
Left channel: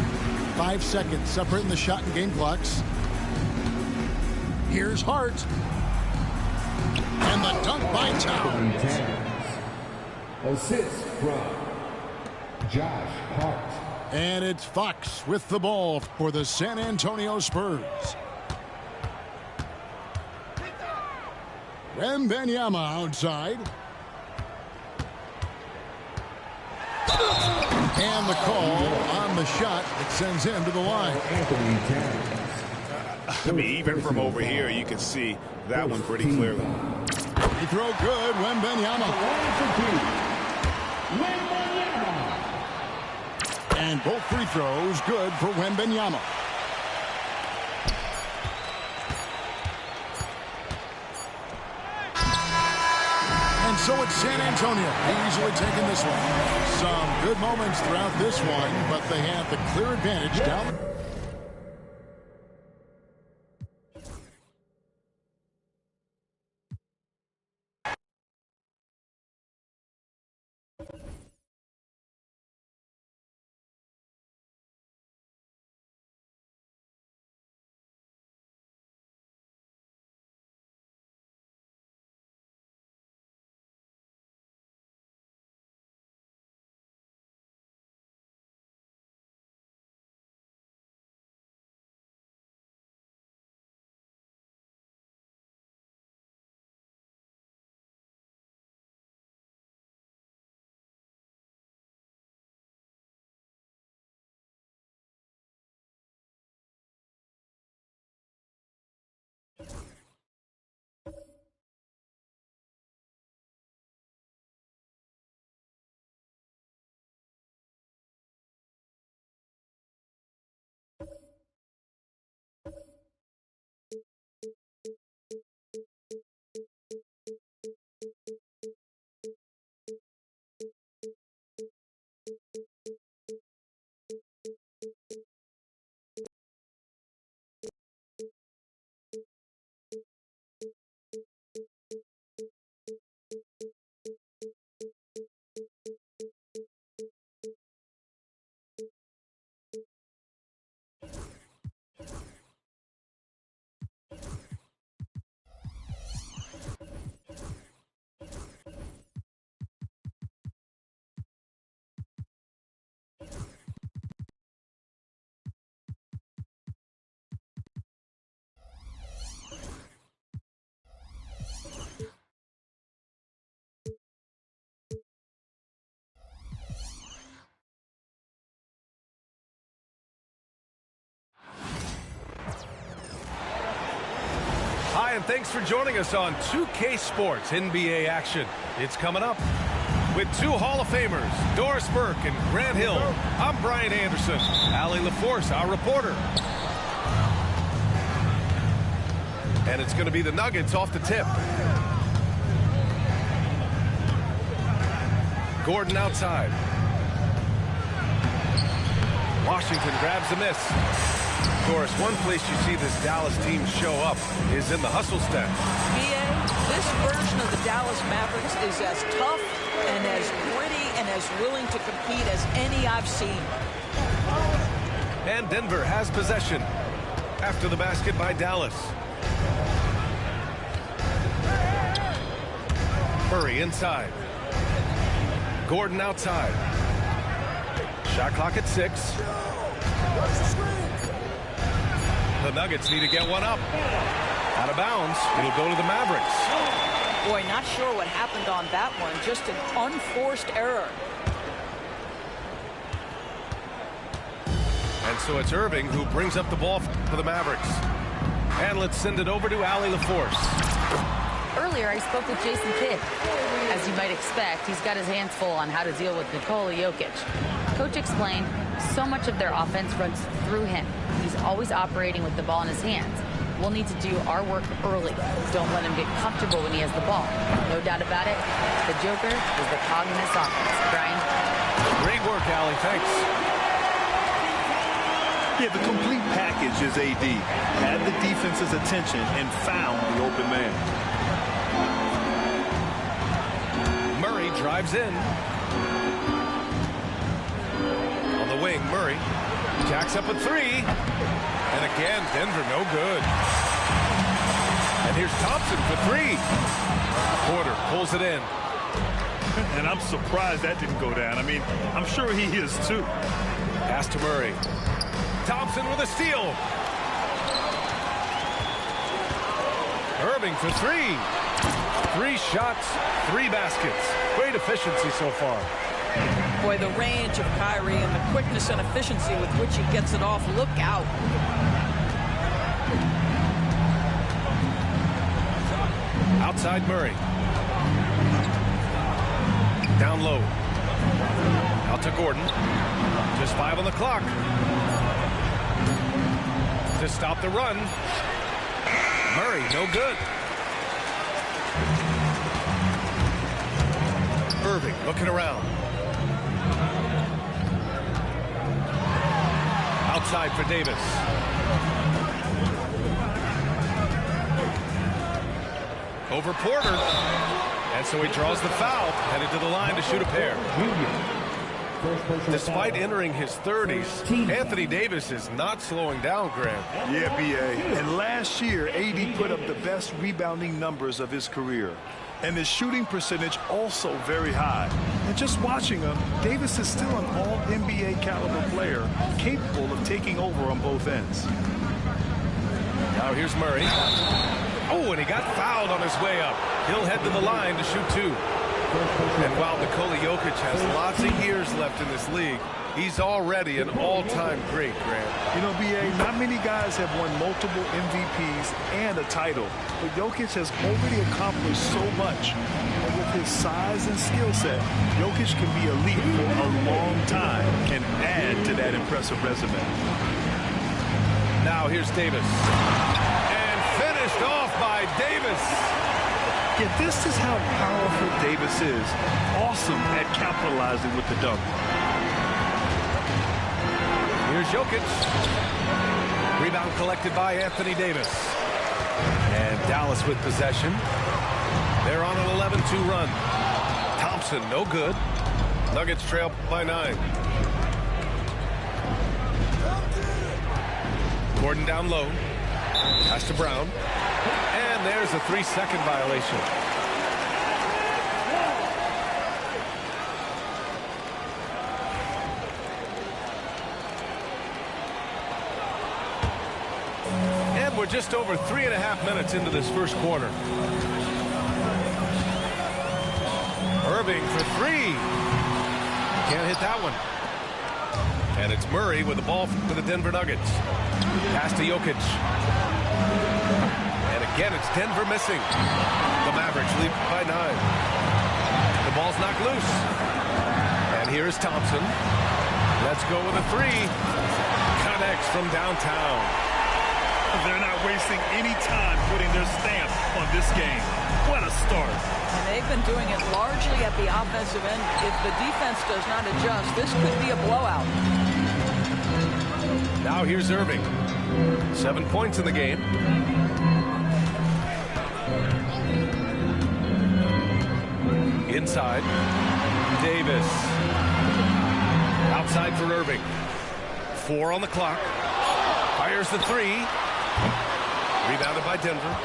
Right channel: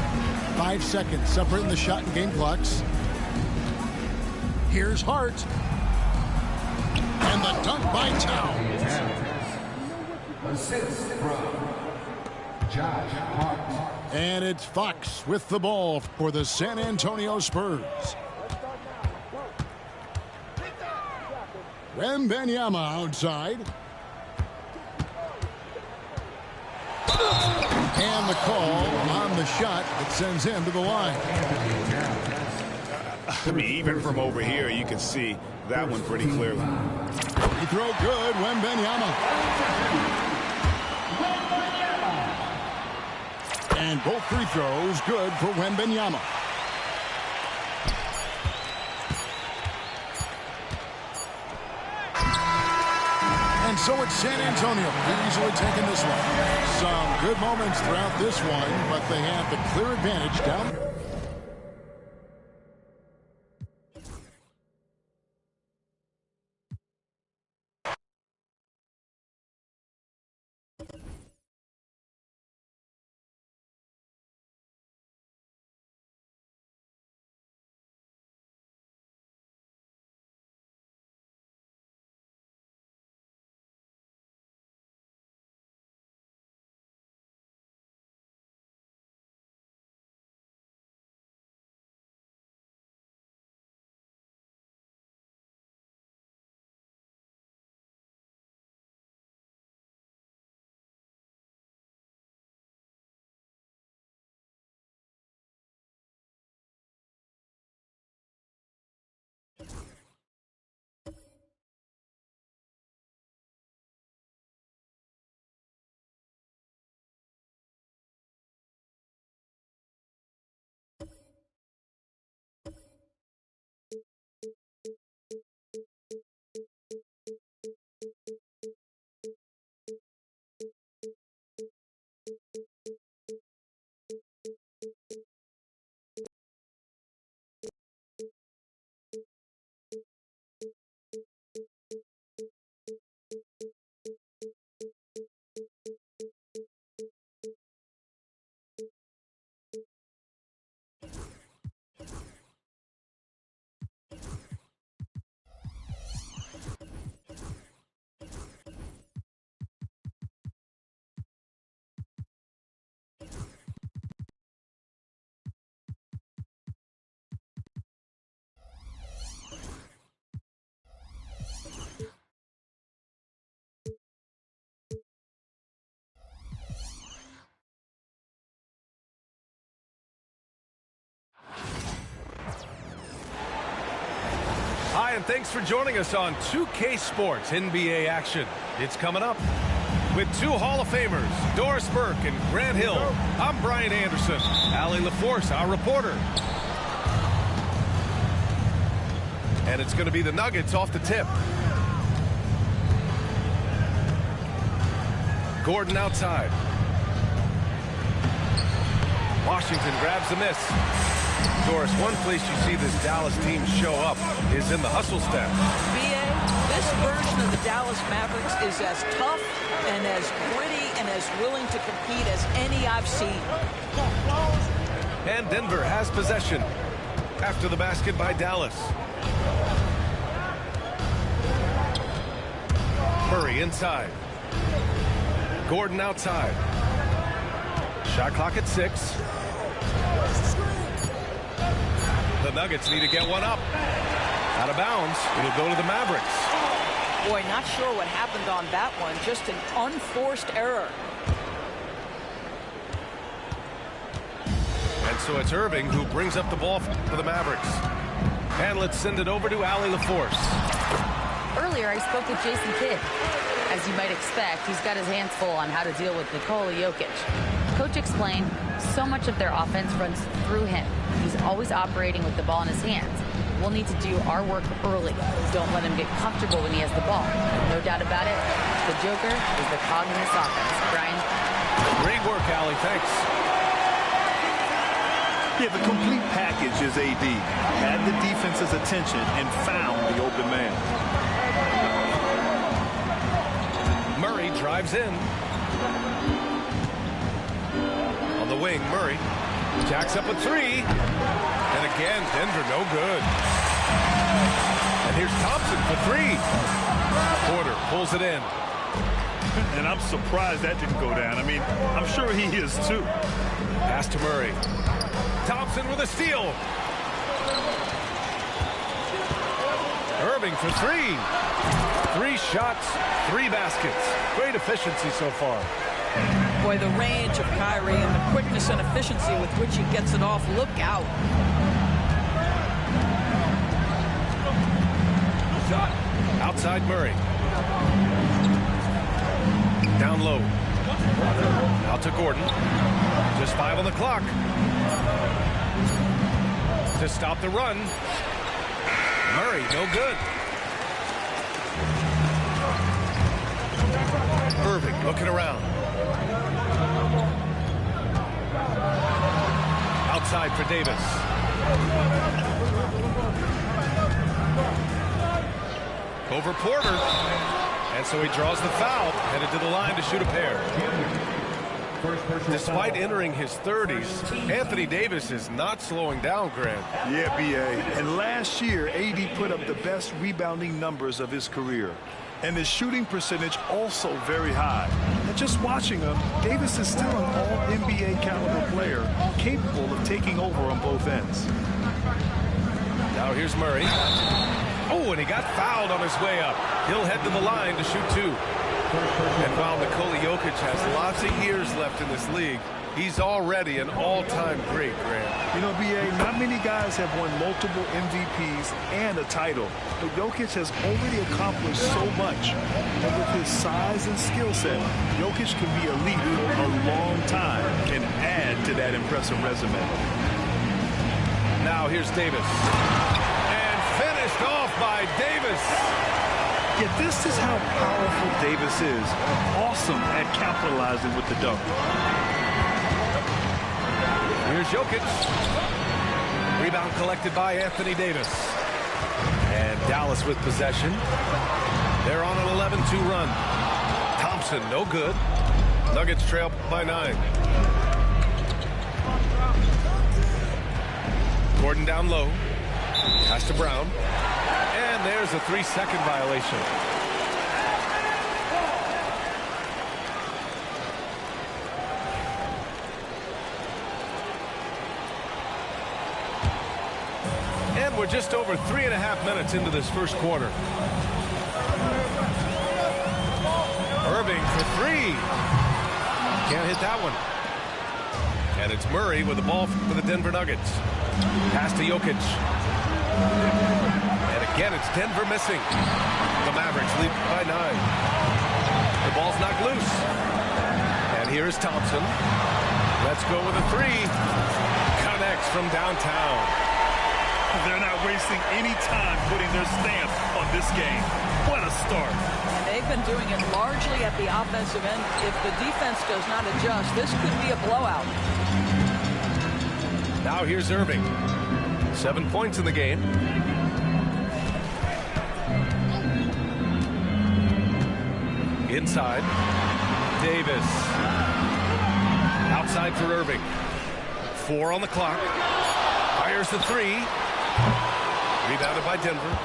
5 seconds separating the shot and game clocks. Here's Hart. And the dunk by Towns. Assist from Josh Hart. And it's Fox with the ball for the San Antonio Spurs. Wembanyama outside. And the call on the shot that sends him to the line. I mean, even from over here, you can see that one pretty clearly. Free throw good, Wembanyama. And both free throws good for Wembanyama. And so it's San Antonio easily taking this one. Some good moments throughout this one, but they have the clear advantage down. Hi, and thanks for joining us on 2K Sports NBA action. It's coming up. With two Hall of Famers, Doris Burke and Grant Hill, I'm Brian Anderson. Allie LaForce, our reporter. And it's going to be the Nuggets off the tip. Gordon outside. Washington grabs the miss. Doris, one place you see this Dallas team show up is in the hustle step. B.A., this version of the Dallas Mavericks is as tough and as gritty and as willing to compete as any I've seen. And Denver has possession after the basket by Dallas. Murray inside. Gordon outside. Shot clock at 6. The Nuggets need to get one up. Out of bounds. It'll go to the Mavericks. Boy, not sure what happened on that one. Just an unforced error. And so it's Irving who brings up the ball for the Mavericks. And let's send it over to Allie LaForce. Earlier, I spoke with Jason Kidd. As you might expect, he's got his hands full on how to deal with Nikola Jokic. Coach explained so much of their offense runs through him. He's always operating with the ball in his hands. We'll need to do our work early. Don't let him get comfortable when he has the ball. No doubt about it, the Joker is the cog in this offense. Brian? Great work, Allie. Thanks. Yeah, the complete package is AD. Had the defense's attention and found the open man. Murray drives in. On the wing, Murray jacks up a three. And again, Denver no good. And here's Thompson for three. Porter pulls it in. And I'm surprised that didn't go down. I mean, I'm sure he is too. Pass to Murray. Thompson with a steal. Irving for three. 3 shots, 3 baskets. Great efficiency so far. Boy, the range of Kyrie and the quickness and efficiency with which he gets it off. Look out. Outside Murray. Down low. Out to Gordon. Just 5 on the clock. To stop the run. Murray, no good. Irving looking around. Outside for Davis. Over Porter. And so he draws the foul, headed to the line to shoot a pair. Despite entering his 30s, Anthony Davis is not slowing down, Grant. Yeah, B.A. And last year, AD put up the best rebounding numbers of his career. And his shooting percentage also very high. And just watching him, Davis is still an all-NBA caliber player, capable of taking over on both ends. Now here's Murray. Oh, and he got fouled on his way up. He'll head to the line to shoot 2. And while Nikola Jokic has lots of years left in this league, he's already an all-time great, Grant. You know, B.A., not many guys have won multiple MVPs and a title, but Jokic has already accomplished so much. And with his size and skill set, Jokic can be elite for a long time and add to that impressive resume. Now here's Davis. And finished off by Davis. Yeah, this is how powerful Davis is. Awesome at capitalizing with the dunk. Here's Jokic. Rebound collected by Anthony Davis. And Dallas with possession. They're on an 11-2 run. Thompson, no good. Nuggets trail by 9. Gordon down low. Pass to Brown. And there's a 3-second violation. And we're just over 3.5 minutes into this first quarter. Irving for 3. Can't hit that one. And it's Murray with the ball for the Denver Nuggets. Pass to Jokic. And again, it's Denver missing. The Mavericks lead by 9. The ball's knocked loose. And here's Thompson. Let's go with a 3. Connects from downtown. They're not wasting any time putting their stamp on this game. What a start. And they've been doing it largely at the offensive end. If the defense does not adjust, this could be a blowout. Now here's Irving. 7 points in the game. Inside. Davis. Outside for Irving. 4 on the clock. Fires the 3. Rebounded by Denver.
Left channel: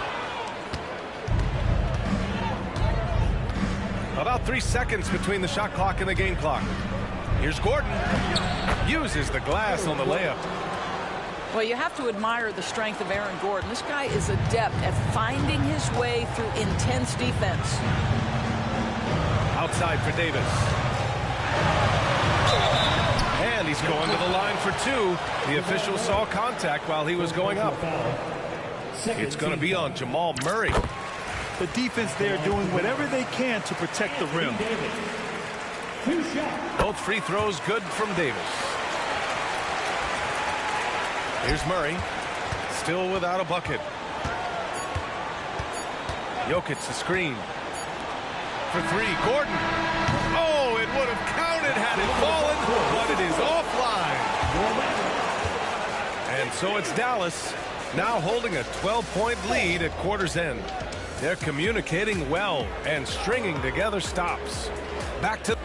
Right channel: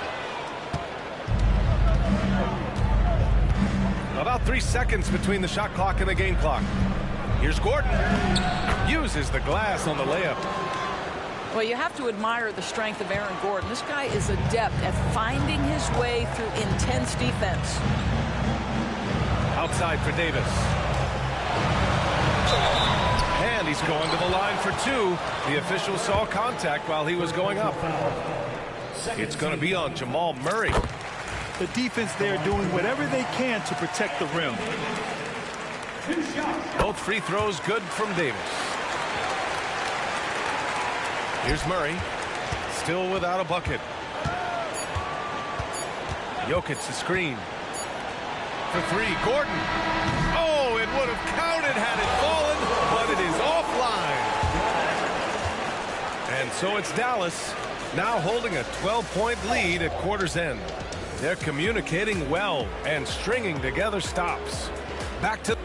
About 3 seconds between the shot clock and the game clock. Here's Gordon. Uses the glass on the layup. Well, you have to admire the strength of Aaron Gordon. This guy is adept at finding his way through intense defense. Outside for Davis. And he's going to the line for 2. The official saw contact while he was going up. It's going to be on Jamal Murray. The defense there doing whatever they can to protect the rim. Both free throws good from Davis. Here's Murray. Still without a bucket. Jokic the screen. For 3, Gordon. Oh, it would have counted had it fallen, but it is offline. And so it's Dallas now holding a 12-point lead at quarter's end. They're communicating well and stringing together stops. Back to...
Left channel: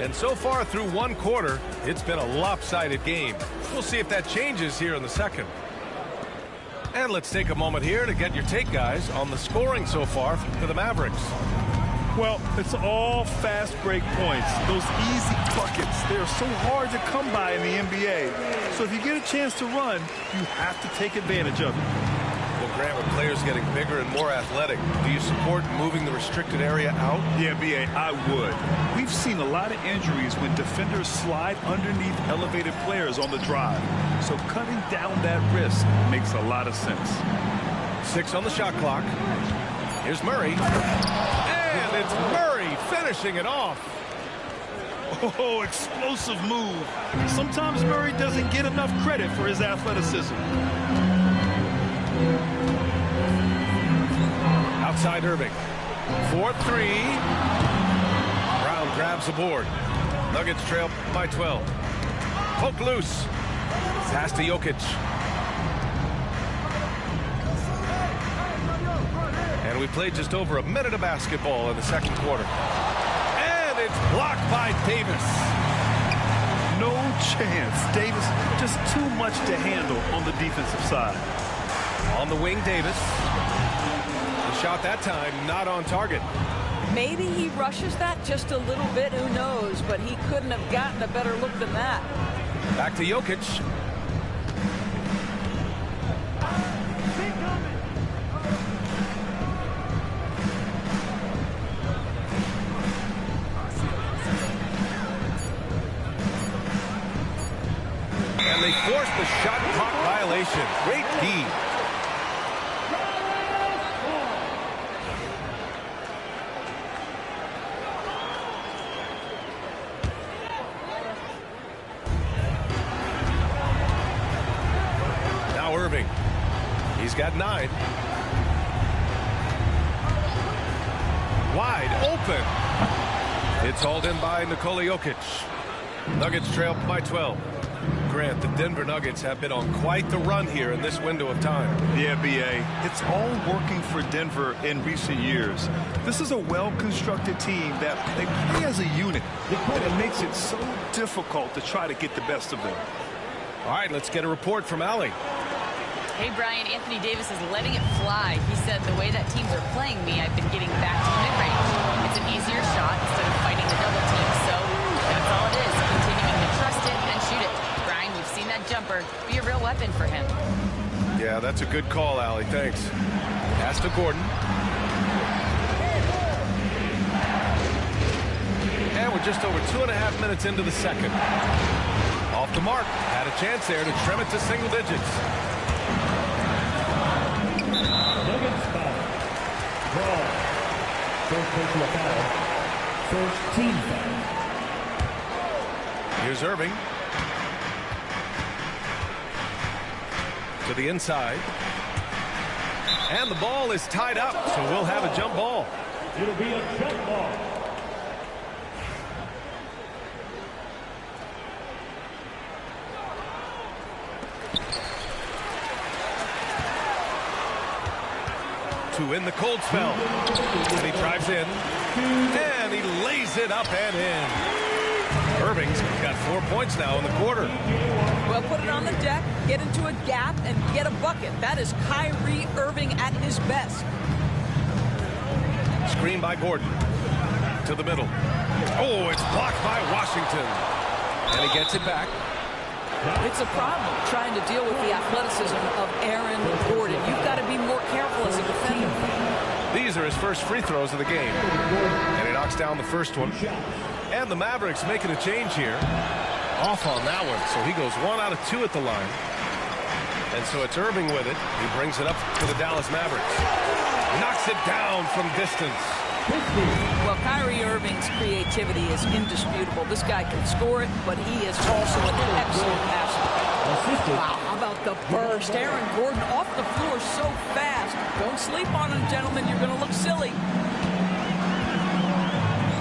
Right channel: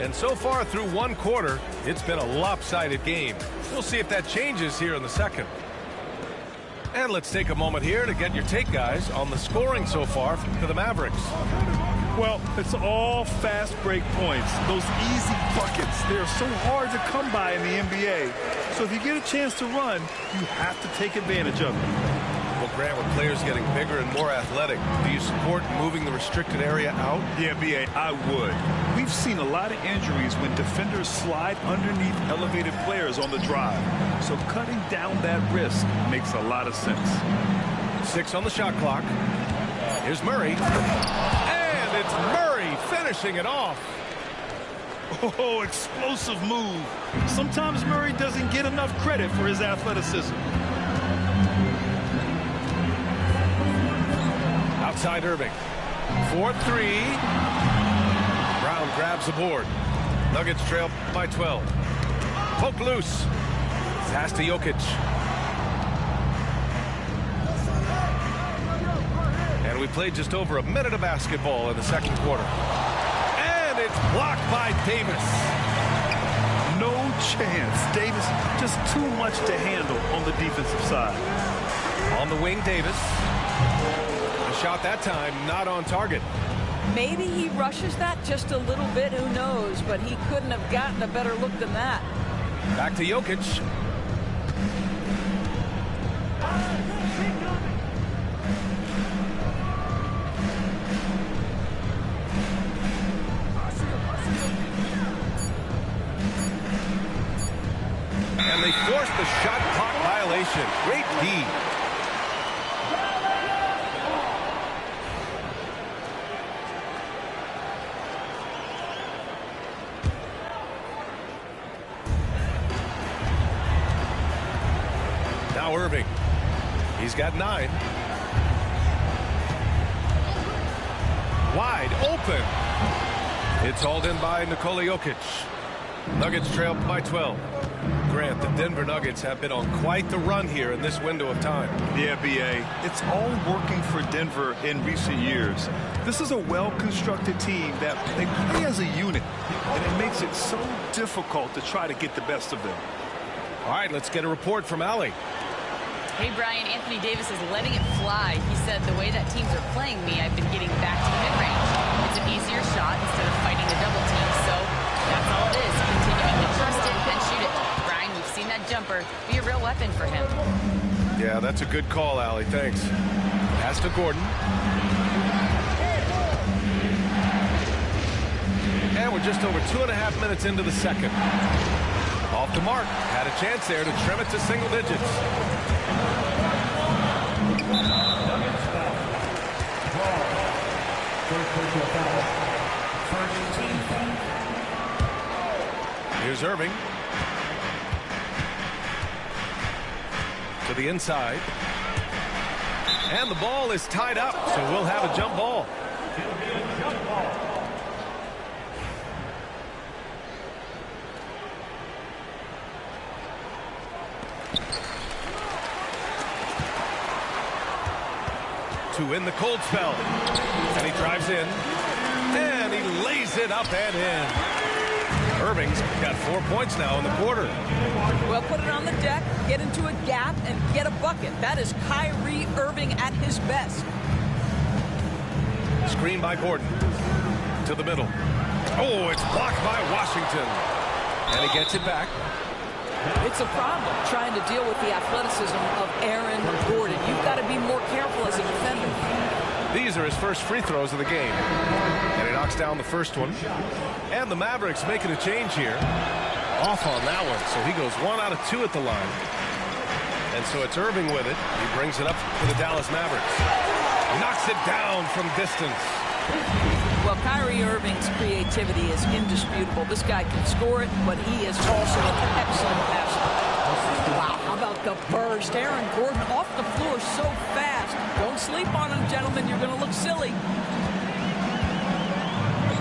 And so far through one quarter, it's been a lopsided game. We'll see if that changes here in the second. And let's take a moment here to get your take, guys, on the scoring so far for the Mavericks. Well, it's all fast break points. Those easy buckets, they're so hard to come by in the NBA. So if you get a chance to run, you have to take advantage of it. Well, Grant, with players getting bigger and more athletic, do you support moving the restricted area out? Yeah, B.A., I would. We've seen a lot of injuries when defenders slide underneath elevated players on the drive. So cutting down that risk makes a lot of sense. 6 on the shot clock. Here's Murray. And it's Murray finishing it off. Oh, explosive move. Sometimes Murray doesn't get enough credit for his athleticism. Outside Irving. 4-3. Brown grabs the board. Nuggets trail by 12. Poke loose. Pass to Jokic. And we played just over a minute of basketball in the second quarter. And it's blocked by Davis. No chance. Davis just too much to handle on the defensive side. On the wing, Davis. The shot that time not on target. Maybe he rushes that just a little bit, who knows, but he couldn't have gotten a better look than that. Back to Jokic. And they forced the shot clock violation. Great D. Now Irving. He's got 9. Wide open. It's hauled in by Nikola Jokic. Nuggets trail by 12. Grant, the Denver Nuggets have been on quite the run here in this window of time. Yeah, B.A., it's all working for Denver in recent years. This is a well-constructed team that they play as a unit, and it makes it so difficult to try to get the best of them. All right, let's get a report from Allie. Hey, Brian, Anthony Davis is letting it fly. He said, the way that teams are playing me, I've been getting back to the mid-range. It's an easier shot instead of fighting the double team, so that's all it is, continuing to trust it and shoot it. Brian, we've seen that jumper be a real weapon for him. Yeah, that's a good call, Allie. Thanks. Pass to Gordon. And we're just over 2.5 minutes into the second. Off the mark. Had a chance there to trim it to single digits. Nuggets foul. Brawl. First personal foul. First team foul. Here's Irving. To the inside. And the ball is tied up, so we'll have a jump ball. It'll be a jump ball. To win the cold spell. And he drives in. And he lays it up and in. Irving's got 4 points now in the quarter. Well, put it on the deck, get into a gap, and get a bucket. That is Kyrie Irving at his best. Screen by Gordon. To the middle. Oh, it's blocked by Washington. And he gets it back. It's a problem trying to deal with the athleticism of Aaron Gordon. You've got to be more careful as a defender. These are his first free throws of the game. And he knocks down the first one. And the Mavericks making a change here. Off on that one. So he goes 1 out of 2 at the line. And so it's Irving with it. He brings it up to the Dallas Mavericks. Knocks it down from distance. Well, Kyrie Irving's creativity is indisputable. This guy can score it, but he is also an excellent passer. Wow, how about the burst? Aaron Gordon off the floor so fast. Don't sleep on him, gentlemen. You're going to look silly.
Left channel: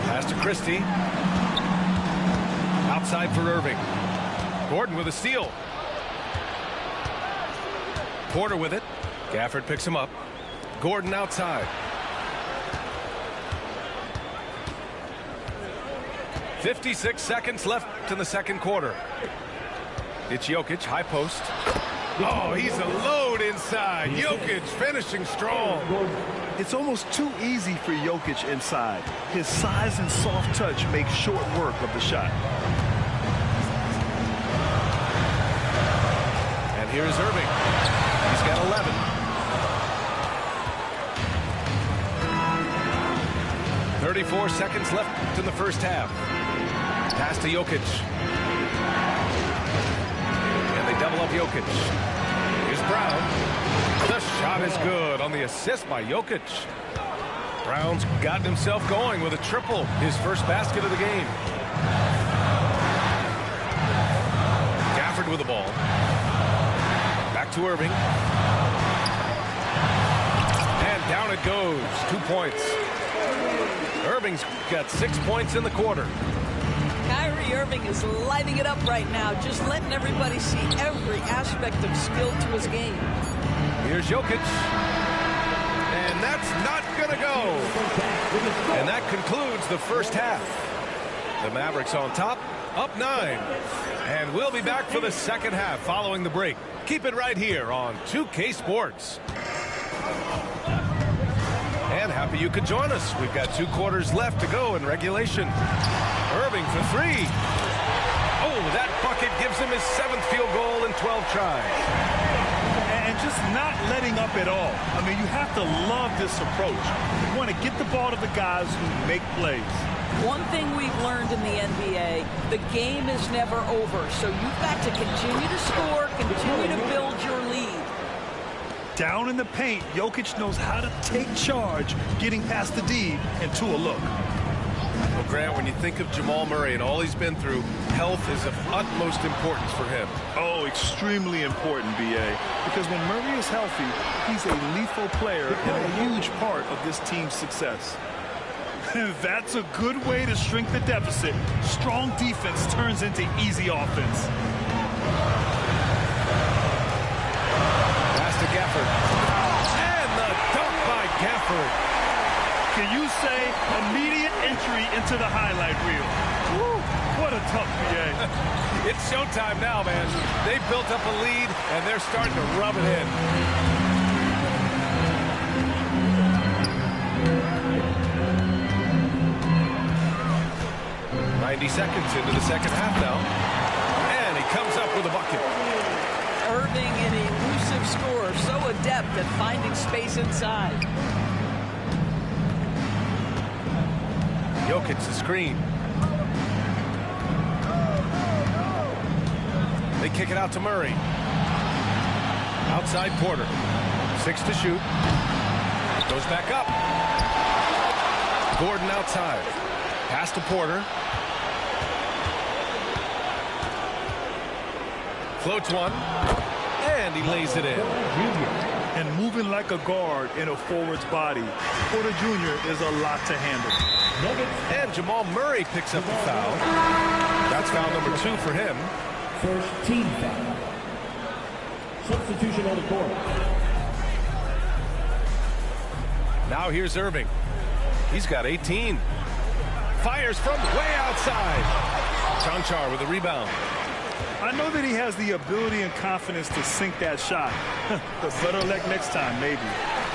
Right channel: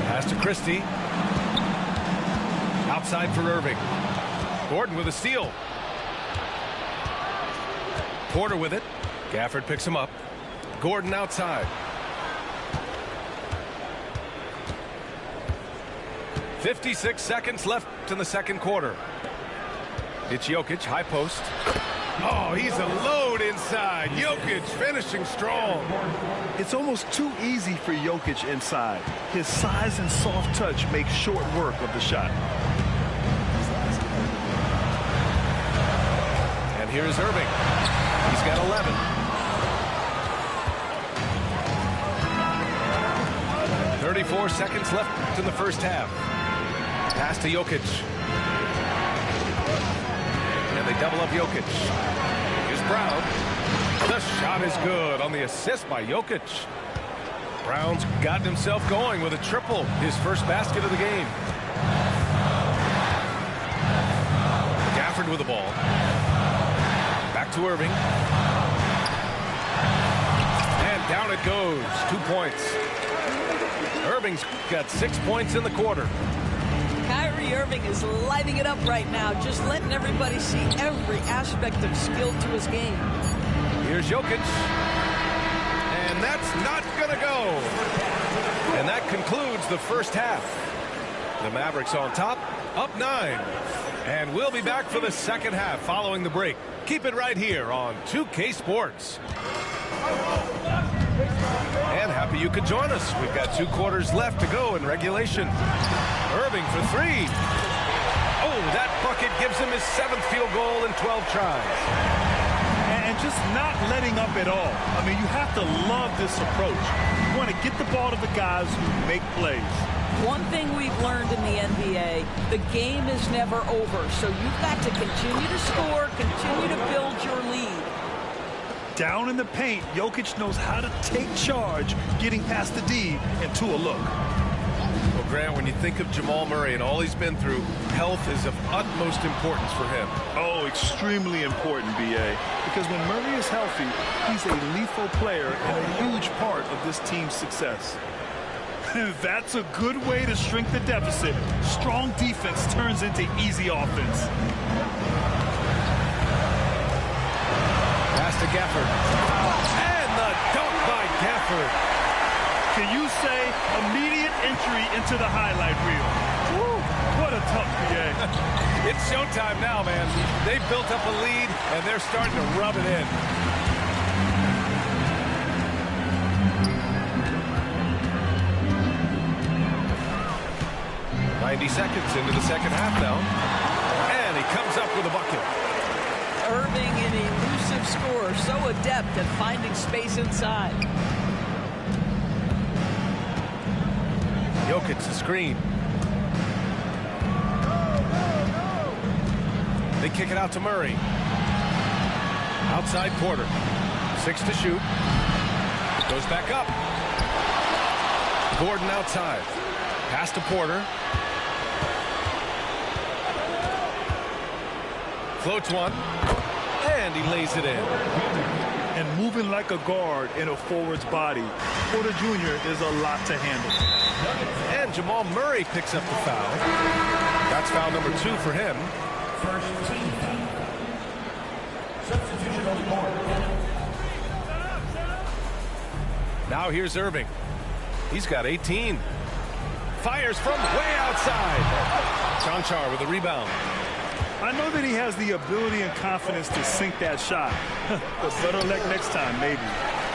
Pass to Christie. Outside for Irving. Gordon with a steal. Porter with it. Gafford picks him up. Gordon outside. 56 seconds left in the second quarter. It's Jokic, high post. Oh, he's a load inside. Jokic finishing strong. It's almost too easy for Jokic inside. His size and soft touch make short work of the shot. And here's Irving. He's got 11. .34 seconds left in the first half. Pass to Jokic. And they double up Jokic. Here's Brown. The shot is good on the assist by Jokic. Brown's gotten himself going with a triple. His first basket of the game. Gafford with the ball. Back to Irving. And down it goes. 2 points. Irving's got 6 points in the quarter. Kyrie Irving is lighting it up right now, just letting everybody see every aspect of skill to his game. Here's Jokic. And that's not going to go. And that concludes the first half. The Mavericks on top, up 9. And we'll be back for the second half following the break. Keep it right here on 2K Sports. And happy you could join us. We've got 2 quarters left to go in regulation. Irving for 3. Oh, that bucket gives him his 7th field goal in 12 tries. And just not letting up at all. I mean, you have to love this approach. You want to get the ball to the guys who make plays. One thing we've learned in the NBA, the game is never over. So you've got to continue to score, continue to build your lead. Down in the paint, Jokic knows how to take charge, getting past the D and to a look. Well, Grant, when you think of Jamal Murray and all he's been through, health is of utmost importance for him. Oh, extremely important, B.A. Because when Murray is healthy, he's a lethal player and a huge part of this team's success. That's a good way to shrink the deficit. Strong defense turns into easy offense. Pass to Gafford. And the dunk by Gafford. Can you say immediate entry into the highlight reel? Woo, what a tough BA. It's showtime now, man. They've built up a lead, and they're starting to rub it in. .90 seconds into the second half now. And he comes up with a bucket. Irving, an elusive scorer, so adept at finding space inside. Jokic the screen. They kick it out to Murray. Outside Porter. 6 to shoot. Goes back up. Gordon outside. Pass to Porter. Floats one. And he lays it in. And moving like a guard in a forward's body, Porter Jr. is a lot to handle. And Jamal Murray picks up the foul. That's foul number 2 for him. First team foul. Substitution on the court. Now here's Irving. He's got 18. Fires from way outside. Chanchar with the rebound. I know that he has the ability and confidence to sink that shot. But better luck next time, maybe.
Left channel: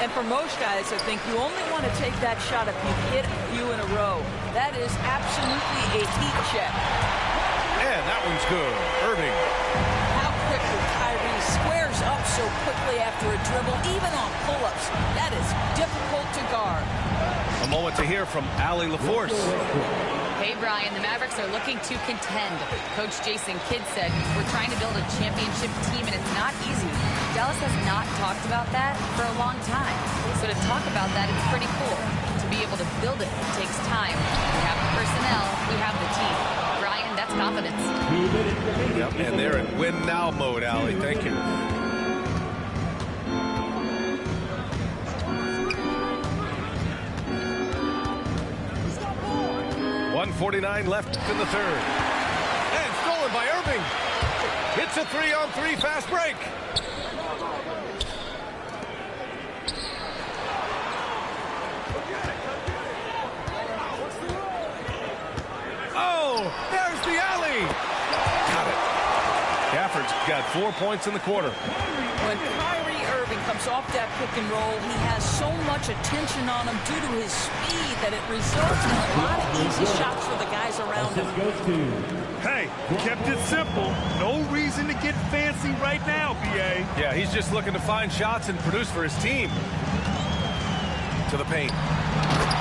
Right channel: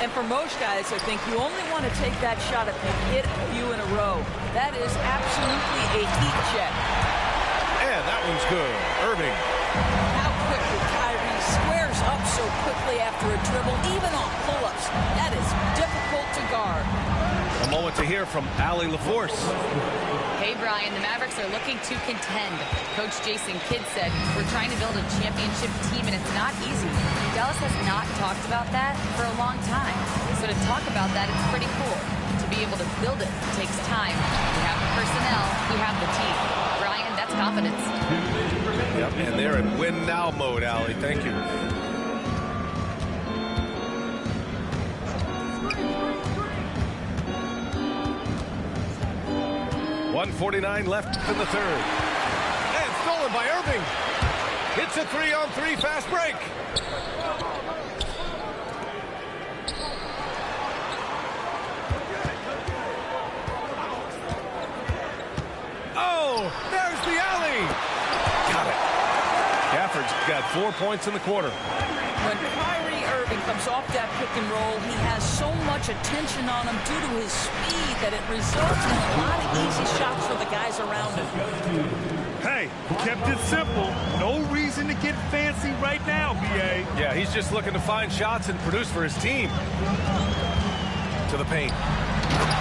And for most guys, I think you only want to take that shot if you've hit a few in a row. That is absolutely a heat check. And that one's good. Irving. How quickly Kyrie squares up so quickly after a dribble, even on pull-ups. That is difficult to guard. A moment to hear from Allie LaForce. Hey, Brian, the Mavericks are looking to contend. Coach Jason Kidd said, we're trying to build a championship team, and it's not easy. Dallas has not talked about that for a long time. So to talk about that, it's pretty cool. To be able to build it takes time. We have the personnel. We have the team. Brian, that's confidence. Yep, and they're in win-now mode, Allie. Thank you. .149 left in the third. stolen by Irving. Hits a 3-on-3 fast break. Oh, there's the alley. Got it. Gafford's got 4 points in the quarter. When Kyrie Irving comes off that pick and roll, he has so much attention on him due to his speed that it results in a lot of easy shots for the guys around him. Hey, kept it simple. No reason to get fancy right now, B.A. Yeah, he's just looking to find shots and produce for his team. To the paint.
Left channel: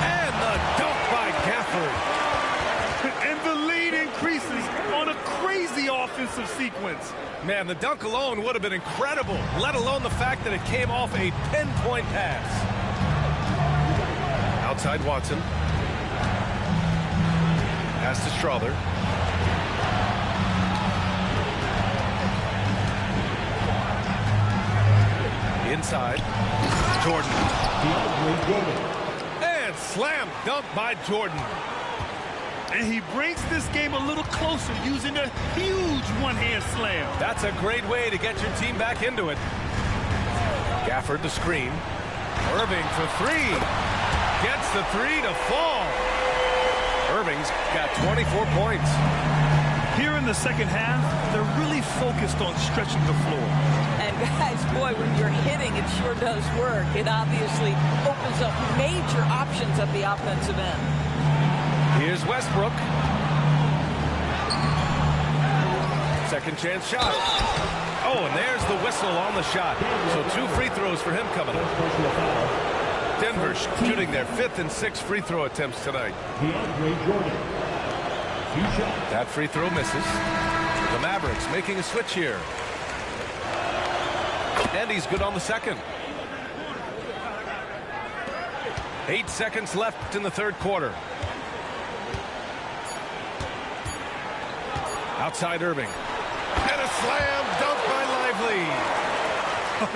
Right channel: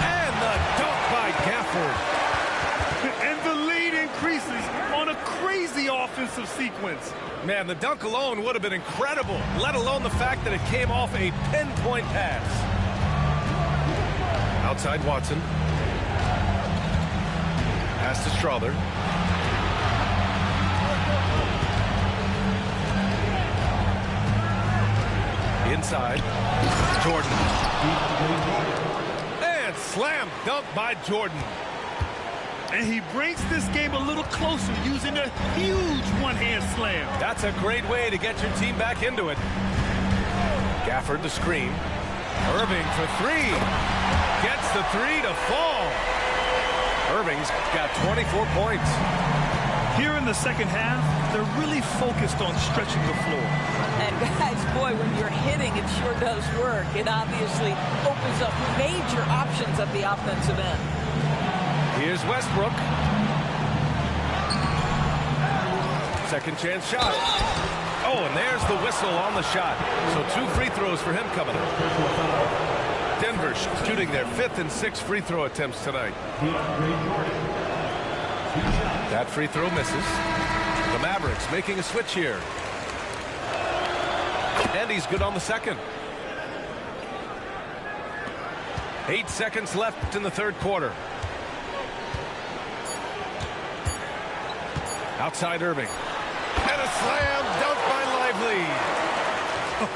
And the dunk by Gafford. And the lead increases on a crazy offensive sequence. Man, the dunk alone would have been incredible, let alone the fact that it came off a pinpoint pass. Outside Watson. Pass to Strother. Inside. Jordan. And slam dunk by Jordan. And he brings this game a little closer using a huge one-hand slam. That's a great way to get your team back into it. Gafford the screen. Irving for three. Gets the three to fall. Irving's got 24 points. Here in the second half, they're really focused on stretching the floor. And guys, boy, when you're hitting, it sure does work. It obviously opens up major options at the offensive end. Here's Westbrook. Second chance shot. Oh, and there's the whistle on the shot. So 2 free throws for him coming up. Denver shooting their 5th and 6th free throw attempts tonight. That free throw misses. The Mavericks making a switch here. And he's good on the second. 8 seconds left in the third quarter. Outside Irving. And a slam dunk by Lively.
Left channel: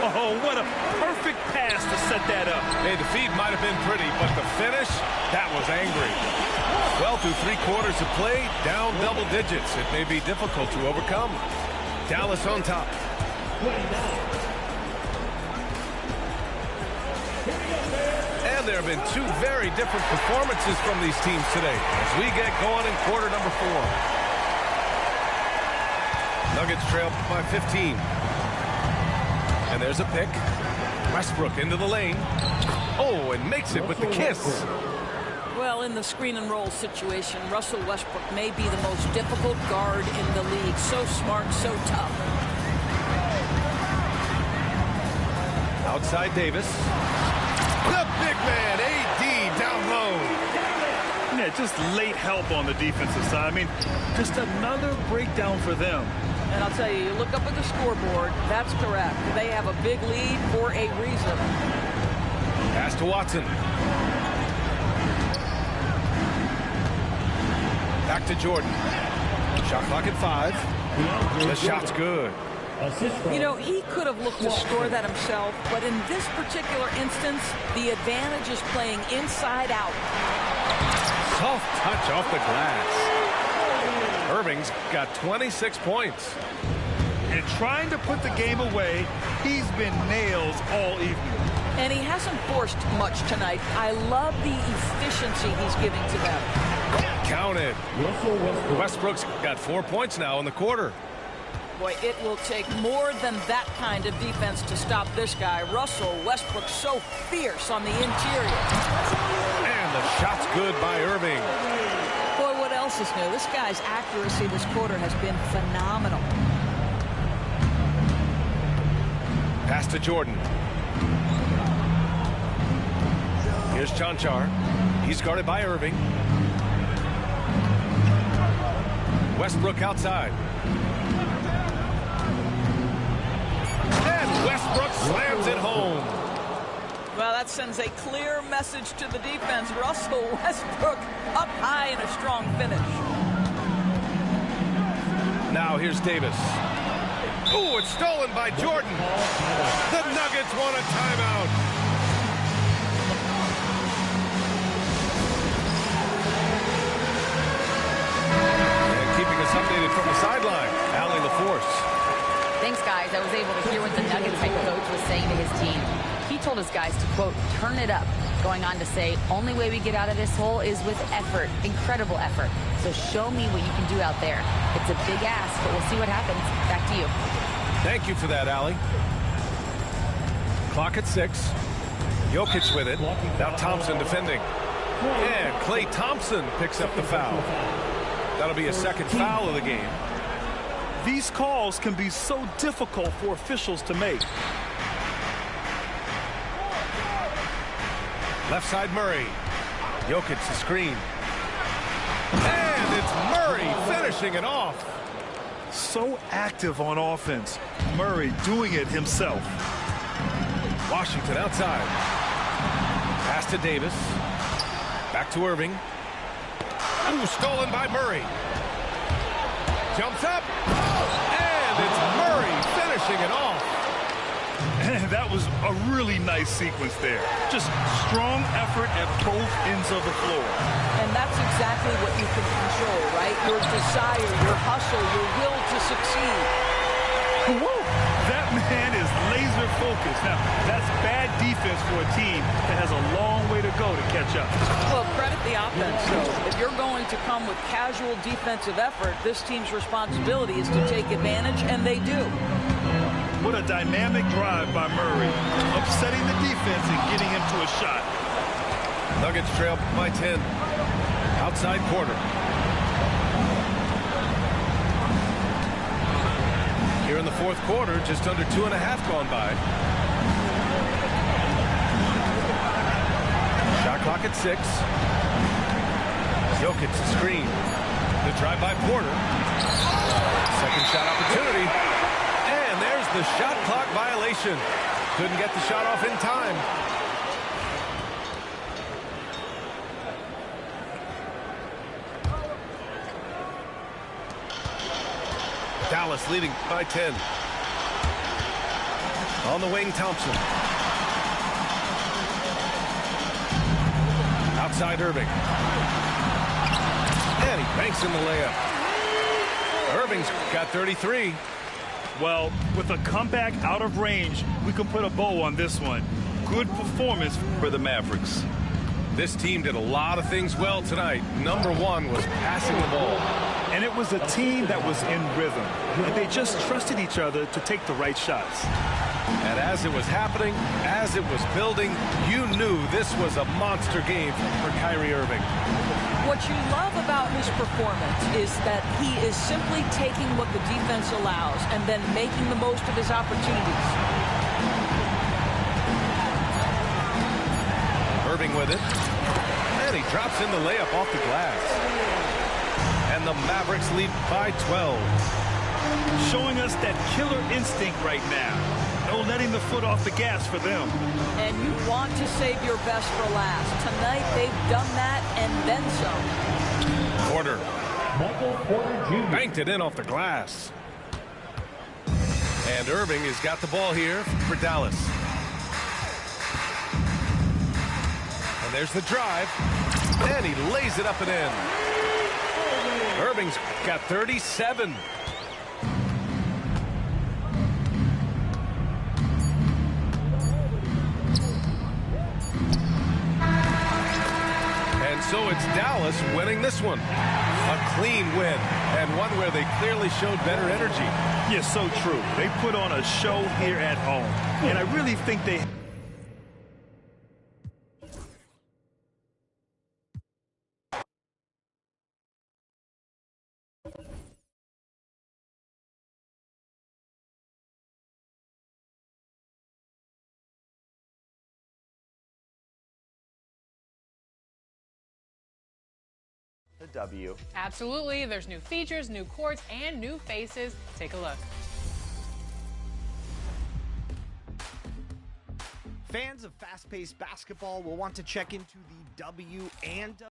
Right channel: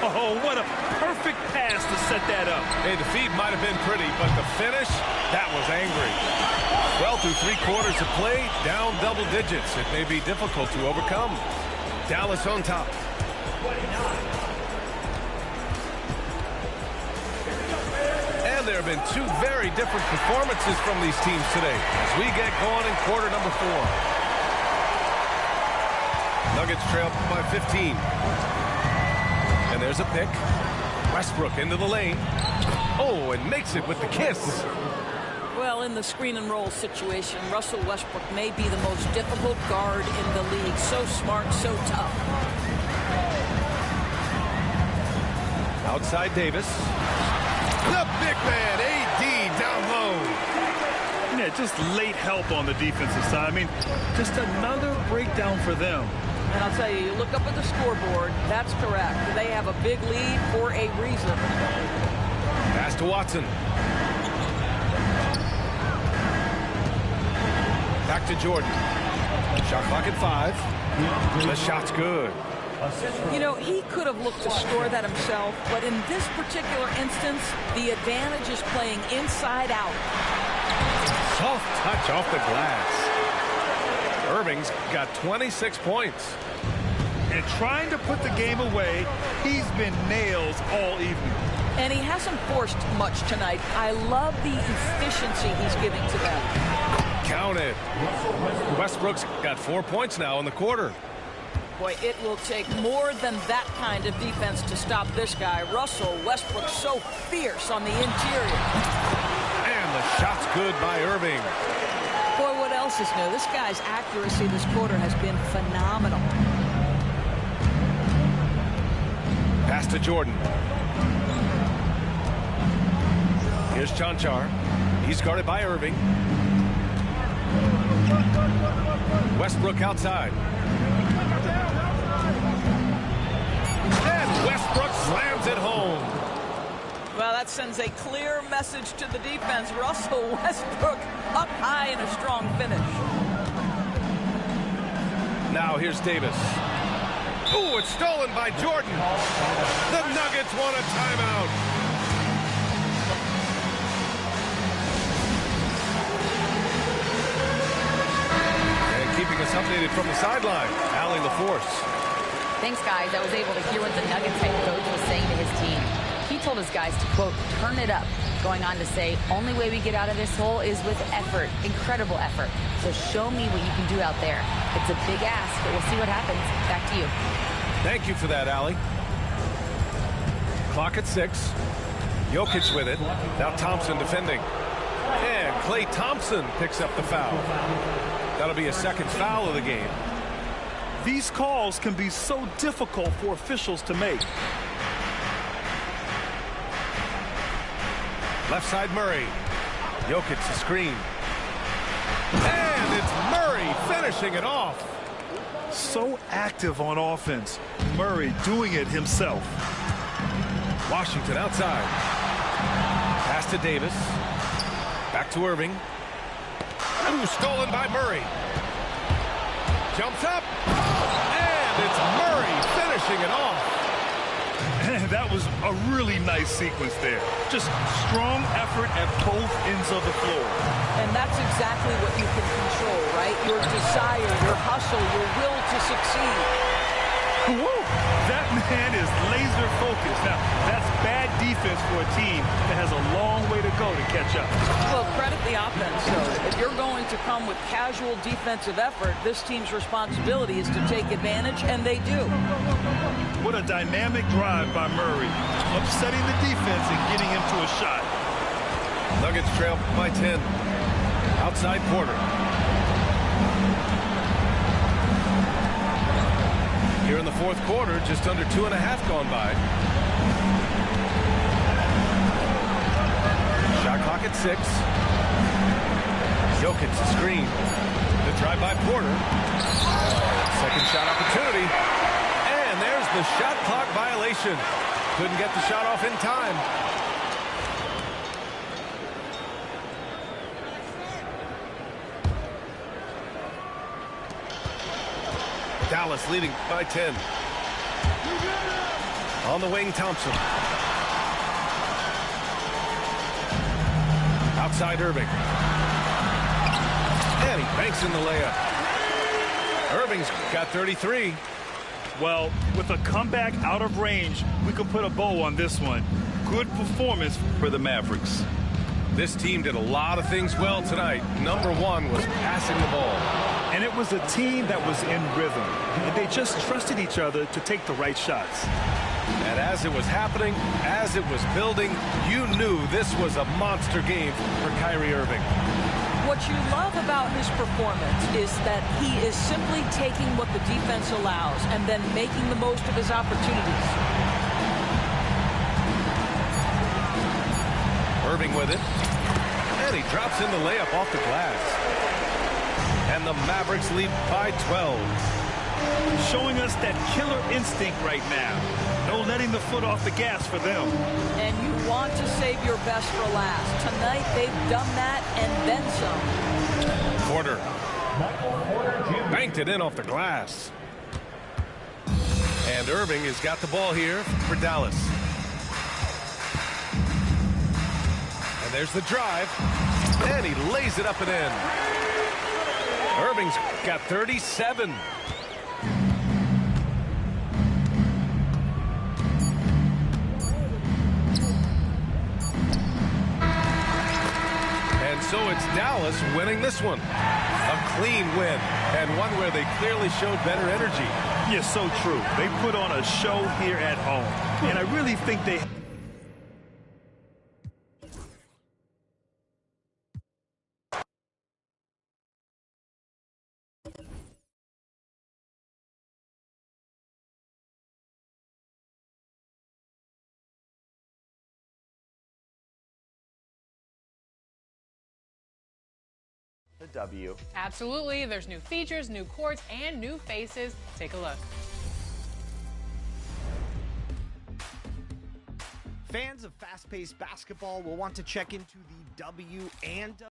Oh, what a perfect pass to set that up. Hey, the feed might have been pretty, but the finish, that was angry. Well, through 3 quarters of play, down double digits. It may be difficult to overcome. Dallas on top. And there have been 2 very different performances from these teams today as we get going in quarter number 4. Nuggets trail by 15. And there's a pick. Westbrook into the lane. Oh, and makes it with the kiss. Well, in the screen and roll situation, Russell Westbrook may be the most difficult guard in the league. So smart, so tough. Outside Davis. The big man, AD, down low. Yeah, just late help on the defensive side. I mean, just another breakdown for them. And I'll tell you, you look up at the scoreboard, that's correct. They have a big lead for a reason. Pass to Watson. Back to Jordan. Shot clock at 5. The shot's good. You know, he could have looked to score that himself, but in this particular instance, the advantage is playing inside out. Soft touch off the glass. Irving's got 26 points. And trying to put the game away, he's been nails all evening. And he hasn't forced much tonight. I love the efficiency he's giving to them. Count it. Westbrook's got 4 points now in the quarter. Boy, it will take more than that kind of defense to stop this guy. Russell Westbrook so fierce on the interior. And the shot's good by Irving. Boy, what else is new? This guy's accuracy this quarter has been phenomenal. Pass to Jordan. Here's Chanchar. He's guarded by Irving. Westbrook outside. And Westbrook slams it home. Well, that sends a clear message to the defense. Russell Westbrook up high in a strong finish. Now here's Davis. Ooh, it's stolen by Jordan. The Nuggets want a timeout. And keeping us Dallas updated from the sideline. Allie LaForce. Thanks, guys. I was able to hear what the Nuggets head coach was saying to his team. He told his guys to, quote, turn it up, going on to say, only way we get out of this hole is with effort, incredible effort. So show me what you can do out there. It's a big ask, but we'll see what happens. Back to you. Thank you for that, Allie. Clock at 6. Jokic with it. Now Thompson defending. And Klay Thompson picks up the foul. That'll be a second foul of the game. These calls can be so difficult for officials to make. Left side Murray. Jokic the screen. And it's Murray finishing it off. So active on offense. Murray doing it himself. Washington outside. Pass to Davis. Back to Irving. Ooh, stolen by Murray. Jumps up. And it's Murray finishing it off. And that was a really nice sequence there. Just strong effort at both ends of the floor. And that's exactly what you can control, right? Your desire, your hustle, your will to succeed. Whoa, that man is laser focused. Now, that's bad defense for a team that has a long way to go to catch up. Well, credit the offense, though. If you're going to come with casual defensive effort, this team's responsibility is to take advantage, and they do. What a dynamic drive by Murray, upsetting the defense and getting him to a shot. Nuggets trail by 10. Outside Porter. Here in the fourth quarter, just under 2.5 gone by. Shot clock at 6. Jokic the screen. The drive by Porter. Second shot opportunity. And there's the shot clock violation. Couldn't get the shot off in time. Dallas leading by 10. On the wing, Thompson. Outside Irving. And he banks in the layup. Irving's got 33. Well, with a comeback out of range, we can put a bow on this one. Good performance for the Mavericks. This team did a lot of things well tonight. Number one was passing the ball. And it was a team that was in rhythm. And they just trusted each other to take the right shots. And as it was happening, as it was building, you knew this was a monster game for Kyrie Irving. What you love about his performance is that he is simply taking what the defense allows and then making the most of his opportunities. Irving with it. And he drops in the layup off the glass. And the Mavericks lead by 12. Showing us that killer instinct right now. No letting the foot off the gas for them. And you want to save your best for last. Tonight, they've done that and then some. Porter. Banked it in off the glass. And Irving has got the ball here for Dallas. And there's the drive. And he lays it up and in. Irving's got 37. And so it's Dallas winning this one. A clean win, and one where they clearly showed better energy. Yeah, so true. They put on a show here at home, and I really think they... The W. Absolutely. There's new features, new courts, and new faces. Take a look. Fans of fast-paced basketball will want to check into the W and